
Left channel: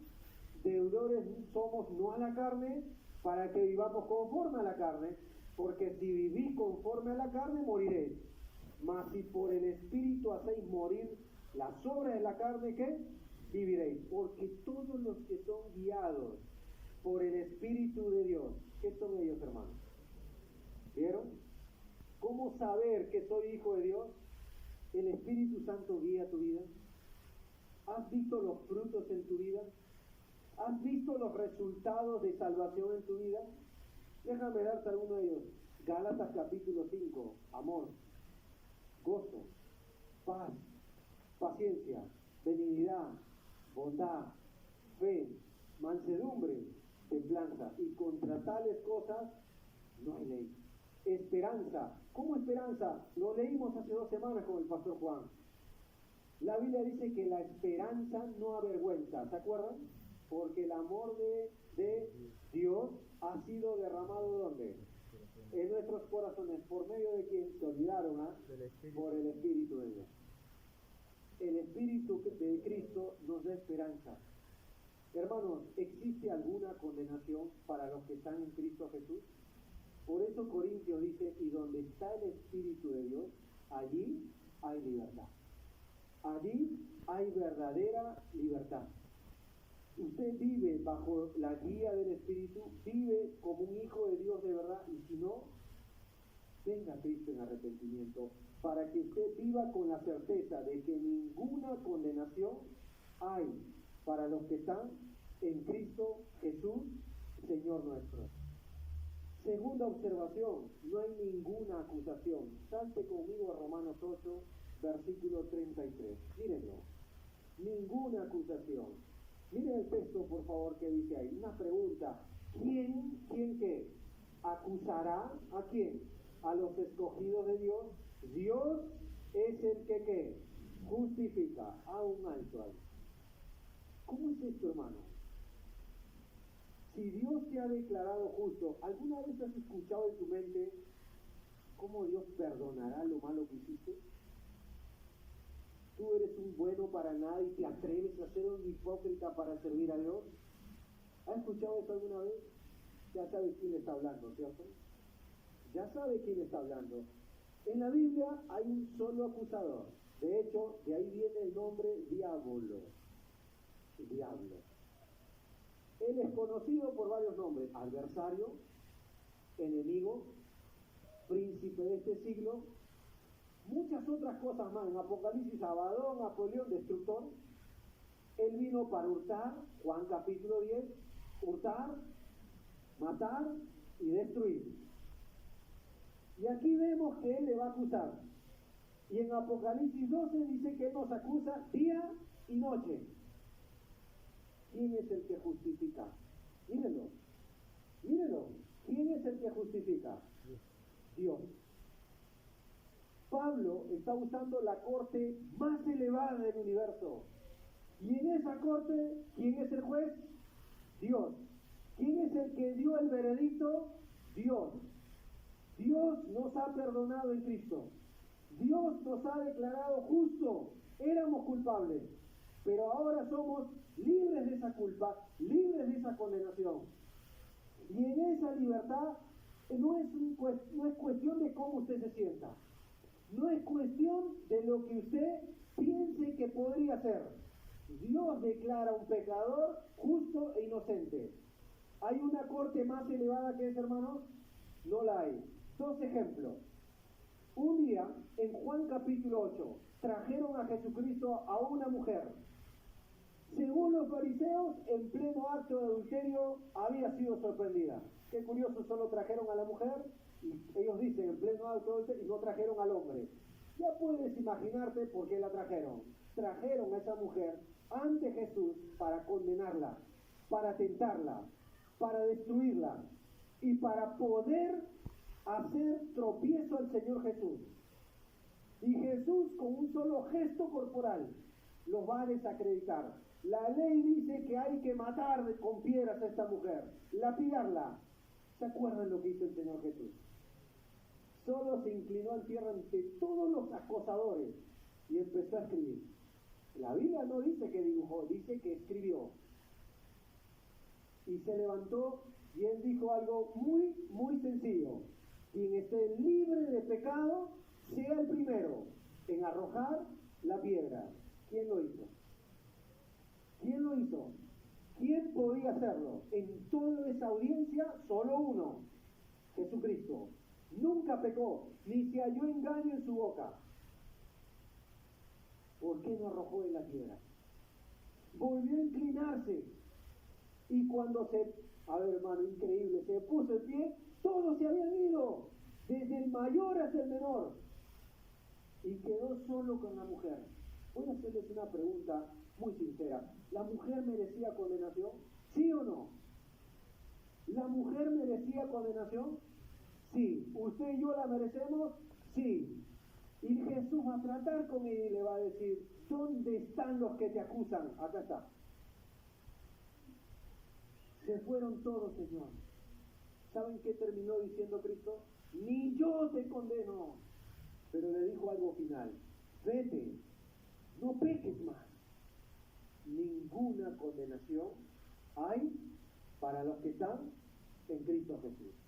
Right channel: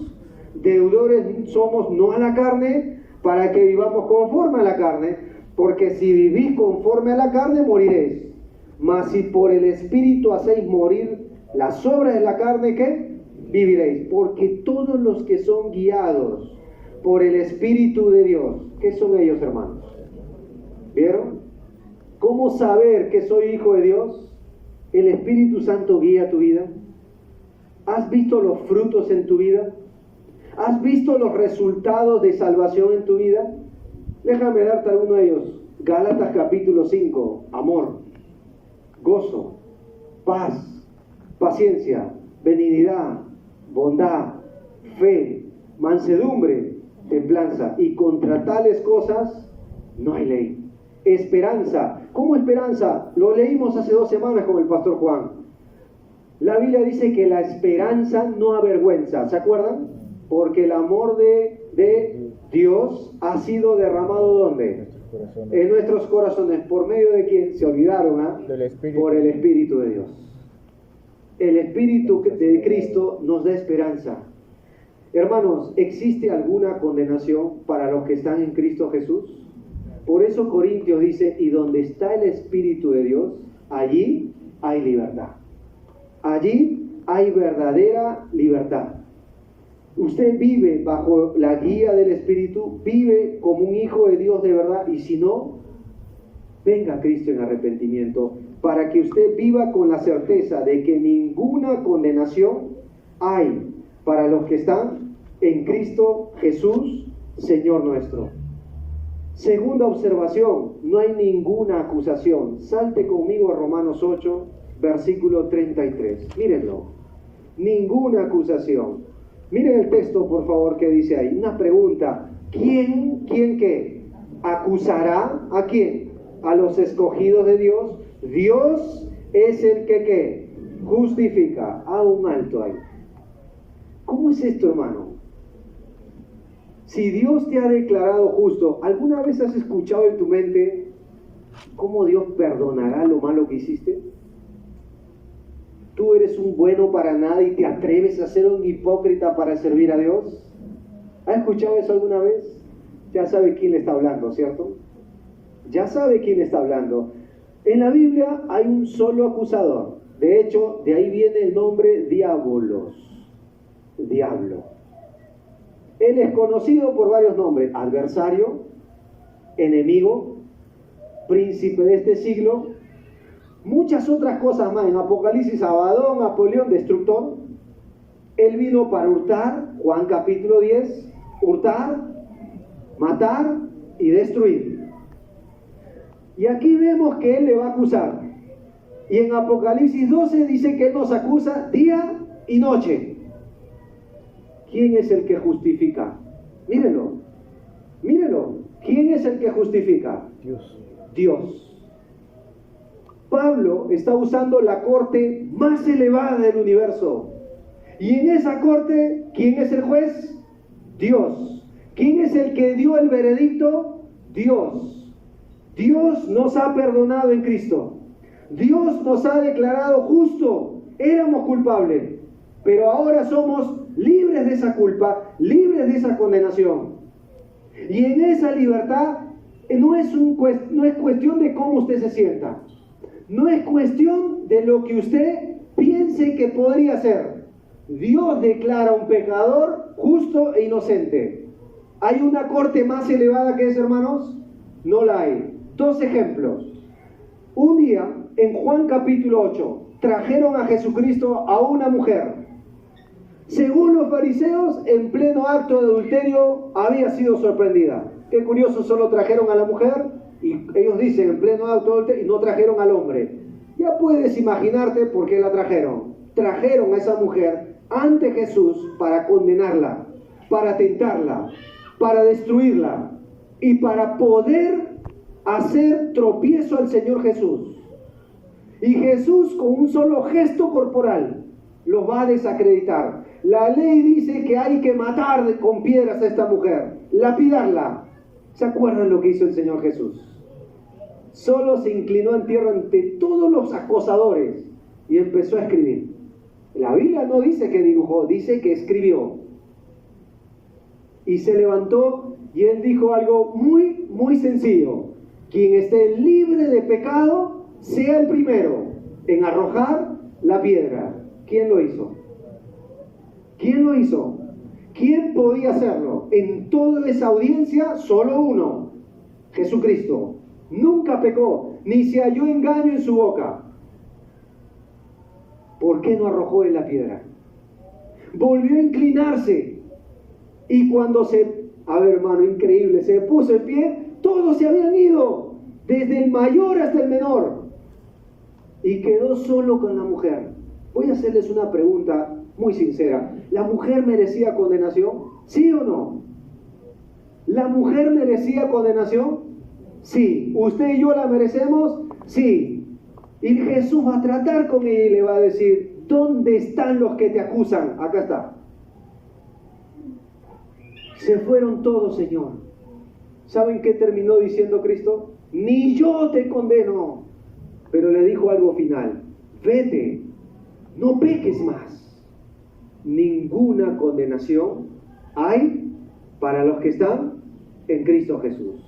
deudores somos no a la carne, para que vivamos conforme a la carne, porque si vivís conforme a la carne, moriréis. Mas si por el Espíritu hacéis morir las obras de la carne, ¿qué? Viviréis. Porque todos los que son guiados por el Espíritu de Dios, ¿qué son ellos, hermanos? ¿Vieron? ¿Cómo saber que soy hijo de Dios? ¿El Espíritu Santo guía tu vida? ¿Has visto los frutos en tu vida? ¿Has visto los resultados de salvación en tu vida? Déjame darte alguno de ellos. Gálatas capítulo 5, amor, gozo, paz, paciencia, benignidad, bondad, fe, mansedumbre, templanza. Y contra tales cosas no hay ley. Esperanza. ¿Cómo esperanza? Lo leímos hace 2 semanas con el pastor Juan. La Biblia dice que la esperanza no avergüenza. ¿Se acuerdan? Porque el amor de Dios ha sido derramado ¿dónde? En nuestros corazones. ¿Por medio de quién? Se olvidaron, por el Espíritu de Dios. El Espíritu de Cristo nos da esperanza. Hermanos, ¿existe alguna condenación para los que están en Cristo Jesús? Por eso Corintios dice, y donde está el Espíritu de Dios, allí hay libertad. Allí hay verdadera libertad. Usted vive bajo la guía del Espíritu, vive como un hijo de Dios de verdad, y si no, venga Cristo en arrepentimiento, para que usted viva con la certeza de que ninguna condenación hay para los que están en Cristo Jesús, Señor nuestro. Segunda observación, no hay ninguna acusación. Salte conmigo a Romanos 8, versículo 33. Mírenlo. Ninguna acusación. Miren el texto, por favor, que dice ahí. Una pregunta. ¿Quién qué? ¿Acusará a quién? A los escogidos de Dios. Dios es el que ¿qué? Justifica. A un alto ahí. ¿Cómo es esto, hermano? Si Dios te ha declarado justo, ¿alguna vez has escuchado en tu mente cómo Dios perdonará lo malo que hiciste? ¿Tú eres un bueno para nada y te atreves a ser un hipócrita para servir a Dios? ¿Has escuchado eso alguna vez? Ya sabe quién le está hablando, ¿cierto? Ya sabe quién está hablando. En la Biblia hay un solo acusador. De hecho, de ahí viene el nombre diabolos. Diablo. Él es conocido por varios nombres: adversario, enemigo, príncipe de este siglo, muchas otras cosas más. En Apocalipsis, Abadón, Apolión, destructor. Él vino para hurtar, Juan capítulo 10, hurtar, matar y destruir. Y aquí vemos que él le va a acusar. Y en Apocalipsis 12 dice que él nos acusa día y noche. ¿Quién es el que justifica? Mírenlo. ¿Quién es el que justifica? Dios. Pablo está usando la corte más elevada del universo. Y en esa corte, ¿quién es el juez? Dios. ¿Quién es el que dio el veredicto? Dios. Dios nos ha perdonado en Cristo. Dios nos ha declarado justo. Éramos culpables, pero ahora somos libres de esa culpa, libres de esa condenación. Y en esa libertad no es cuestión de cómo usted se sienta. No es cuestión de lo que usted piense que podría ser. Dios declara a un pecador justo e inocente. ¿Hay una corte más elevada que esa, hermanos? No la hay. 2 ejemplos. Un día, en Juan capítulo 8, trajeron a Jesucristo a una mujer. Según los fariseos, en pleno acto de adulterio había sido sorprendida. Qué curioso, solo trajeron a la mujer y ellos dicen en pleno acto de adulterio y no trajeron al hombre. Ya puedes imaginarte por qué la trajeron. Trajeron a esa mujer ante Jesús para condenarla, para tentarla, para destruirla y para poder hacer tropiezo al Señor Jesús. Y Jesús, con un solo gesto corporal, los va a desacreditar. La ley dice que hay que matar con piedras a esta mujer, lapidarla. ¿Se acuerdan lo que hizo el Señor Jesús? Solo se inclinó en tierra ante todos los acosadores y empezó a escribir. La Biblia no dice que dibujó, dice que escribió. Y se levantó y él dijo algo muy, muy sencillo: quien esté libre de pecado, sea el primero en arrojar la piedra. ¿Quién lo hizo? ¿Quién lo hizo? ¿Quién podía hacerlo? En toda esa audiencia, solo uno: Jesucristo. Nunca pecó, ni se halló engaño en su boca. ¿por qué no arrojó él la piedra? Volvió a inclinarse. Y cuando a ver, hermano, increíble, se puso en pie, todos se habían ido, desde el mayor hasta el menor. Y quedó solo con la mujer. Voy a hacerles una pregunta muy sincera. ¿La mujer merecía condenación? ¿Sí o no? ¿La mujer merecía condenación? Sí. ¿Usted y yo la merecemos? Sí. Y Jesús va a tratar con ella y le va a decir, ¿dónde están los que te acusan? Acá está. Se fueron todos, Señor. ¿Saben qué terminó diciendo Cristo? Ni yo te condeno. Pero le dijo algo final. Vete, no peques más. Ninguna condenación hay para los que están en Cristo Jesús.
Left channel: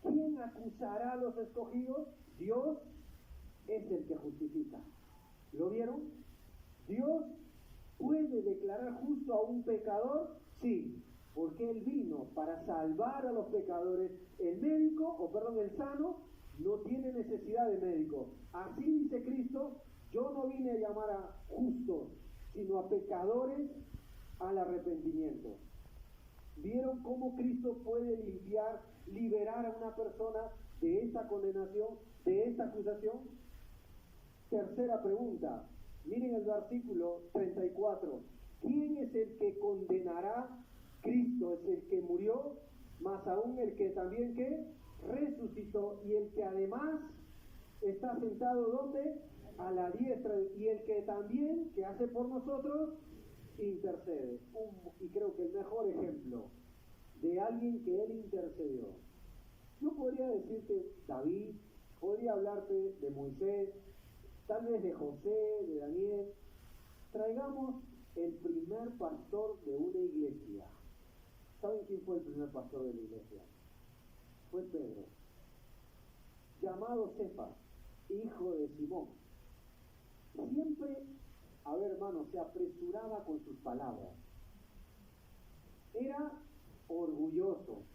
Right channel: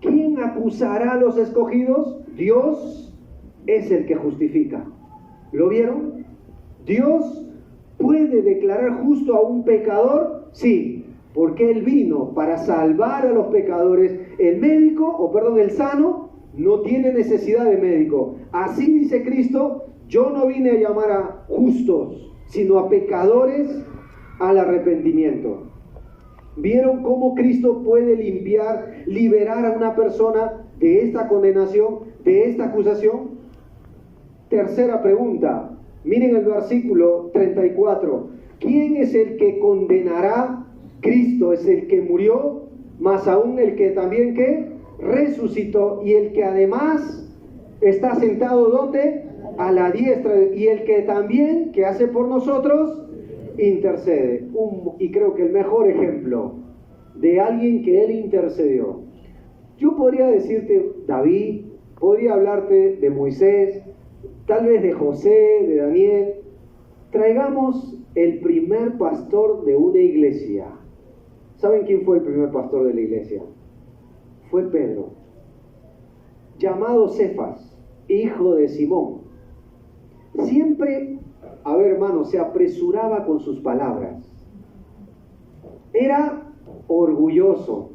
¿Quién acusará a los escogidos? Dios es el que justifica. ¿Lo vieron? ¿Dios puede declarar justo a un pecador? Sí, porque Él vino para salvar a los pecadores. El sano no tiene necesidad de médico. Así dice Cristo, yo no vine a llamar a justos, sino a pecadores al arrepentimiento. ¿Vieron cómo Cristo puede liberar a una persona de esta condenación, de esta acusación? Tercera pregunta, miren el versículo 34. ¿Quién es el que condenará? Cristo es el que murió, más aún el que también ¿qué? Resucitó, y el que además está sentado ¿dónde? A la diestra, y el que también, que hace por nosotros, intercede. Y creo que el mejor ejemplo de alguien que Él intercedió. Yo podría decirte David, podría hablarte de Moisés, tal vez de José, de Daniel. Traigamos el primer pastor de una iglesia. ¿Saben quién fue el primer pastor de la iglesia? Fue Pedro, llamado Cefas, hijo de Simón. Siempre, a ver hermano, se apresuraba con sus palabras. Era orgulloso,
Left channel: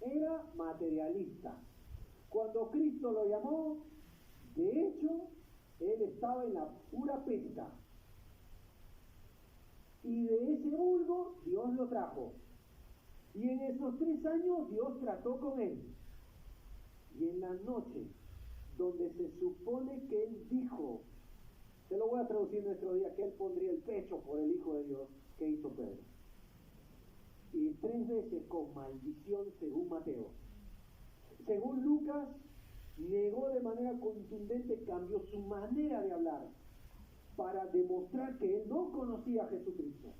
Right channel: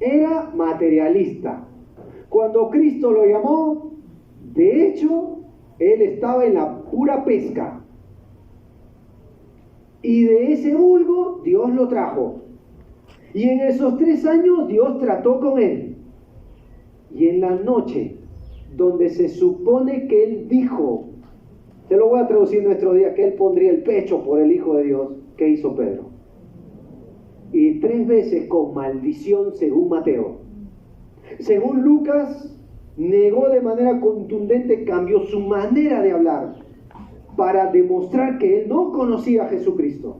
era materialista. Cuando Cristo lo llamó, de hecho, él estaba en la pura pesca. Y de ese vulgo Dios lo trajo. Y en esos 3 años Dios trató con él. Y en la noche, donde se supone que él dijo, te lo voy a traducir en nuestro día, que él pondría el pecho por el Hijo de Dios, ¿qué hizo Pedro? Y 3 veces con maldición según Mateo. Según Lucas, negó de manera contundente, cambió su manera de hablar para demostrar que él no conocía a Jesucristo.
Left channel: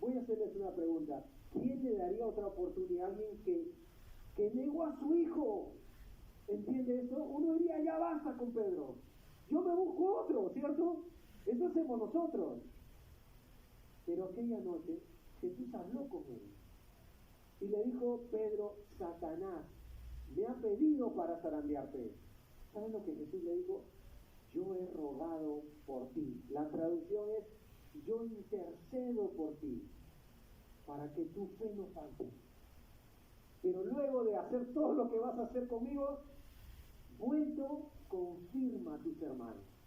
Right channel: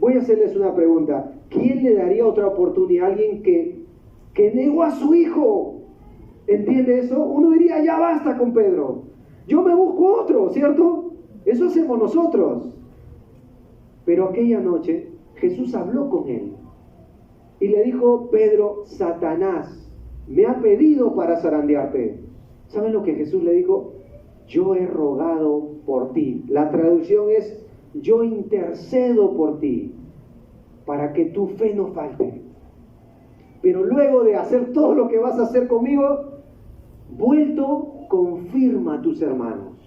Voy a hacerles una pregunta. ¿Quién le daría otra oportunidad a alguien que negó a su hijo? ¿Entiende eso? Uno diría, ya basta con Pedro. Yo me busco otro, ¿cierto? Eso hacemos nosotros. Pero aquella noche Jesús habló con él y le dijo, Pedro, Satanás me ha pedido para zarandearte. ¿Saben lo que Jesús le dijo? Yo he rogado por ti. La traducción es, yo intercedo por ti, para que tu fe no falte. Pero luego de hacer todo lo que vas a hacer conmigo, vuelto, confirma a tus hermanos.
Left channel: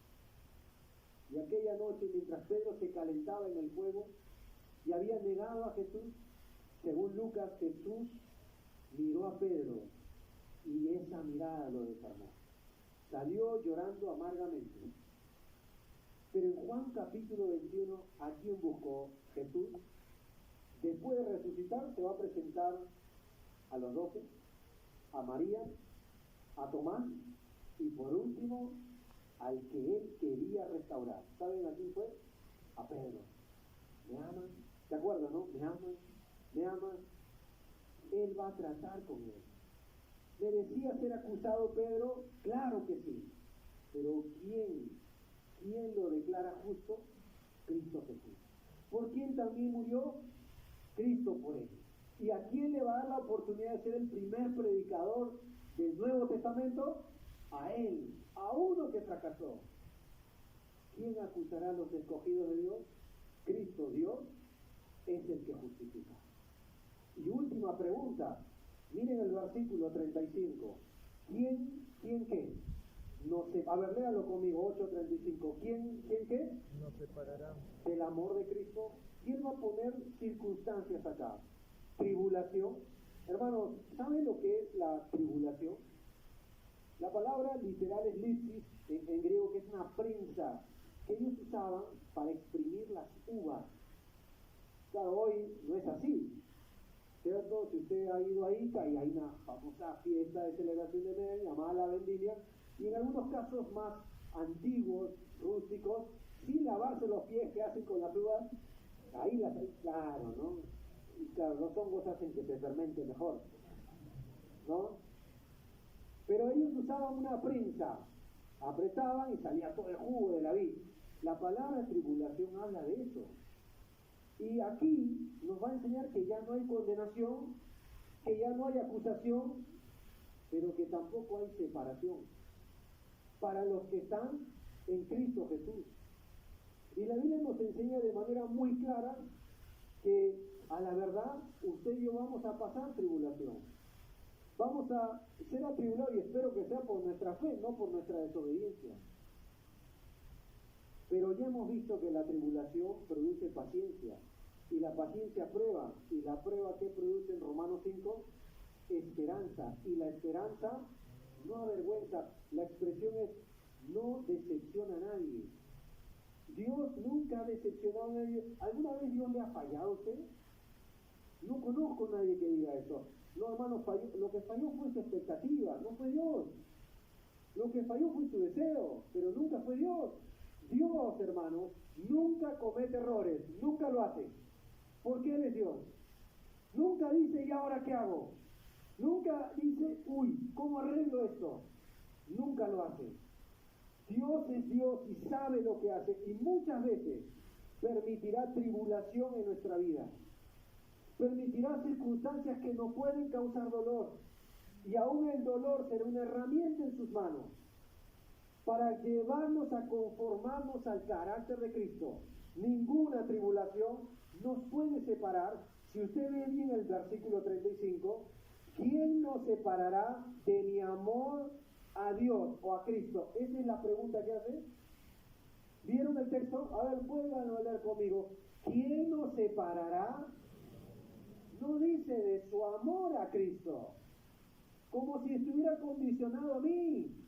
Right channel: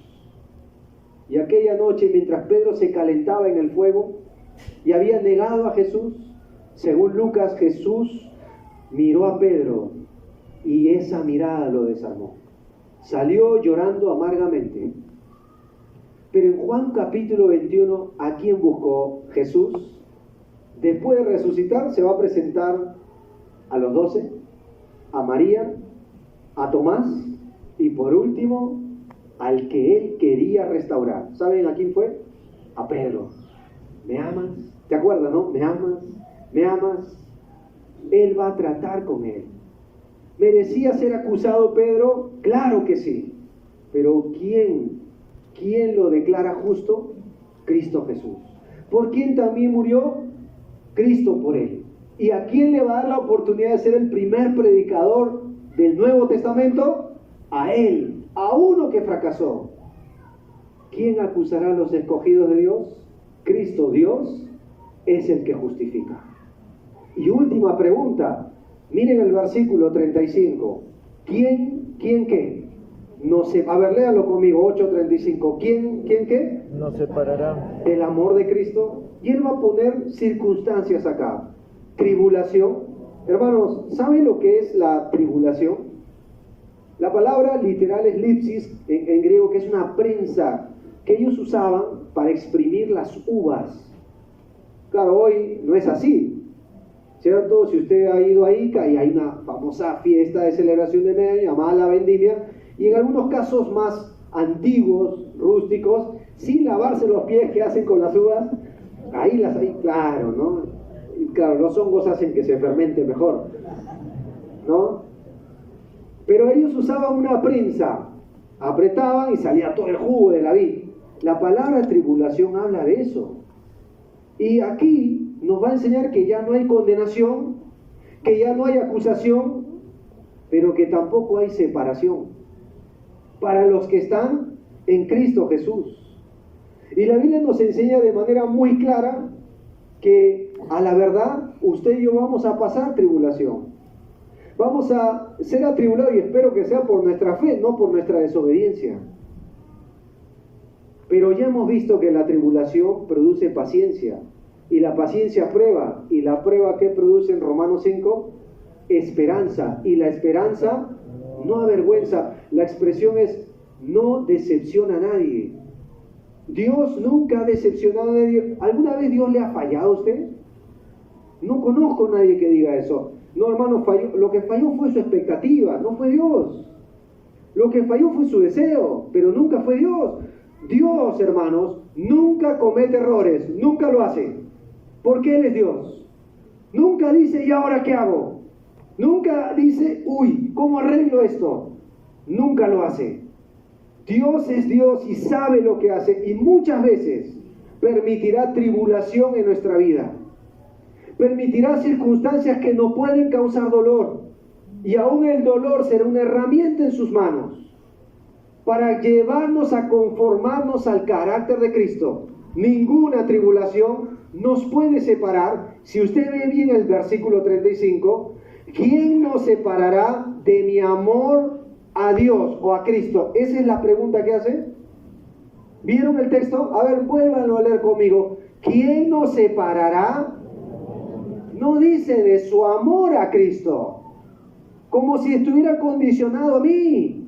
Y aquella noche, mientras Pedro se calentaba en el fuego y había negado a Jesús, según Lucas, Jesús miró a Pedro y esa mirada lo desarmó. Salió llorando amargamente. Pero en Juan capítulo 21, ¿a quién buscó Jesús? Después de resucitar, se va a presentar a los 12, a María, a Tomás y por último, al que él quería restaurar. ¿Saben a quién fue? A Pedro. ¿Me amas? ¿Te acuerdas, no? ¿Me amas? ¿Me amas? Él va a tratar con él. ¿Merecía ser acusado Pedro? Claro que sí. Pero ¿quién lo declara justo? Cristo Jesús. ¿Por quién también murió? Cristo por él. ¿Y a quién le va a dar la oportunidad de ser el primer predicador del Nuevo Testamento? A él, a uno que fracasó. ¿Quién acusará a los escogidos de Dios? Cristo, Dios, es el que justifica. Y última pregunta, miren el versículo 35. ¿Quién qué? A ver, léalo conmigo, 8:35. ¿Quién qué? Nos separará Del amor de Cristo. Y Él va a poner circunstancias acá. Tribulación. Hermanos, ¿saben lo que es la tribulación? La palabra literal es lipsis, en griego, que es una prensa que ellos usaban para exprimir las uvas. Claro, hoy no es así, ¿cierto? Si usted ha ido a Ica y hay una famosa fiesta de celebración de medio llamada la vendimia, y en algunos casos más antiguos, rústicos, sin lavarse los pies, que hacen con las uvas, ahí claro, ¿no? Y claro, los hongos hacen que se fermente mejor, ¿no? Pero ellos usaban una prensa, apretaban y salía todo el jugo de la vid. La palabra tribulación habla de eso. Y aquí nos va a enseñar que ya no hay condenación, que ya no hay acusación, pero que tampoco hay separación para los que están en Cristo Jesús. Y la Biblia nos enseña de manera muy clara que a la verdad usted y yo vamos a pasar tribulación. Vamos a ser atribulados, y espero que sea por nuestra fe, no por nuestra desobediencia. Pero ya hemos visto que la tribulación produce paciencia, y la paciencia prueba, y la prueba que produce en Romanos 5, esperanza, y la esperanza no avergüenza. La expresión es: no decepciona a nadie. Dios nunca ha decepcionado a nadie. ¿Alguna vez Dios le ha fallado a usted? No conozco a nadie que diga eso. No, hermano, lo que falló fue su expectativa, no fue Dios. Lo que falló fue su deseo, pero nunca fue Dios. Dios, hermanos, nunca comete errores, nunca lo hace, porque Él es Dios. Nunca dice: ¿y ahora qué hago? Nunca dice: uy, ¿cómo arreglo esto? Nunca lo hace. Dios es Dios y sabe lo que hace, y muchas veces permitirá tribulación en nuestra vida. Permitirá circunstancias que no pueden causar dolor, y aún el dolor será una herramienta en sus manos para llevarnos a conformarnos al carácter de Cristo. Ninguna tribulación nos puede separar. Si usted ve bien el versículo 35, ¿quién nos separará de mi amor a Dios o a Cristo? Esa es la pregunta que hace. ¿Vieron el texto? A ver, vuélvanlo a leer conmigo. ¿Quién nos separará? No dice de su amor a Cristo, como si estuviera condicionado a mí.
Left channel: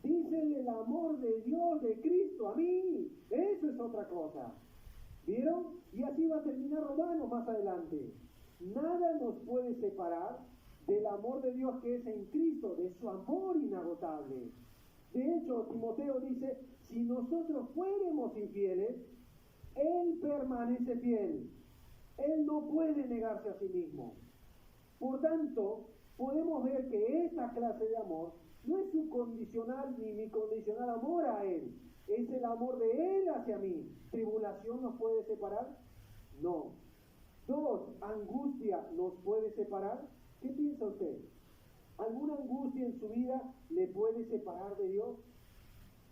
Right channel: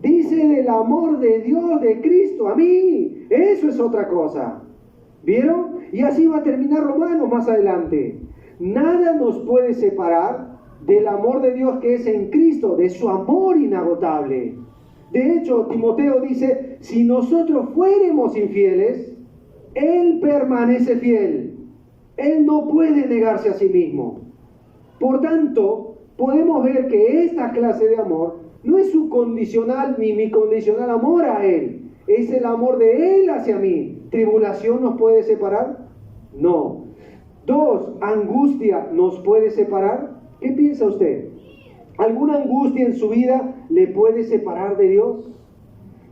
Dice del amor de Dios, de Cristo a mí. Eso es otra cosa. ¿Vieron? Y así va a terminar Romanos más adelante. Nada nos puede separar del amor de Dios que es en Cristo, de su amor inagotable. De hecho, Timoteo dice: si nosotros fuéramos infieles, Él permanece fiel. Él no puede negarse a sí mismo. Por tanto, podemos ver que esta clase de amor no es su condicional ni mi condicional amor a Él. Es el amor de Él hacia mí. ¿Tribulación nos puede separar? No. 2, ¿angustia nos puede separar? ¿Qué piensa usted? ¿Alguna angustia en su vida le puede separar de Dios?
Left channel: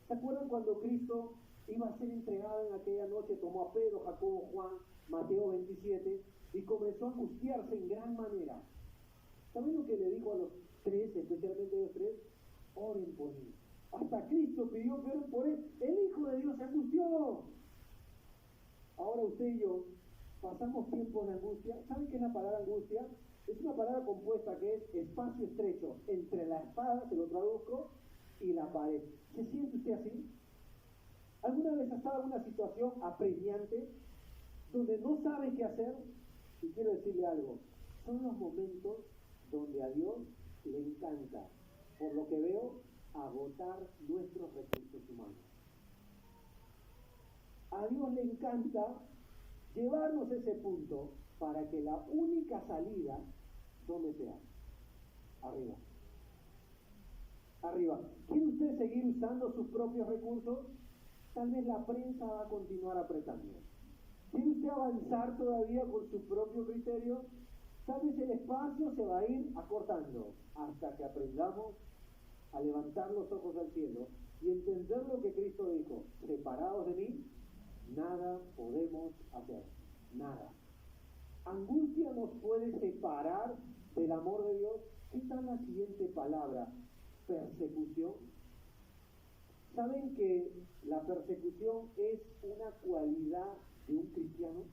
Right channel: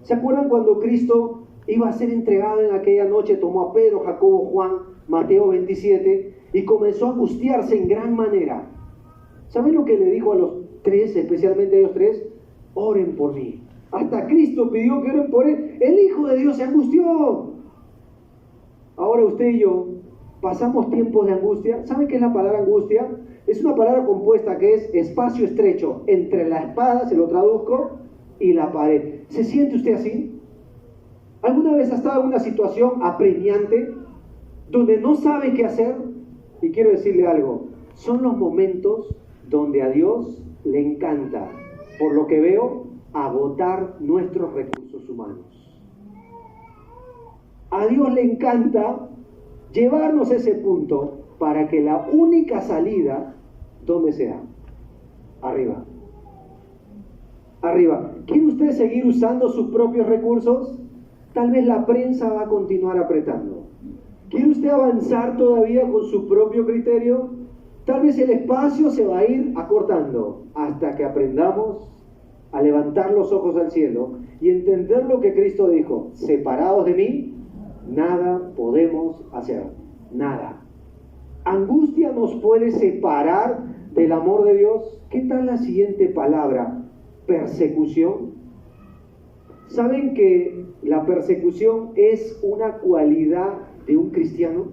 ¿Se acuerdan cuando Cristo iba a ser entregado en aquella noche? Tomó a Pedro, Jacobo, Juan, Mateo 27, y comenzó a angustiarse en gran manera. ¿Saben lo que le dijo a los 3, especialmente a ellos 3? Oren por mí. Hasta Cristo pidió que oren por Él. El Hijo de Dios se angustió. Ahora usted y yo pasamos tiempos de angustia. ¿Saben qué es la palabra angustia? Es una palabra compuesta que es espacio estrecho entre la espada, se lo traduzco, y la pared. ¿Se siente usted así? ¿Alguna vez ha estado en una situación apremiante donde no sabe qué hacer? Y quiero decirle algo: son los momentos donde a Dios le encanta, por lo que veo, agotar nuestros recursos humanos. A Dios le encanta llevarnos a ese punto para que la única salida, ¿dónde sea? Arriba. Arriba. ¿Quiere usted seguir usando sus propios recursos? Tal vez la prensa va a continuar apretando. ¿Quiere usted avanzar todavía con su propio criterio? Tal vez el espacio se va a ir acortando hasta que aprendamos a levantar los ojos al cielo y entender lo que Cristo dijo: separados de mí, nada podemos hacer. Nada. ¿Angustia nos puede separar del amor de Dios? ¿Qué tal la siguiente palabra? Persecución. ¿Saben que la persecución es una cualidad de un cristiano?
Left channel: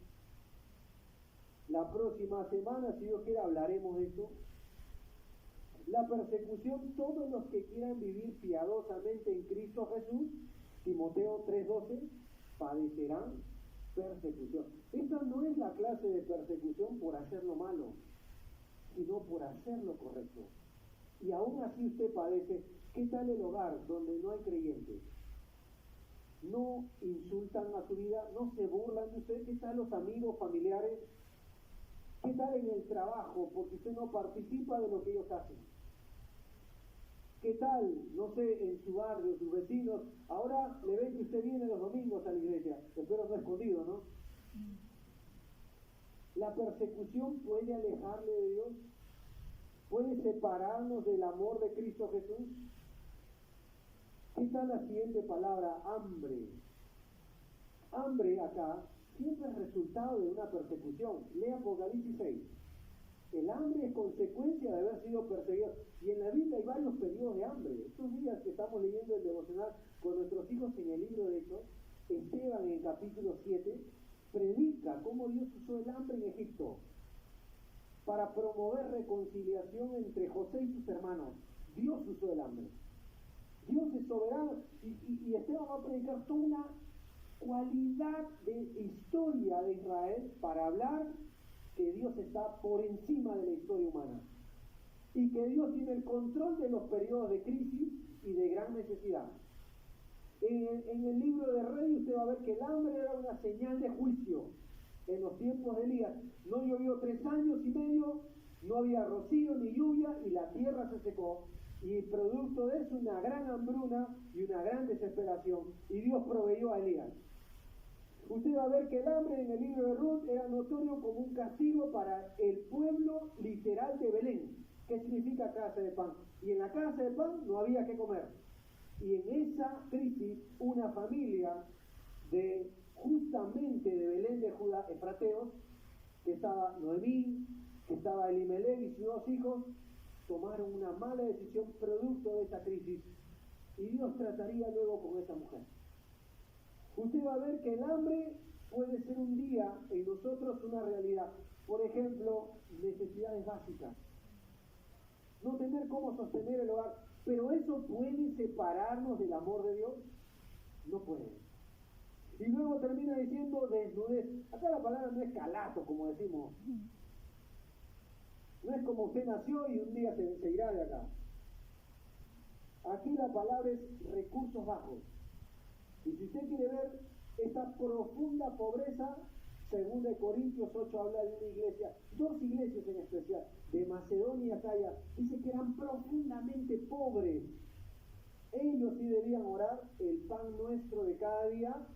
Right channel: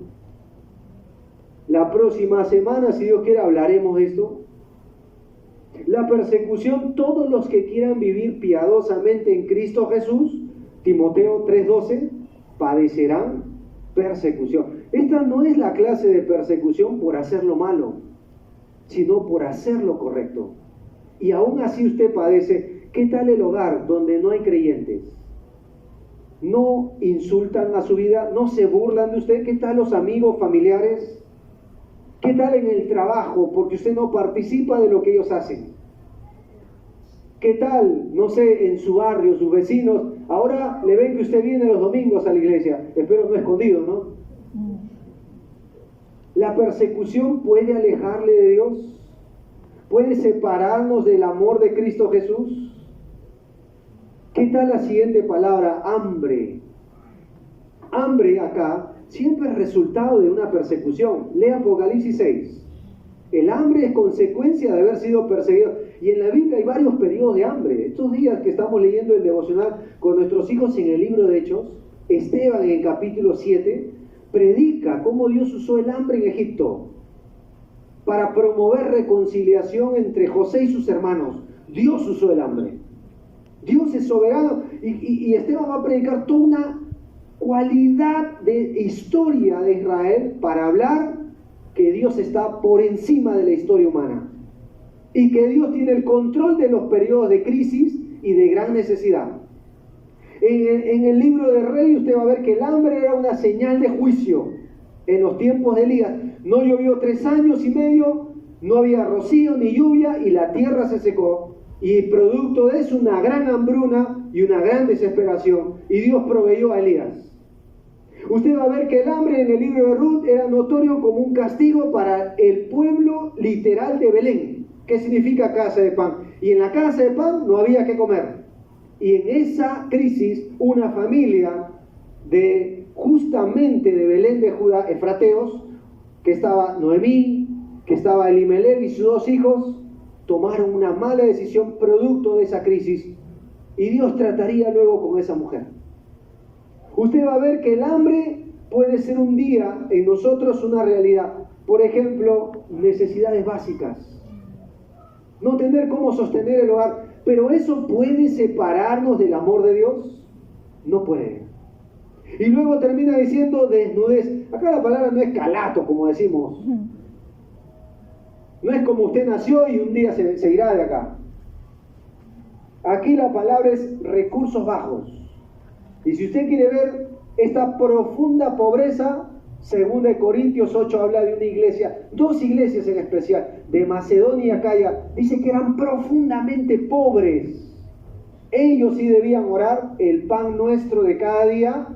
La próxima semana, si Dios quiere, hablaremos de esto. La persecución, todos los que quieran vivir piadosamente en Cristo Jesús, Timoteo 3:12, padecerán persecución. Esta no es la clase de persecución por hacer lo malo, sino por hacer lo correcto. Y aún así usted padece. ¿Qué tal el hogar donde no hay creyentes? ¿No insultan a su vida? ¿No se burlan de usted? ¿Qué tal los amigos, familiares? ¿Qué tal en el trabajo? Porque usted no participa de lo que ellos hacen. ¿Qué tal, no sé, en su barrio, sus vecinos? Ahora le ven que usted viene los domingos a la iglesia. Espero no escondido, ¿no? La persecución puede alejarle de Dios. Puede separarnos del amor de Cristo Jesús. ¿Qué tal la siguiente palabra? Hambre. Hambre acá siempre es resultado de una persecución. Lea Apocalipsis 6. El hambre es consecuencia de haber sido perseguido. Y en la Biblia hay varios periodos de hambre. Estos días que estamos leyendo el devocional con nuestros hijos en el libro de Hechos, Esteban en el capítulo 7 predica cómo Dios usó el hambre en Egipto para promover reconciliación entre José y sus hermanos. Dios usó el hambre. Dios es soberano. Y Esteban va a predicar toda una cualidad de historia de Israel para hablar que Dios está por encima de la historia humana y que Dios tiene el control de los periodos de crisis y de gran necesidad. En el libro de Reyes usted va a ver que el hambre era una señal de juicio. En los tiempos de Elías no llovió 3 años y medio, no había rocío ni lluvia y la tierra se secó. Y producto de eso una gran hambruna y una gran desesperación. Y Dios proveyó a Elías. Usted va a ver que el hambre en el libro de Ruth era notorio como un castigo para el pueblo literal de Belén. ¿Qué significa casa de pan? Y en la casa de pan no había que comer. Y en esa crisis una familia justamente de Belén de Judá, efrateos, que estaba Noemí, que estaba Elimelech y sus 2 hijos, tomaron una mala decisión producto de esa crisis y Dios trataría luego con esa mujer. Usted va a ver que el hambre puede ser un día en nosotros una realidad. Por ejemplo, necesidades básicas. No tener cómo sostener el hogar. Pero eso puede separarnos del amor de Dios. No puede. Y luego termina diciendo desnudez. Acá la palabra no es calato, como decimos. No es como usted nació y un día se irá de acá. Aquí la palabra es recursos bajos. Y si usted quiere ver esta profunda pobreza, 2 Corintios 8 habla de una iglesia, 2 iglesias en especial, de Macedonia y Acaya, dice que eran profundamente pobres. Ellos sí debían orar: el pan nuestro de cada día,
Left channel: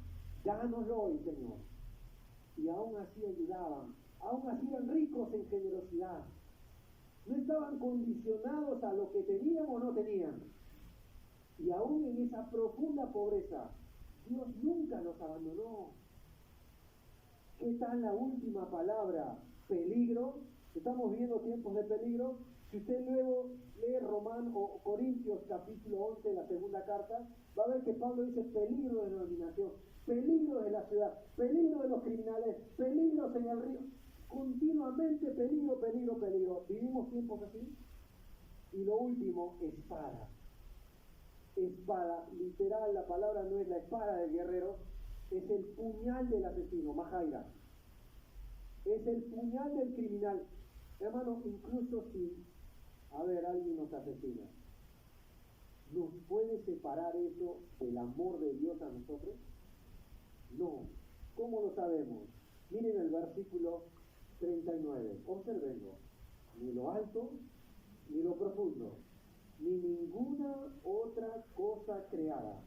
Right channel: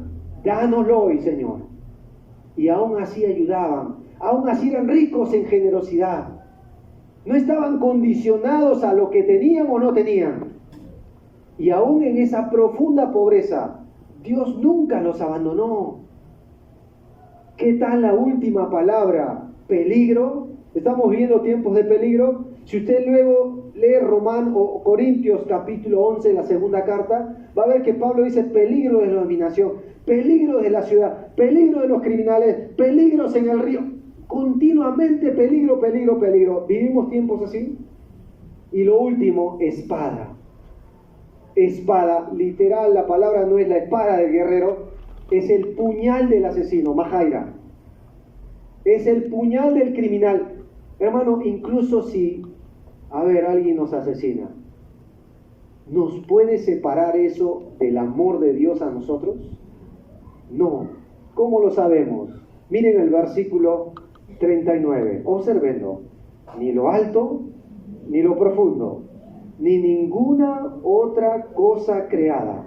dánoslo hoy, Señor. Y aún así ayudaban, aún así eran ricos en generosidad. No estaban condicionados a lo que tenían o no tenían. Y aún en esa profunda pobreza, Dios nunca los abandonó. ¿Qué tal la última palabra? Peligro. Estamos viviendo tiempos de peligro. Si usted luego lee Corintios capítulo 11, la segunda carta, va a ver que Pablo dice peligro de la dominación, peligro de la ciudad, peligro de los criminales, peligros en el río. Continuamente peligro, peligro, peligro. ¿Vivimos tiempos así? Y lo último, espada. Espada, literal, la palabra no es la espada del guerrero, es el puñal del asesino, majaira. Es el puñal del criminal. Hermano, incluso si, alguien nos asesina, ¿nos puede separar eso del amor de Dios a nosotros? No. ¿Cómo lo sabemos? Miren el versículo 39. Observenlo. Ni lo alto, ni lo profundo, ni ninguna otra cosa creada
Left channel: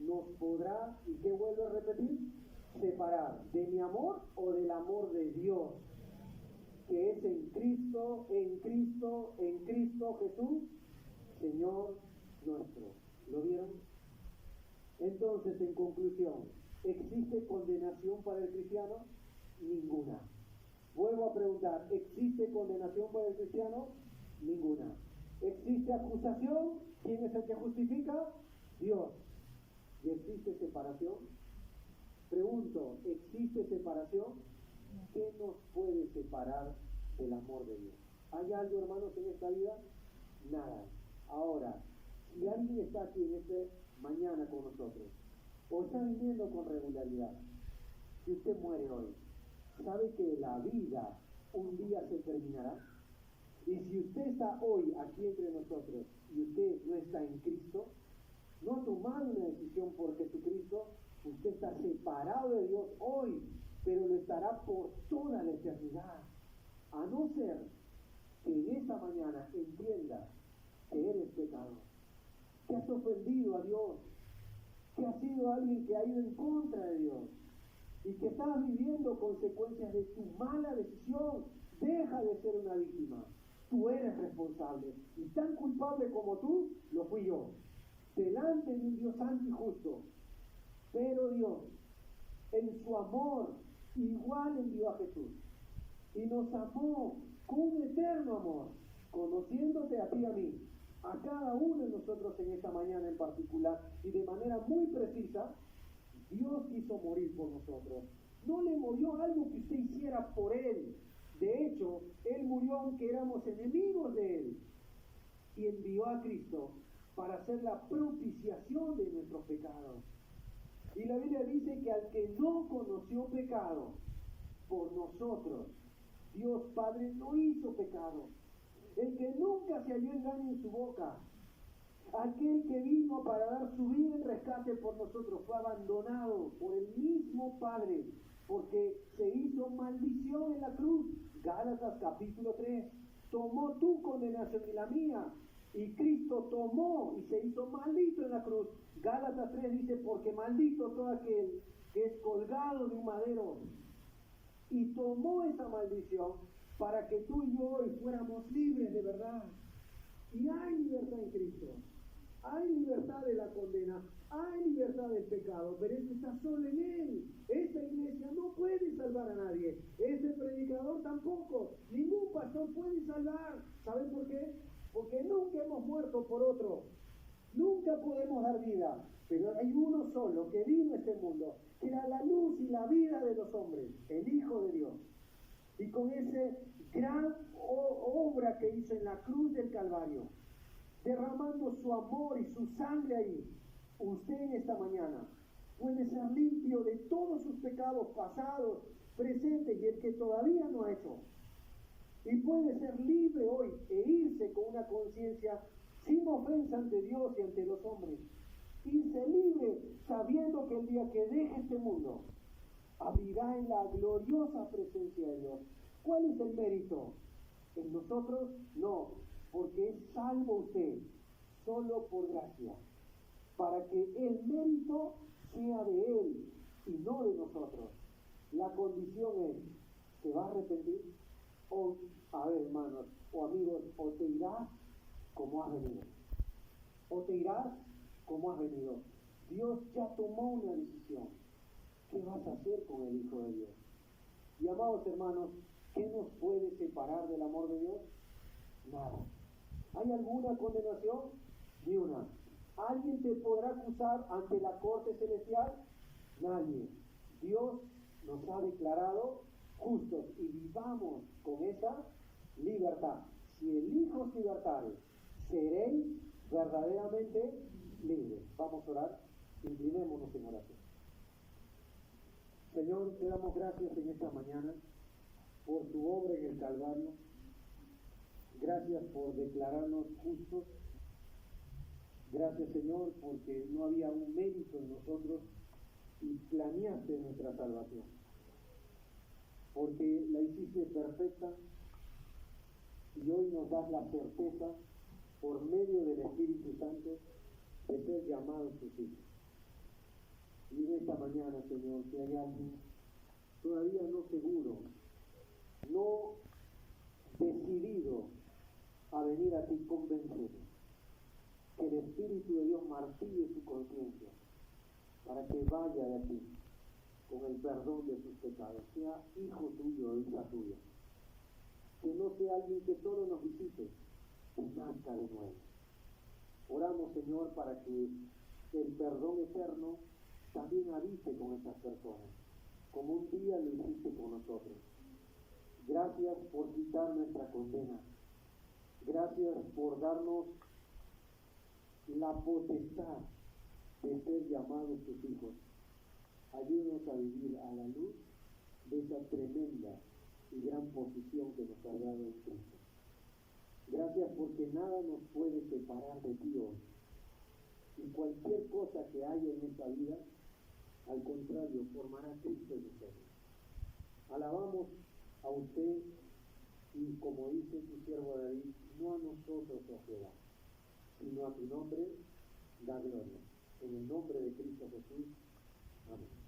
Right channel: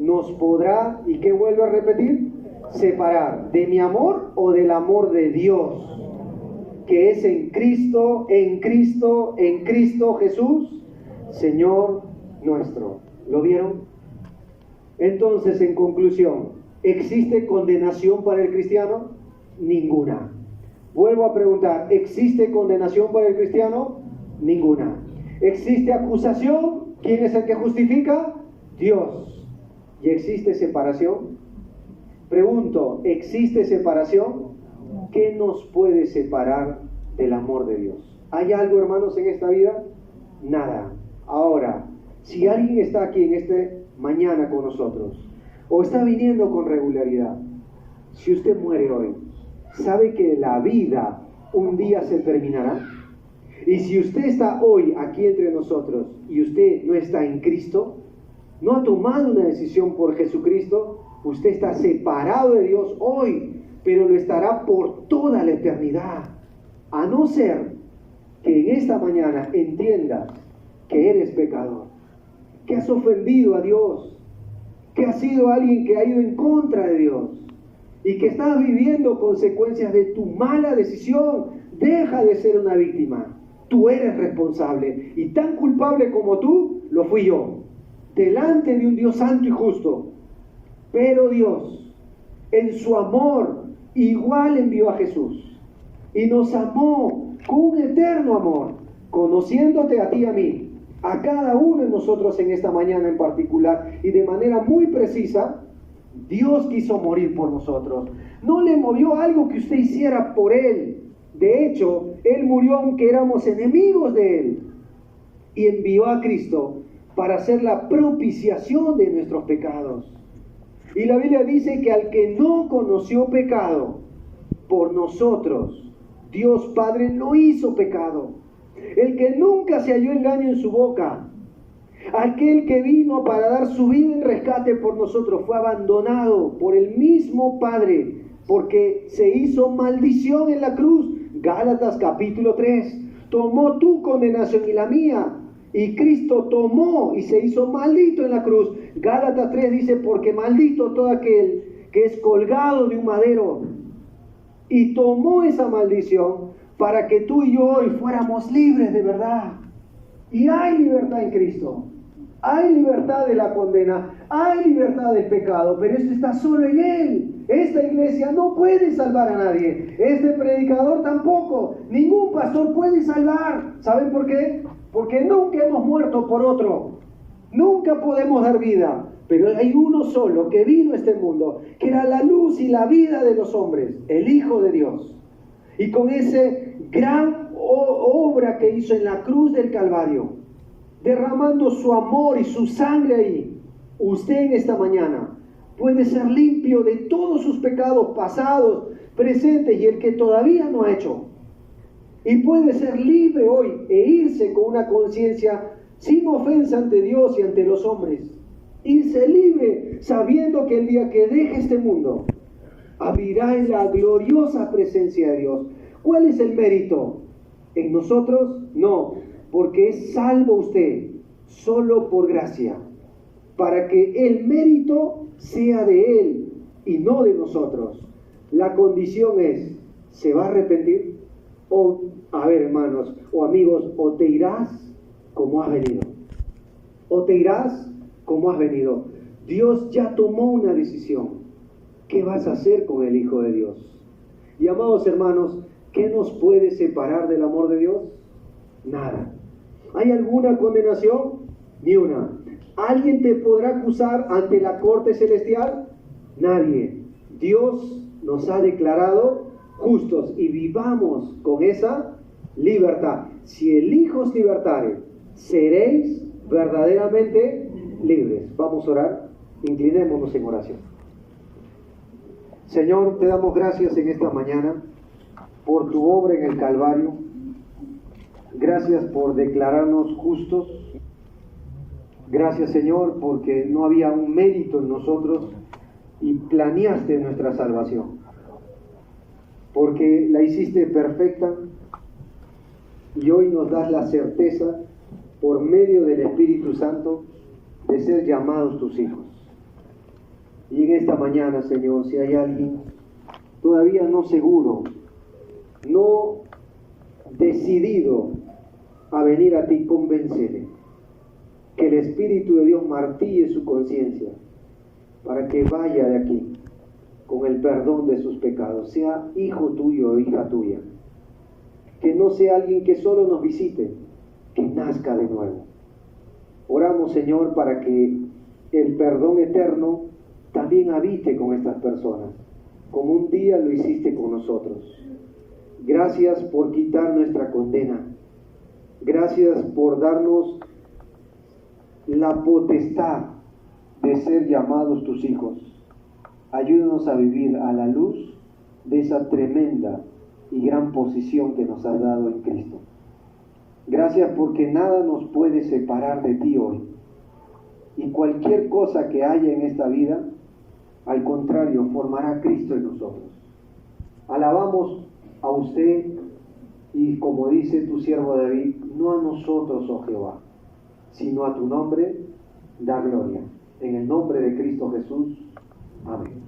nos podrá, ¿y qué vuelvo a repetir? Separar de mi amor o del amor de Dios, que es en Cristo Jesús, Señor nuestro. ¿Lo vieron? Entonces, en conclusión, ¿existe condenación para el cristiano? Ninguna. Vuelvo a preguntar, ¿existe condenación para el cristiano? Ninguna. ¿Existe acusación? ¿Quién es el que justifica? Dios. ¿Y existe separación? Pregunto, ¿existe separación? ¿Qué nos puede separar del amor de Dios? ¿Hay algo, hermanos, en esta vida? Nada. Ahora, si alguien está aquí en esta mañana con nosotros, o está viniendo con regularidad, si usted muere hoy, ¿sabe que la vida un día se terminará? Y si usted está hoy aquí entre nosotros y usted no está en Cristo, no ha tomado una decisión por Jesucristo, usted está separado de Dios hoy, pero lo estará por toda la eternidad. A no ser que en esta mañana entiendas que eres pecador, que has ofendido a Dios, que has sido alguien que ha ido en contra de Dios y que estás viviendo consecuencias de tu mala decisión. Deja de ser una víctima. Tú eres responsable, y tan culpable como tú lo fui yo, delante de un Dios santo y justo. Pero Dios, en su amor, igual envió a Jesús y nos amó con un eterno amor, conociéndote a ti y a mí, a cada uno de nosotros en esta mañana en particular, y de manera muy precisa. Dios quiso morir por nosotros. No le movió algo que usted hiciera por Él. De hecho, Él murió aunque éramos enemigos de Él, y envió a Cristo para hacer la propiciación de nuestros pecados. Y la Biblia dice que al que no conoció pecado, por nosotros, Dios Padre lo hizo pecado. El que nunca se halló engaño en su boca, aquel que vino para dar su vida en rescate por nosotros, fue abandonado por el mismo Padre, porque se hizo maldición en la cruz. Gálatas capítulo 3, tomó tu condenación y la mía, y Cristo tomó y se hizo maldito en la cruz. Gálatas 3 dice, porque maldito todo aquel que es colgado de un madero, y tomó esa maldición para que tú y yo hoy fuéramos libres de verdad. Y hay libertad en Cristo. Hay libertad de la condena, hay libertad del pecado, pero esto está solo en Él. Esta iglesia no puede salvar a nadie, este predicador tampoco, ningún pastor puede salvar. ¿Saben por qué? Porque nunca hemos muerto por otro, nunca podemos dar vida, pero hay uno solo que vino a este mundo, que era la luz y la vida de los hombres, el Hijo de Dios. Y con esa gran obra que hizo en la cruz del Calvario, derramando su amor y su sangre ahí, usted en esta mañana puede ser limpio de todos sus pecados pasados, presentes y el que todavía no ha hecho. Y puede ser libre hoy e irse con una conciencia sin ofensa ante Dios y ante los hombres. Irse libre sabiendo que el día que deje este mundo abrirá en la gloriosa presencia de Dios. ¿Cuál es el mérito? ¿En nosotros? No, porque es salvo usted solo por gracia, para que el mérito sea de Él y no de nosotros. La condición es, ¿se va a arrepentir? O, a ver, hermanos o amigos, o te irás como has venido, o te irás como has venido. Dios ya tomó una decisión. ¿Qué vas a hacer con el Hijo de Dios? Y amados hermanos, ¿qué nos puede separar del amor de Dios? Nada. ¿Hay alguna condenación? Ni una. ¿Alguien te podrá acusar ante la corte celestial? Nadie. Dios nos ha declarado justos y vivamos con esa libertad. Si el Hijo os libertare, seréis verdaderamente libres. Vamos a orar. Inclinémonos en oración. Señor, te damos gracias en esta mañana por tu obra en el Calvario. Gracias por declararnos justos. Gracias, Señor, porque no había un mérito en nosotros y planeaste nuestra salvación. Porque la hiciste perfecta y hoy nos das la certeza, por medio del Espíritu Santo, de ser llamados tus hijos. Y en esta mañana, Señor, si hay alguien todavía no seguro, no decidido a venir a ti, convéncele. Que el Espíritu de Dios martille su conciencia para que vaya de aquí con el perdón de sus pecados, sea hijo tuyo o hija tuya. Que no sea alguien que solo nos visite, que nazca de nuevo. Oramos, Señor, para que el perdón eterno también habite con estas personas, como un día lo hiciste con nosotros. Gracias por quitar nuestra condena. Gracias por darnos la potestad de ser llamados tus hijos. Ayúdanos a vivir a la luz de esa tremenda y gran posición que nos has dado en Cristo. Gracias porque nada nos puede separar de ti hoy. Y cualquier cosa que haya en esta vida, al contrario, formará Cristo en nosotros. Alabamos a usted y, como dice tu siervo David, no a nosotros, oh Jehová, sino a tu nombre da gloria. En el nombre de Cristo Jesús. Amén.